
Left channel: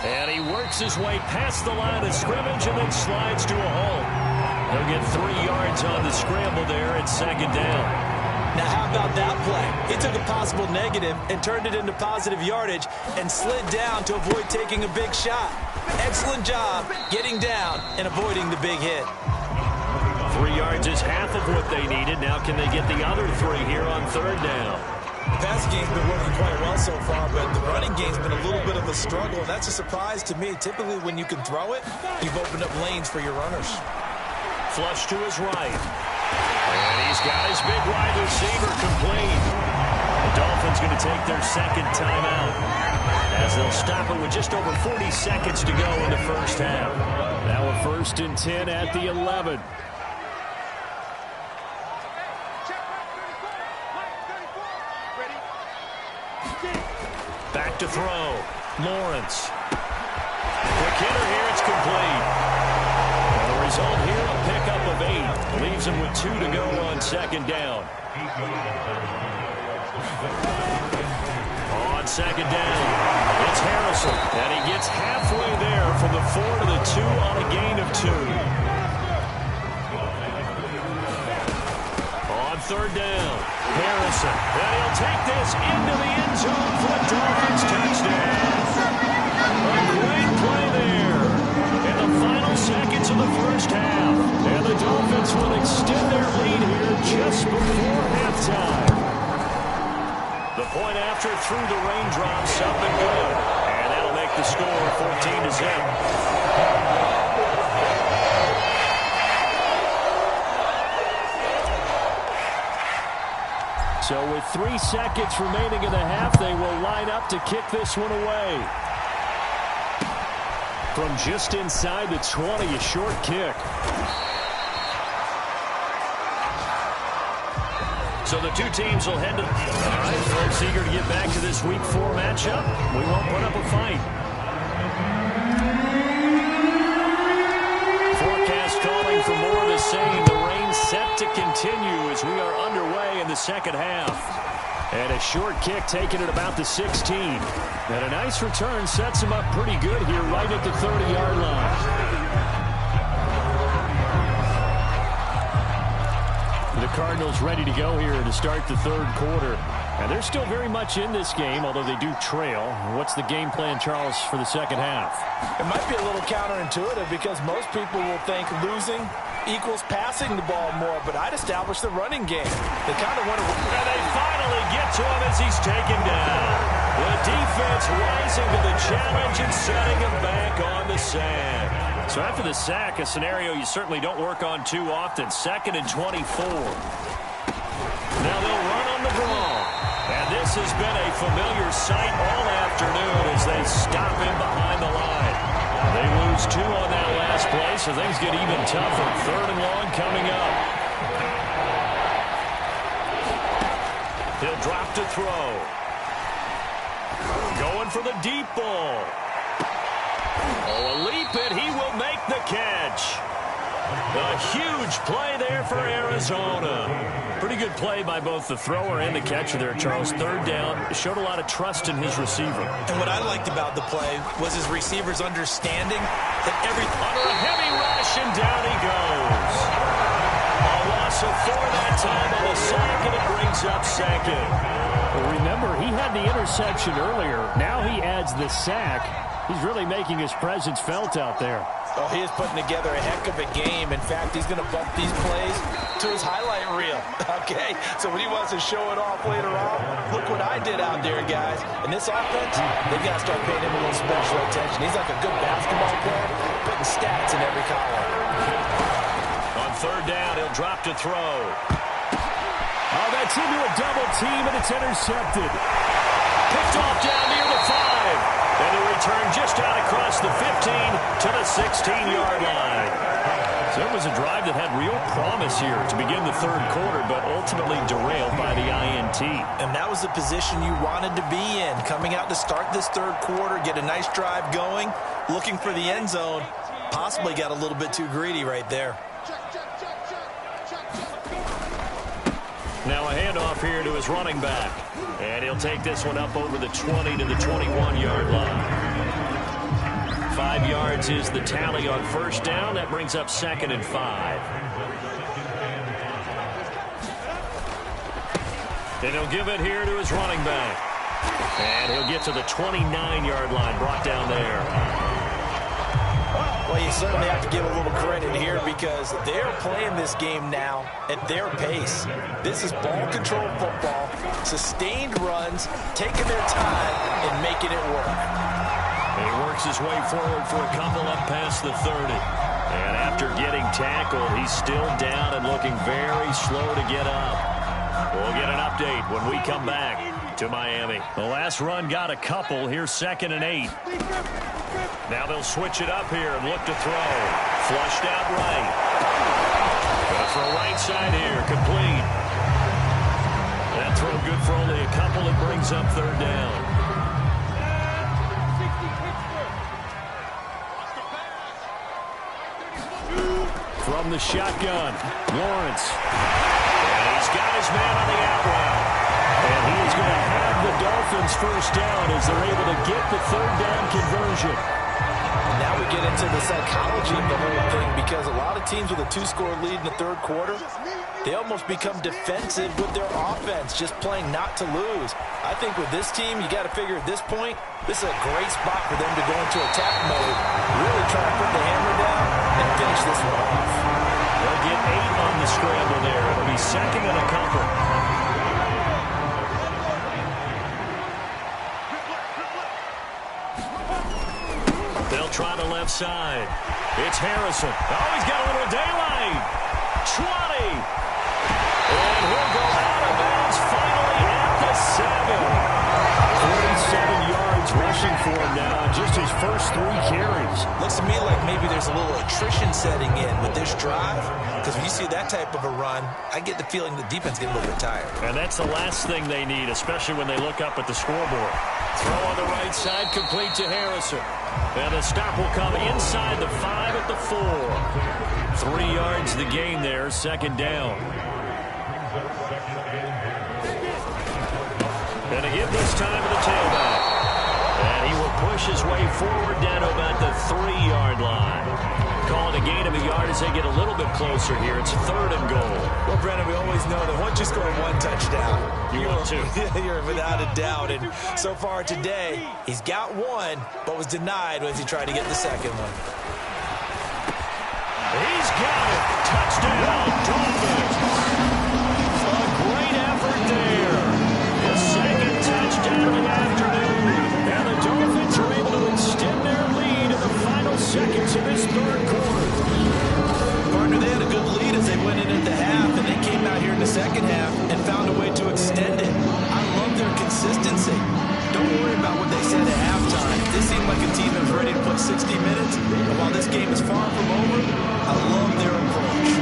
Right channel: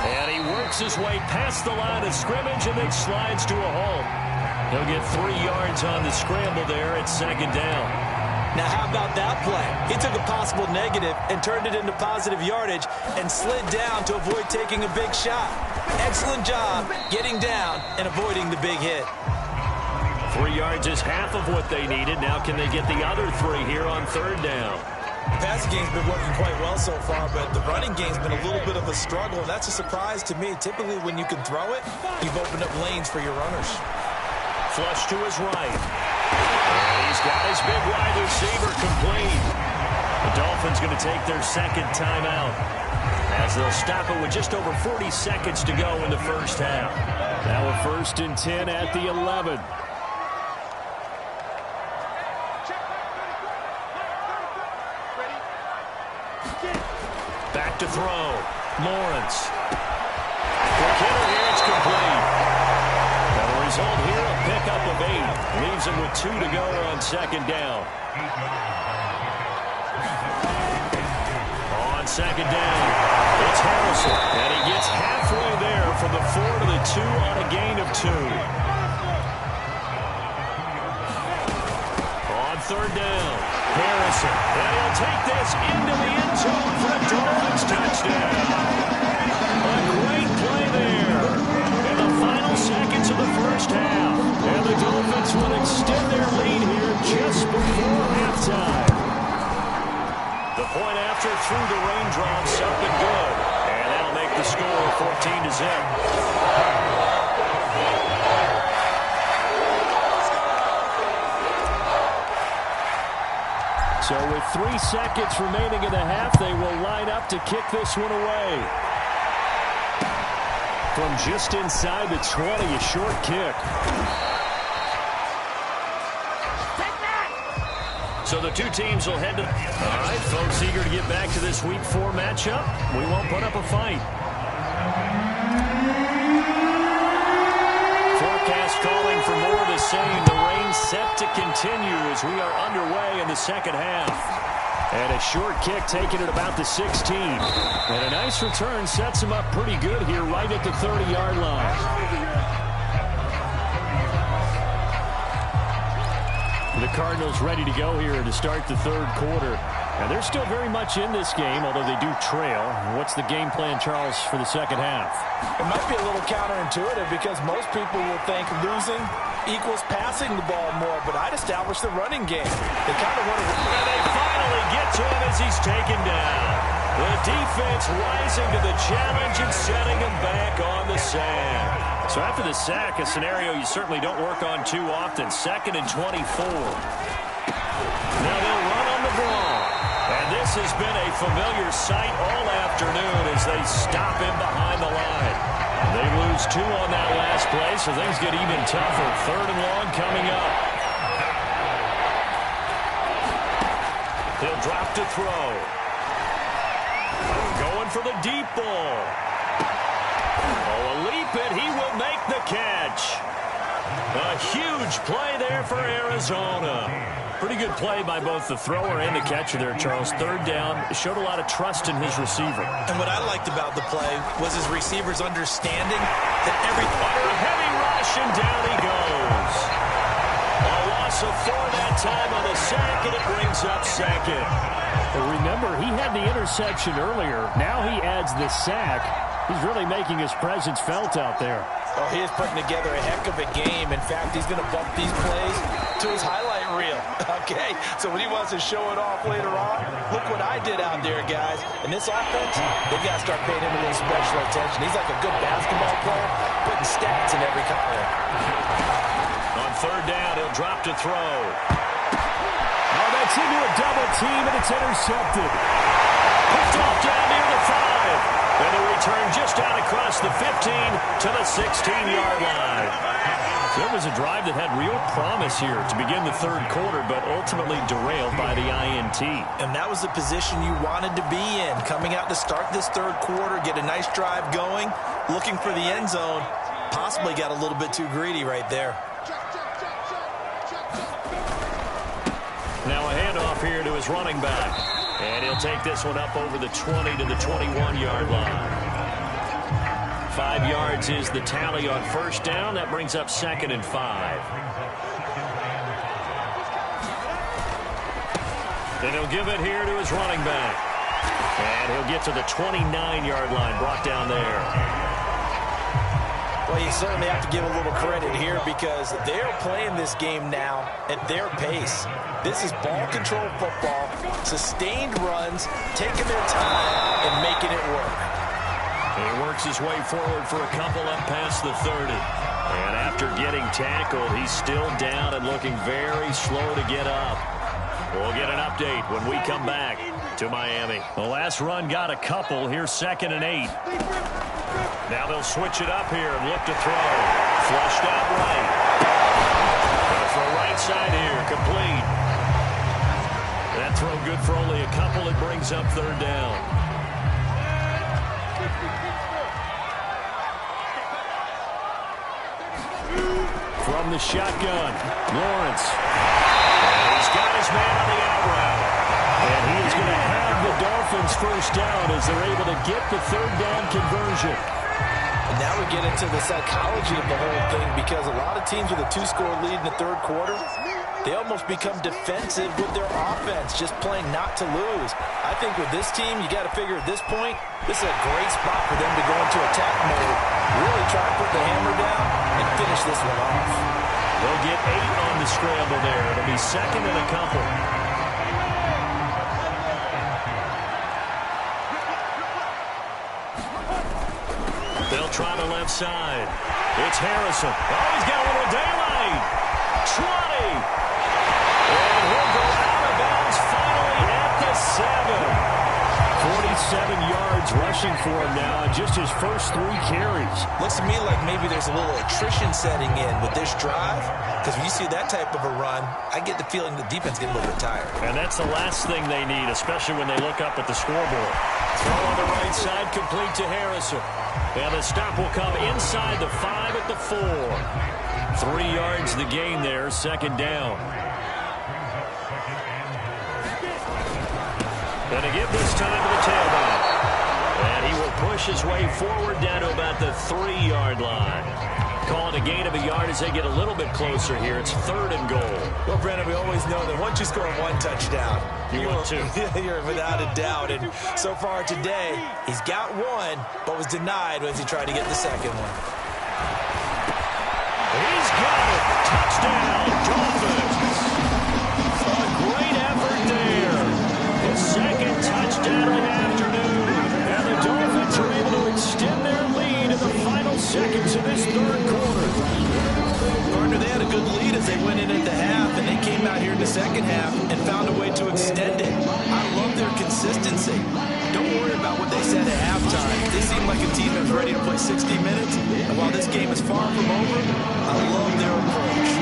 And he works his way past the line of scrimmage and then slides to a halt. He'll get 3 yards on the scramble there at 2nd down. Now, how about that play? He took a possible negative and turned it into positive yardage and slid down to avoid taking a big shot. Excellent job getting down and avoiding the big hit. 3 yards is half of what they needed. Now can they get the other 3 here on 3rd down? passing game's been working quite well so far, but the running game's been a little bit of a struggle, and that's a surprise to me. Typically, when you can throw it, you've opened up lanes for your runners. Flush to his right. And he's got his big wide receiver complete. The Dolphins going to take their second timeout as they'll stop it with just over 40 seconds to go in the first half. Now a 1st and 10 at the 11. Back to throw. Lawrence. Quick hitter here. It's complete. Now the result here, a pickup of 8. Leaves him with 2 to go on second down. On second down, it's Harrison. And he gets halfway there from the 4 to the 2 on a gain of 2. On third down, Harrison. And he'll take this into the end zone for a Dolphins touchdown. A great play there in the final seconds of the first half. And the Dolphins will extend their lead here just before halftime. The point after through the raindrops, up and good. And that'll make the score 14-0. So with 3 seconds remaining in the half, they will line up to kick this one away. From just inside the 20, a short kick. So the two teams will head to... All right, folks, eager to get back to this Week 4 matchup. We won't put up a fight. Forecast calling for more of the same. The rain set to continue as we are underway in the second half. And a short kick taken at about the 16. And a nice return sets him up pretty good here right at the 30-yard line. The Cardinals ready to go here to start the third quarter. And they're still very much in this game, although they do trail. What's the game plan, Charles, for the second half? It might be a little counterintuitive because most people will think losing equals passing the ball more, but I'd establish the running game. They kind of want to... And they finally get to him as he's taken down. The defense rising to the challenge and setting him back on the sack. So after the sack, a scenario you certainly don't work on too often. 2nd and 24. Now they'll run on the draw. And this has been a familiar sight all afternoon as they stop him behind the line. They lose 2 on that last play, so things get even tougher. 3rd and long coming up. He'll drop to throw. Going for the deep ball. Oh, a leap, and he will make the catch. A huge play there for Arizona. Pretty good play by both the thrower and the catcher there, Charles. 3rd down, showed a lot of trust in his receiver. And what I liked about the play was his receivers understanding that under a heavy rush, and down he goes. A loss of 4 that time on the sack, and it brings up 2nd. Well, remember, he had the interception earlier. Now he adds the sack. He's really making his presence felt out there. Oh, he is putting together a heck of a game. In fact, he's going to bump these plays to his highlight reel. Okay, so when he wants to show it off later on, look what I did out there, guys. In this offense, they've got to start paying him a little special attention. He's like a good basketball player, putting stats in every column. On 3rd down, he'll drop to throw. Oh, that's into a double team, and it's intercepted. Picked off down near the 5. And the return just out across the 15 to the 16-yard line. So it was a drive that had real promise here to begin the third quarter, but ultimately derailed by the INT. And that was the position you wanted to be in. Coming out to start this third quarter, get a nice drive going, looking for the end zone. Possibly got a little bit too greedy right there. Now a handoff here to his running back. And he'll take this one up over the 20 to the 21-yard line. 5 yards is the tally on 1st down. That brings up 2nd and 5. And he'll give it here to his running back. And he'll get to the 29-yard line, brought down there. Well, you certainly have to give a little credit here because they're playing this game now at their pace. This is ball control football, sustained runs, taking their time and making it work. He works his way forward for a couple up past the 30. And after getting tackled, he's still down and looking very slow to get up. We'll get an update when we come back to Miami. The last run got a couple. Here's 2nd and 8. Now they'll switch it up here and look to throw. Flushed out right. Gonna throw right side here. Complete. That throw good for only a couple. It brings up 3rd down. From the shotgun, Lawrence. And he's got his man on the out route. And he is going to have the Dolphins first down as they're able to get the 3rd down conversion. And now we get into the psychology of the whole thing because a lot of teams with a 2-score lead in the 3rd quarter, they almost become defensive with their offense, just playing not to lose. I think with this team, you got to figure at this point, this is a great spot for them to go into attack mode, really try to put the hammer down and finish this one off. They'll get 8 on the scramble there. It'll be 2nd and a couple. They'll try the left side. It's Harrison. Oh, he's got a little daylight. 20. And he'll go out of bounds finally at the 7. 47 yards rushing for him now on just his first 3 carries. Looks to me like maybe there's a little attrition setting in with this drive because when you see that type of a run, I get the feeling the defense getting a little bit tired. And that's the last thing they need, especially when they look up at the scoreboard. Throw on the right side, complete to Harrison. And the stop will come inside the 5 at the 4. 3 yards the gain there, 2nd down. Going to give this time to the tailback. And he will push his way forward down to about the 3-yard line. Calling a gain of a yard as they get a little bit closer here. It's 3rd and goal. Well, Brennan, we always know that once you score 1 touchdown, want 2. You're without a doubt. And so far today, he's got 1, but was denied as he tried to get the 2nd one. He's got it. Touchdown, Dolphins. A great effort there. The 2nd touchdown of the afternoon. And the Dolphins are able to extend their lead in the final seconds of this 3rd quarter. Partner, they had a good lead as they went in at the half, and they came out here in the 2nd half and found a way to extend it. I love their consistency. Don't worry about what they said at halftime. They seem like a team that was ready to play 60 minutes, and while this game is far from over, I love their approach.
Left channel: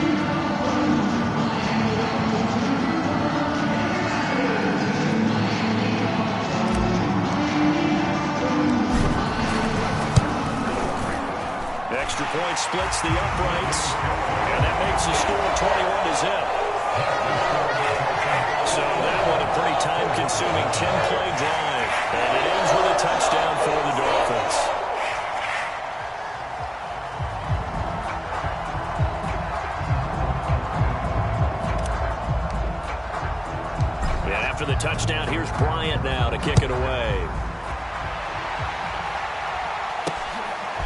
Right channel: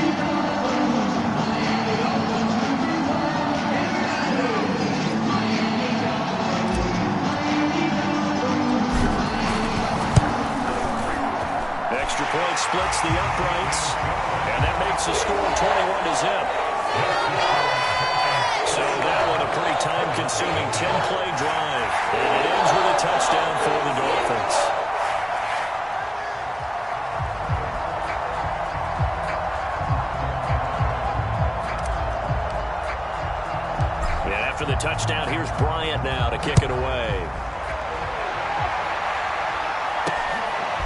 Extra point splits the uprights, and that makes the score 21-0. So that one a pretty time-consuming 10-play drive, and it ends with a touchdown for the Dolphins. And after the touchdown, here's Bryant now to kick it away.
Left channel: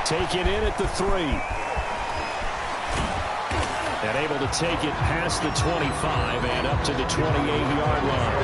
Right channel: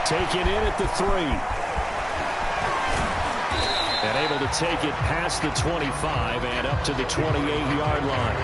Taken in at the 3. And able to take it past the 25 and up to the 28-yard line.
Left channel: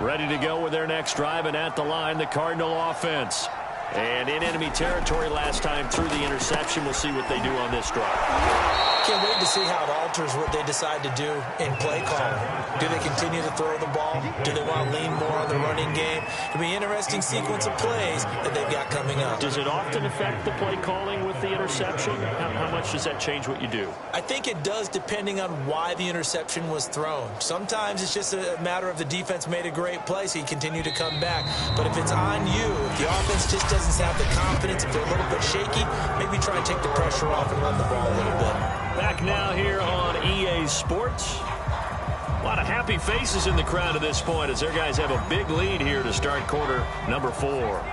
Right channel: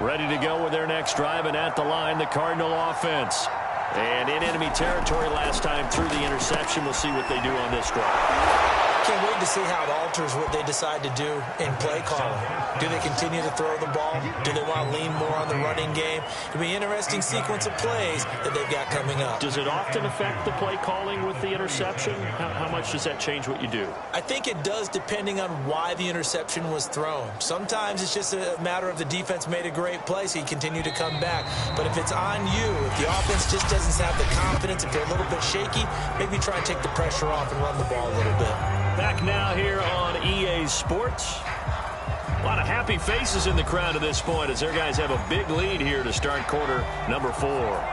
Ready to go with their next drive, and at the line, the Cardinal offense. And in enemy territory last time through the interception. We'll see what they do on this drive. Can't wait to see how it alters what they decide to do in play calling. Do they continue to throw the ball? Do they want to lean more on the running game? It'll be an interesting sequence of plays that they've got coming up. Does it often affect the play calling with the interception? How much does that change what you do? I think it does depending on why the interception was thrown. Sometimes it's just a matter of the defense made a great play, so you continue to come back. But if it's on you, if the offense just doesn't have the confidence, if they're a little bit shaky, maybe try and take the pressure off and run the ball a little bit. Back now here on EA Sports. A lot of happy faces in the crowd at this point as their guys have a big lead here to start quarter number 4.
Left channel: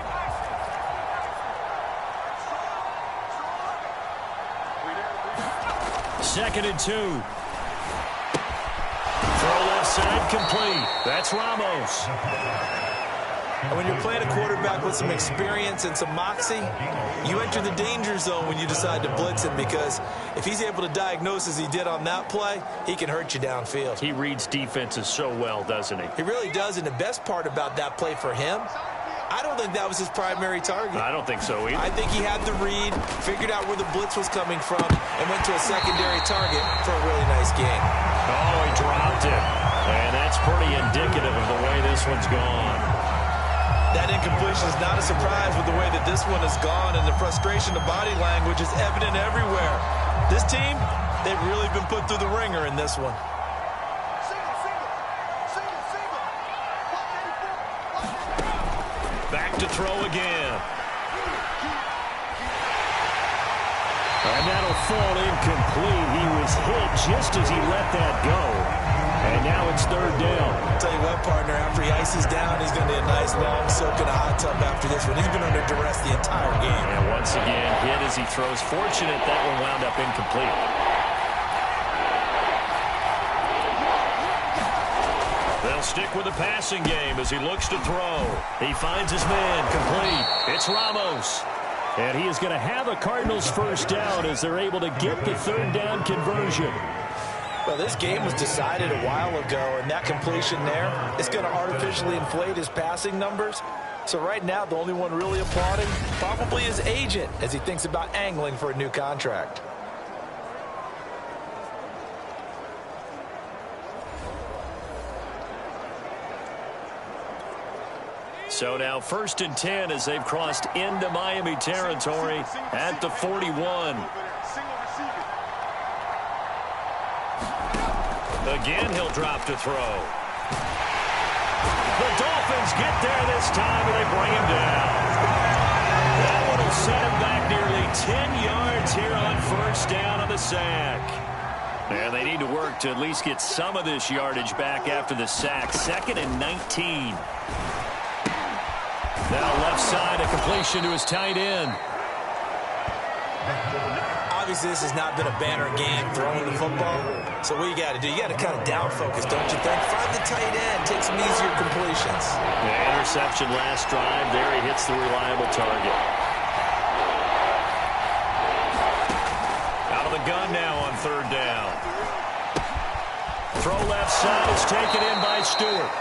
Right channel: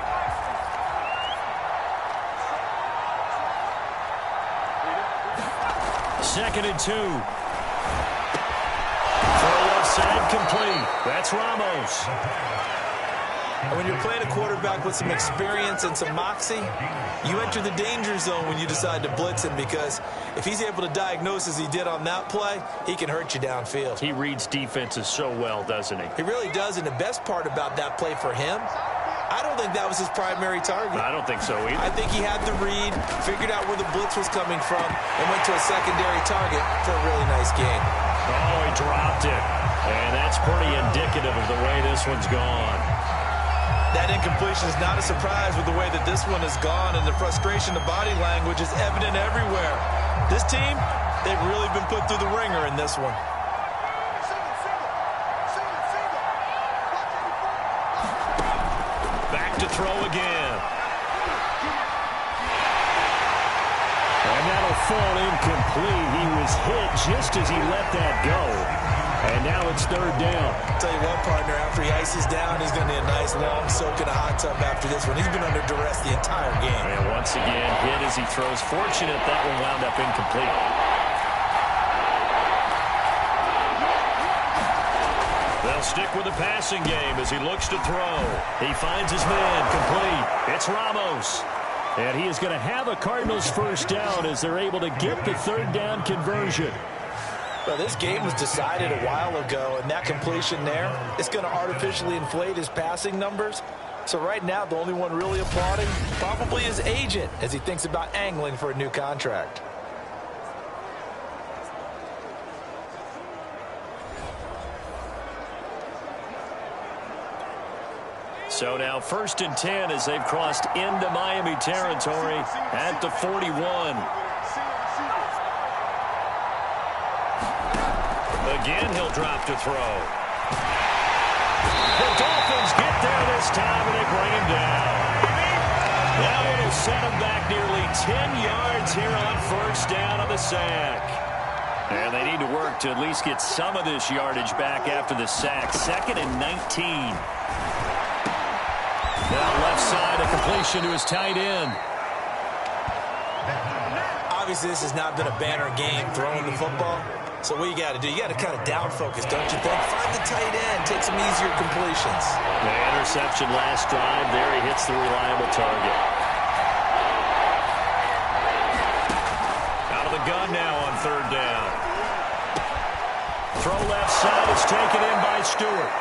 2nd and 2. Throw left side complete. That's Ramos. And when you're playing a quarterback with some experience and some moxie, you enter the danger zone when you decide to blitz him, because if he's able to diagnose as he did on that play, he can hurt you downfield. He reads defenses so well, doesn't he? He really does, and the best part about that play for him, I don't think that was his primary target. I don't think so either. I think he had the read, figured out where the blitz was coming from, and went to a secondary target for a really nice gain. Oh, he dropped it. And that's pretty indicative of the way this one's gone. That incompletion is not a surprise with the way that this one has gone, and the frustration, the body language is evident everywhere. This team, they've really been put through the ringer in this one. Back to throw again. And that'll fall incomplete. He was hit just as he let that go. And now it's 3rd down. I'll tell you what, partner, after he ices down, he's going to be a nice long soak in a hot tub after this one. He's been under duress the entire game. And once again, hit as he throws. Fortunate that one wound up incomplete. They'll stick with the passing game as he looks to throw. He finds his man complete. It's Ramos. And he is going to have a Cardinals 1st down as they're able to get the 3rd down conversion. Well, this game was decided a while ago, and that completion there is going to artificially inflate his passing numbers. So right now, the only one really applauding probably his agent as he thinks about angling for a new contract. So now 1st and 10 as they've crossed into Miami territory at the 41. Again, he'll drop to throw. The Dolphins get there this time, and they bring him down. That one will set him back nearly 10 yards here on 1st down on the sack. And they need to work to at least get some of this yardage back after the sack. 2nd and 19. Now left side, a completion to his tight end. Obviously, this has not been a banner game throwing the football. So what you got to do, you got to kind of down focus, don't you think? Find the tight end, take some easier completions. The interception last drive. There he hits the reliable target. Out of the gun now on 3rd down. Throw left side is taken in by Stewart.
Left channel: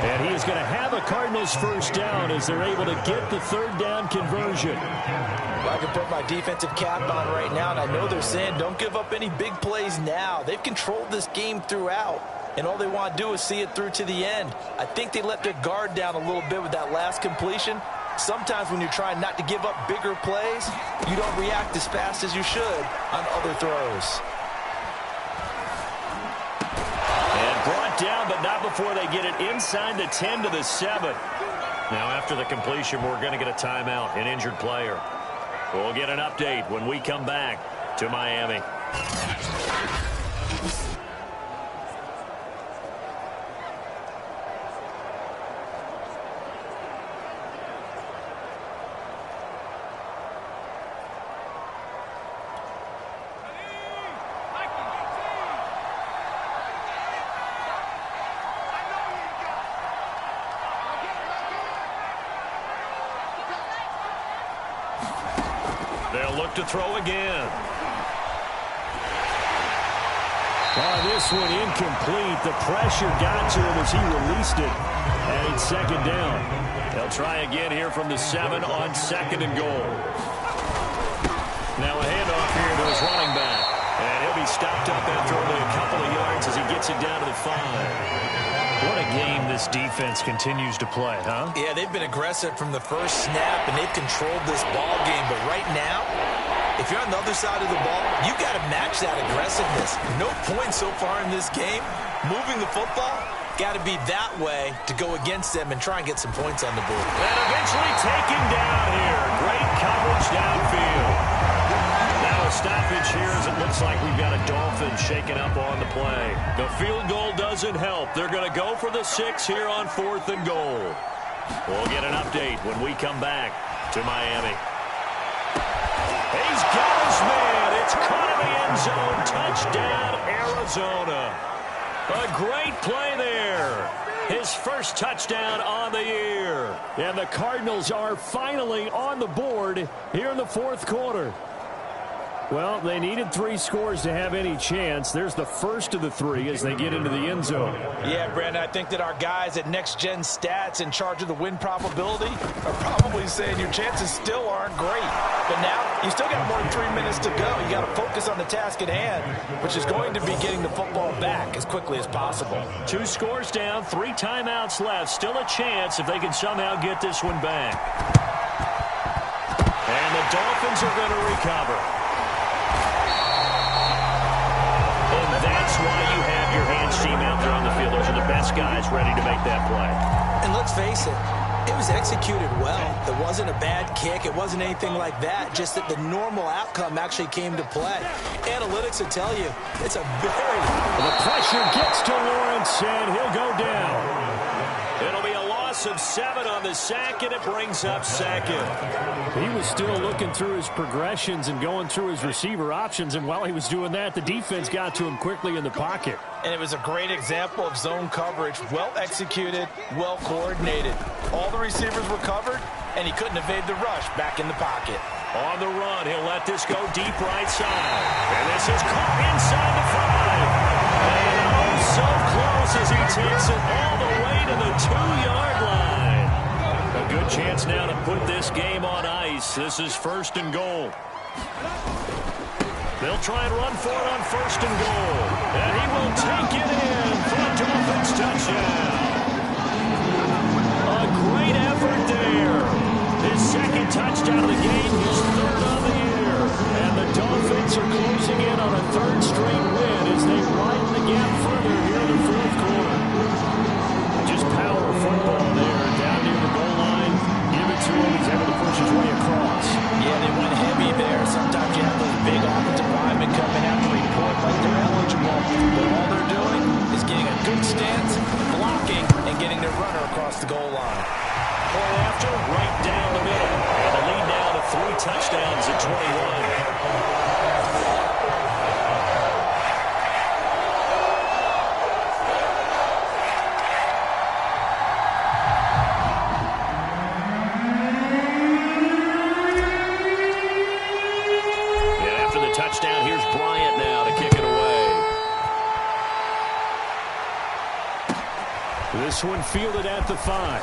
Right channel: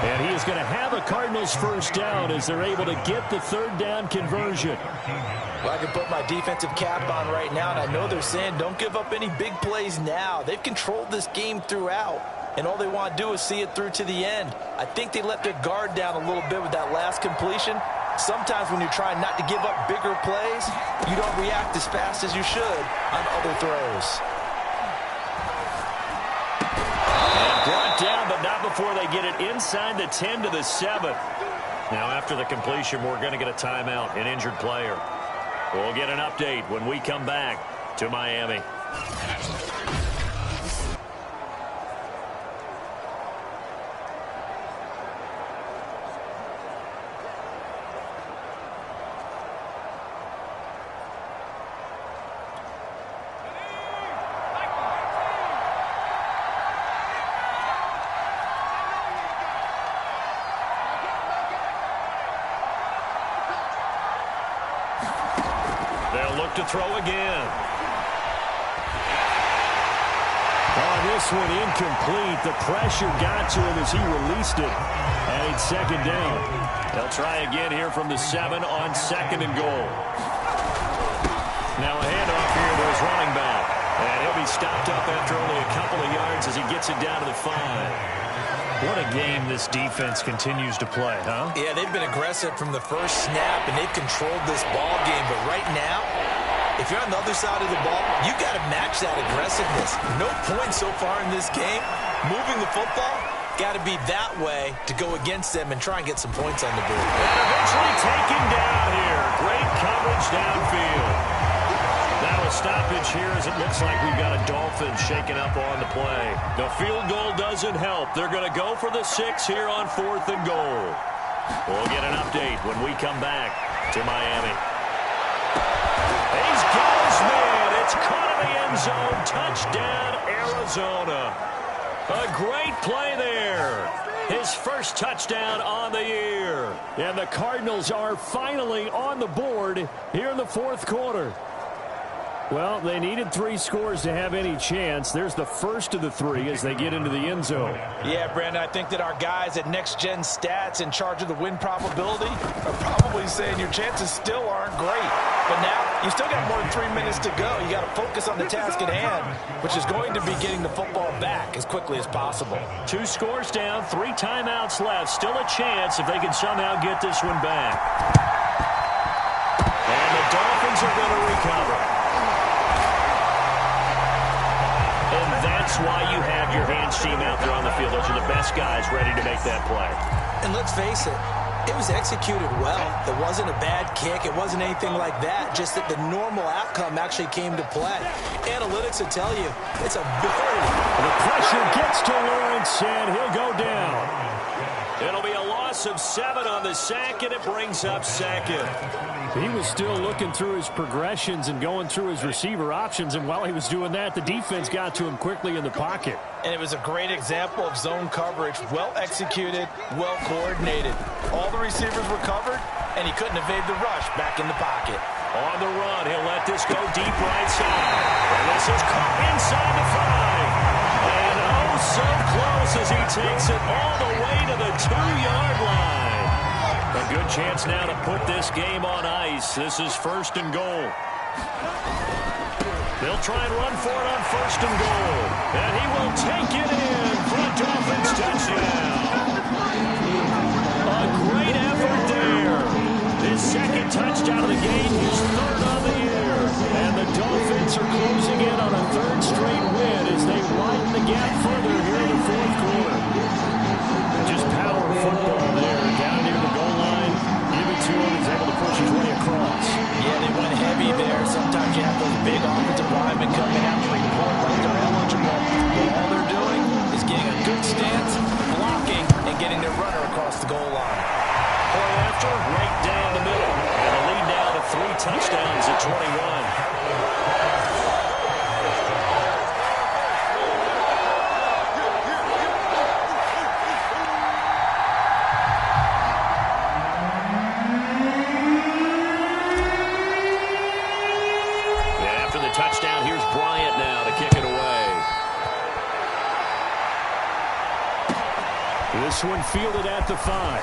And he is going to have a Cardinals 1st down as they're able to get the 3rd down conversion. Well, I can put my defensive cap on right now, and I know they're saying don't give up any big plays now. They've controlled this game throughout, and all they want to do is see it through to the end. I think they let their guard down a little bit with that last completion. Sometimes when you're trying not to give up bigger plays, you don't react as fast as you should on other throws. Brought down, but not before they get it inside the 10 to the 7. Now, after the completion, we're going to get a timeout, an injured player. We'll get an update when we come back to Miami. They'll look to throw again. Oh, this one incomplete. The pressure got to him as he released it. And it's 2nd down. They'll try again here from the 7 on 2nd and goal. Now a handoff here to his running back. And he'll be stopped up after only a couple of yards as he gets it down to the 5. What a game this defense continues to play, huh? Yeah, they've been aggressive from the first snap, and they've controlled this ball game. But right now, if you're on the other side of the ball, you've got to match that aggressiveness. No points so far in this game. Moving the football, got to be that way to go against them and try and get some points on the board. And eventually taken down here. Great coverage downfield. Now a stoppage here as it looks like we've got a Dolphin shaking up on the play. The field goal doesn't help. They're going to go for the 6 here on 4th and goal. We'll get an update when we come back to Miami. He's got his man. It's caught in the end zone. Touchdown, Arizona. A great play there. His first touchdown on the year. And the Cardinals are finally on the board here in the fourth quarter. Well, they needed 3 scores to have any chance. There's the first of the 3 as they get into the end zone. Yeah, Brandon, I think that our guys at Next Gen Stats in charge of the win probability are probably saying your chances still aren't great. But now you still got more than 3 minutes to go. You got to focus on the task at hand, which is going to be getting the football back as quickly as possible. 2 scores down, 3 timeouts left. Still a chance if they can somehow get this one back. And the Dolphins are going to recover. And that's why you have your hands team out there on the field. Those are the best guys ready to make that play. And let's face it, it was executed well. It wasn't a bad kick. It wasn't anything like that. Just that the normal outcome actually came to play. Analytics will tell you it's a very... The pressure gets to Lawrence, and he'll go down. It'll be a loss of 7 on the sack, and it brings up 2nd. He was still looking through his progressions and going through his receiver options, and while he was doing that, the defense got to him quickly in the pocket. And it was a great example of zone coverage, well executed, well coordinated. All the receivers were covered, and he couldn't evade the rush back in the pocket. On the run, he'll let this go deep right side. And this is caught inside the 5. And oh, so close as he takes it all the way to the 2-yard line. A good chance now to put this game on ice. This is 1st and goal. They'll try and run for it on 1st and goal. And he will take it in for a Dolphins touchdown. A great effort there. His 2nd touchdown of the game, his 3rd on the year. And the Dolphins are closing in on a 3rd straight win as they widen the gap further here in the 4th quarter. Just power football there down near the goal line. Give it to him. He's able to push his way across. Yeah, they went heavy there. Sometimes you have those big offensive linemen come and have to report like they're eligible. But all they're doing is getting a good stance, blocking, and getting their runner across the goal line. Point after, right down the middle. And the lead now to 3 touchdowns at 21. Touchdown. Here's Bryant now to kick it away. This one fielded at the 5.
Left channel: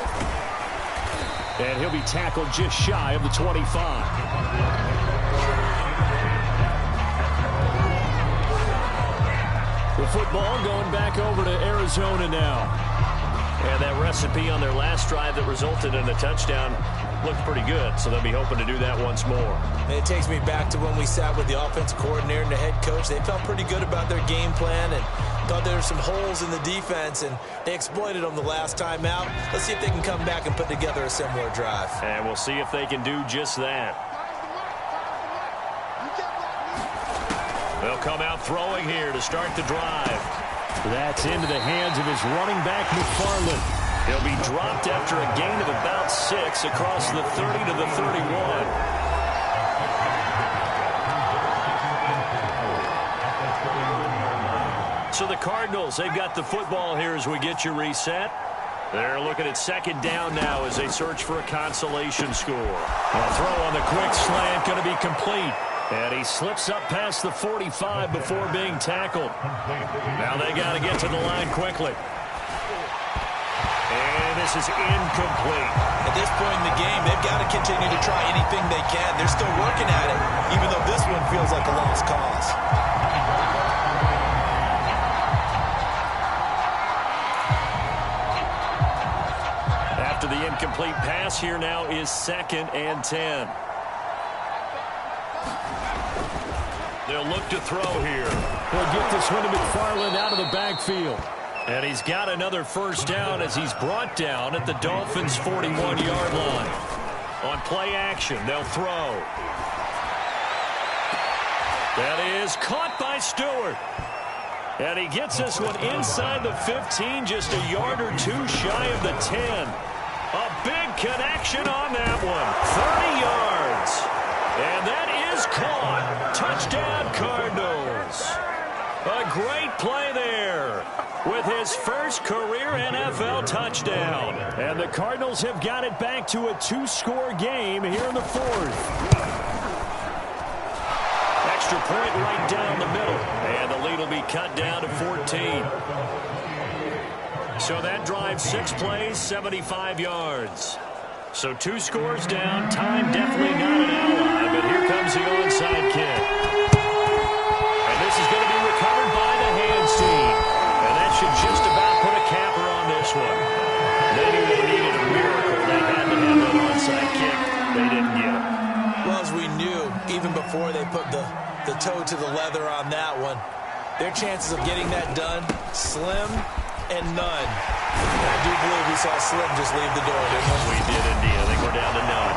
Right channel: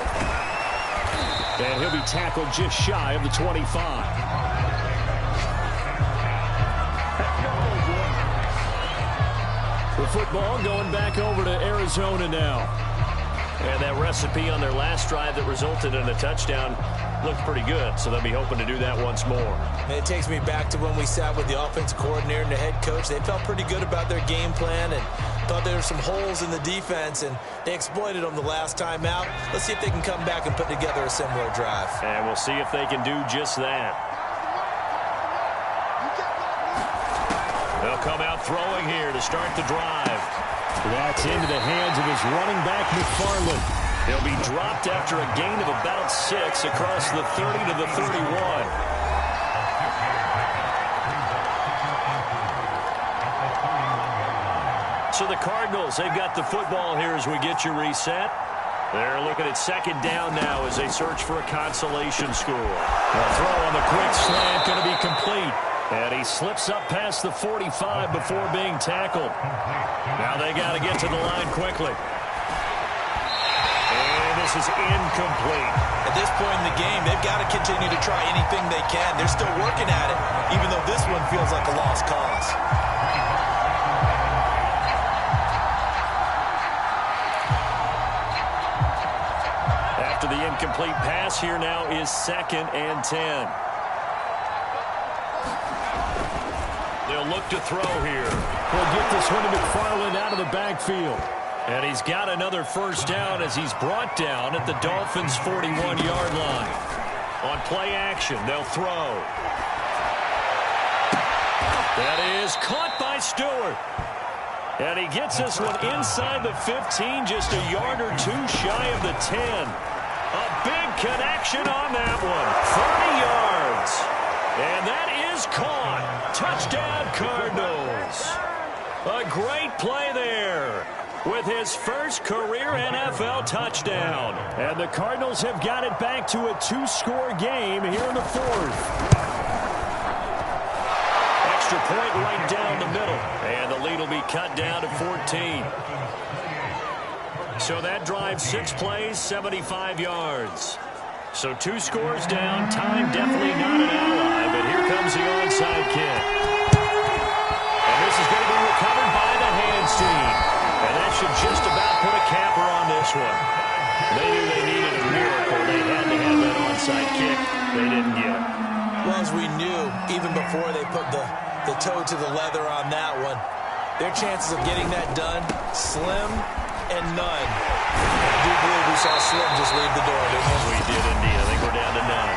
And he'll be tackled just shy of the 25. The football going back over to Arizona now. And that recipe on their last drive that resulted in a touchdown looked pretty good, so they'll be hoping to do that once more. And it takes me back to when we sat with the offensive coordinator and the head coach. They felt pretty good about their game plan and thought there were some holes in the defense, and they exploited them the last time out. Let's see if they can come back and put together a similar drive. And we'll see if they can do just that. They'll come out throwing here to start the drive. That's into the hands of his running back, McFarland. He'll be dropped after a gain of about 6 across the 30 to the 31. So the Cardinals, they've got the football here as we get you reset. They're looking at 2nd down now as they search for a consolation score. A throw on the quick slant going to be complete. And he slips up past the 45 before being tackled. Now they got to get to the line quickly. And this is incomplete. At this point in the game, they've got to continue to try anything they can. They're still working at it, even though this one feels like a lost cause. After the incomplete pass, here now is 2nd and 10. They'll look to throw here. He'll get this one to McFarland out of the backfield. And he's got another 1st down as he's brought down at the Dolphins' 41-yard line. On play action, they'll throw. That is caught by Stewart. And he gets this one inside the 15, just a yard or 2 shy of the 10. A big connection on that one. 30 yards. And that is caught. Touchdown, Cardinals. A great play there with his first career NFL touchdown. And the Cardinals have got it back to a 2-score game here in the fourth. Extra point right down the middle. And the lead will be cut down to 14. So that drive, 6 plays, 75 yards. So 2 scores down. Time definitely not an ally, but here comes the onside kick. And this is going to be recovered by the hands team. And that should just about put a capper on this one. They knew they needed a miracle. They had to have that onside kick. They didn't get it. Well, as we knew, even before they put the toe to the leather on that one, their chances of getting that done, slim and none. I do believe we saw Slim just leave the door, didn't we? We did indeed. I think we're down to none.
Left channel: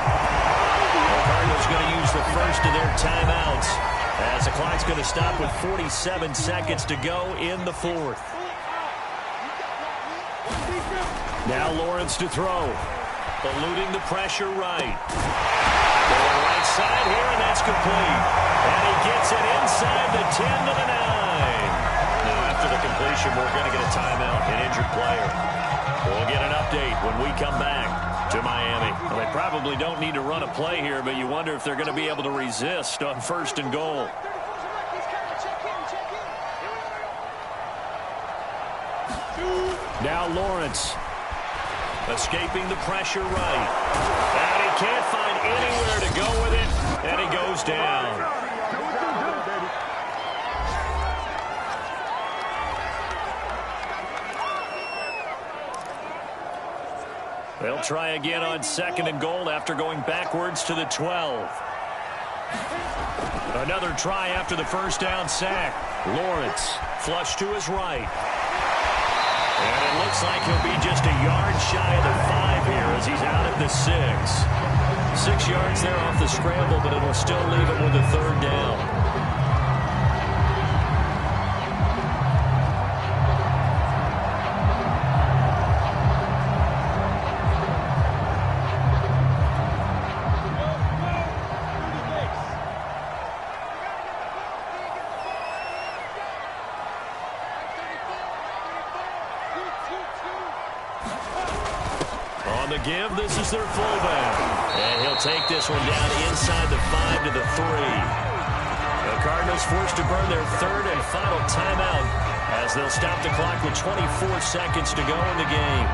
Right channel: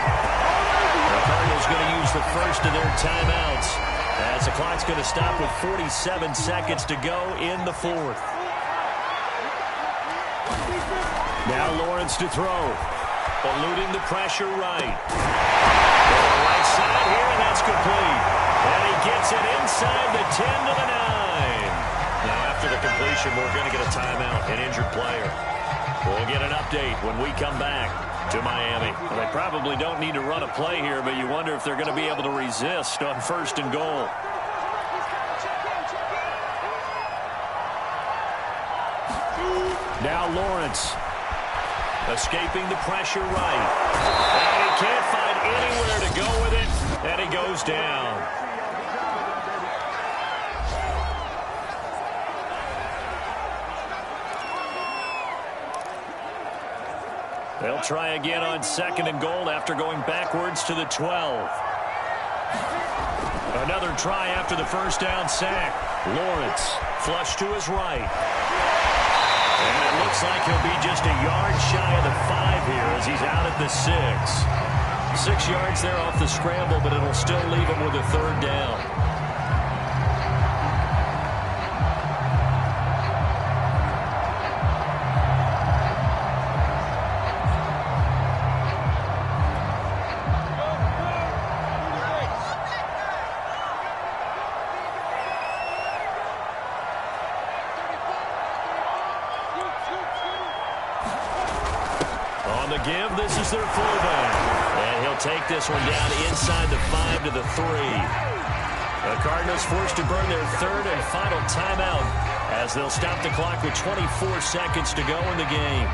The Cardinals going to use the first of their timeouts as the clock's going to stop with 47 seconds to go in the fourth. Now Lawrence to throw. Eluding the pressure right. To the right side here, and that's complete. And he gets it inside the 10 to the 9. Now, after the completion, we're going to get a timeout, an injured player. We'll get an update when we come back to Miami. Well, they probably don't need to run a play here, but you wonder if they're going to be able to resist on 1st and goal. Now Lawrence escaping the pressure right. And he can't find anywhere to go with it, and he goes down. They'll try again on 2nd and goal after going backwards to the 12. Another try after the first down sack. Lawrence flush to his right. And it looks like he'll be just a yard shy of the 5 here as he's out at the 6. 6 yards there off the scramble, but it'll still leave him with a 3rd down. On the give, this is their fullback. And he'll take this one down inside the 5 to the 3. The Cardinals forced to burn their 3rd and final timeout as they'll stop the clock with 24 seconds to go in the game.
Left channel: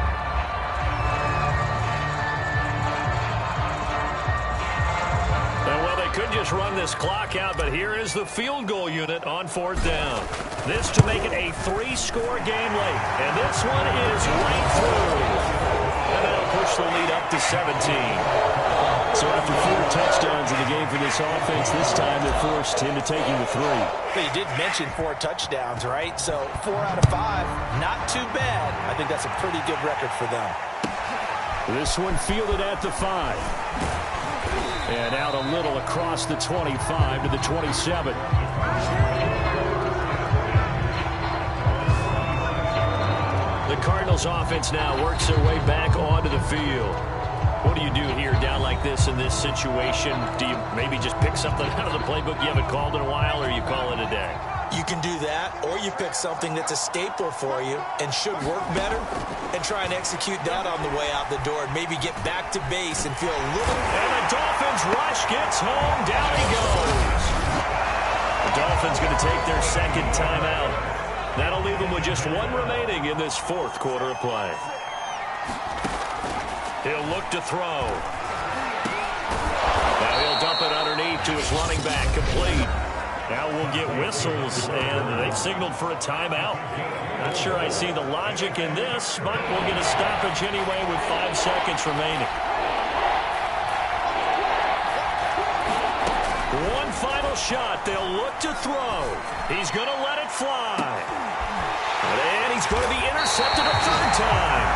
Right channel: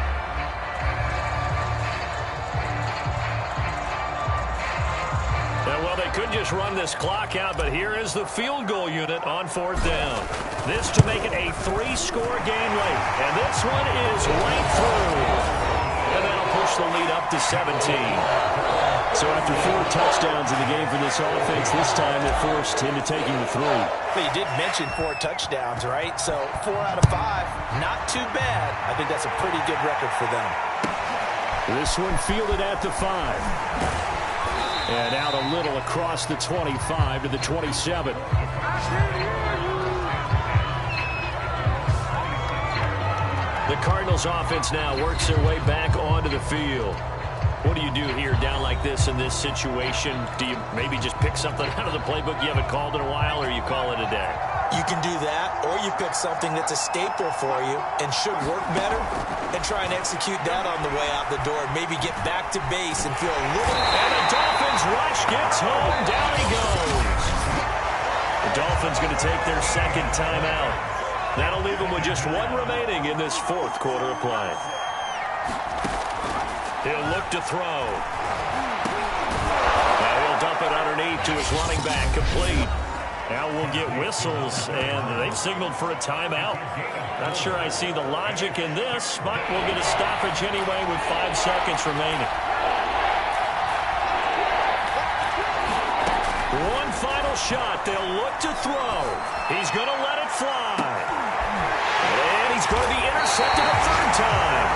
And well, they could just run this clock out, but here is the field goal unit on 4th down. This to make it a 3-score game late. And this one is right through. And that'll push the lead up to 17. So after 4 touchdowns in the game for this offense, this time they're forced into taking the 3. But you did mention 4 touchdowns, right? So 4 out of 5, not too bad. I think that's a pretty good record for them. This one fielded at the 5. And out a little across the 25 to the 27. The Cardinals offense now works their way back onto the field. What do you do here down like this in this situation? Do you maybe just pick something out of the playbook you haven't called in a while, or you call it a day? You can do that, or you pick something that's a staple for you and should work better and try and execute that on the way out the door and maybe get back to base and feel a little... And the Dolphins rush gets home. Down he goes. The Dolphins going to take their 2nd timeout. That'll leave them with just 1 remaining in this 4th quarter of play. He'll look to throw. Now he'll dump it underneath to his running back, complete. Now we'll get whistles, and they've signaled for a timeout. Not sure I see the logic in this, but we'll get a stoppage anyway with 5 seconds remaining. One final shot. They'll look to throw. He's going to let it fly. And he's going to be intercepted a 3rd time.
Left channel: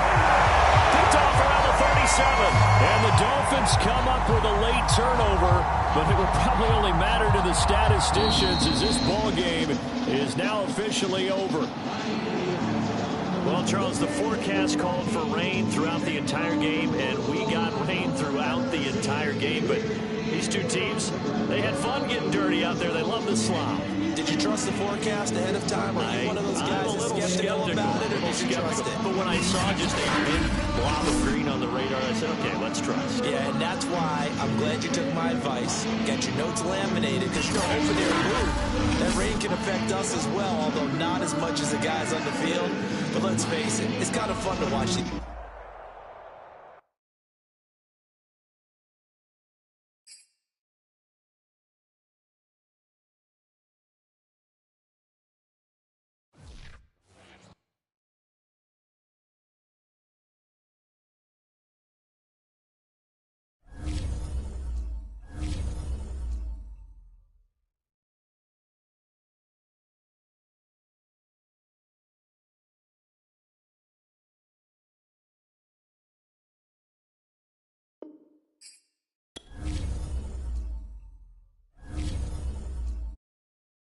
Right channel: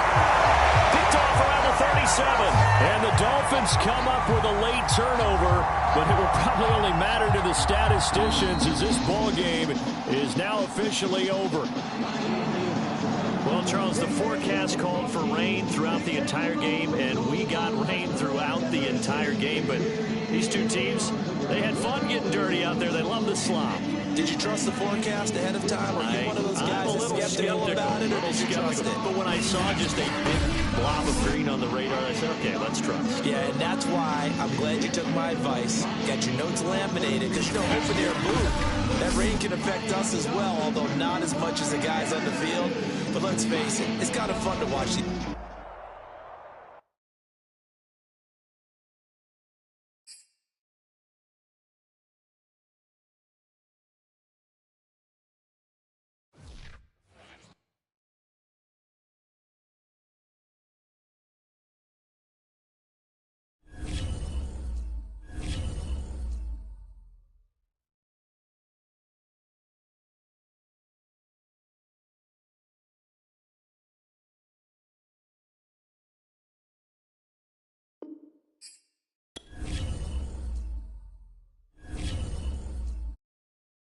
Picked off around the 37. And the Dolphins come up with a late turnover, but it will probably only matter to the statisticians as this ball game is now officially over. Well, Charles, the forecast called for rain throughout the entire game, and we got rain throughout the entire game, but these two teams, They had fun getting dirty out there. They love the slop. Did you trust the forecast ahead of time? Or are you one of those guys that's skeptical about it, or did you trust it? But when I saw just a big blob of green on the radar, I said, okay, let's trust. Yeah, and that's why I'm glad you took my advice. Got your notes laminated, because, open air move, that rain can affect us as well, although not as much as the guys on the field. But let's face it, it's kind of fun to watch these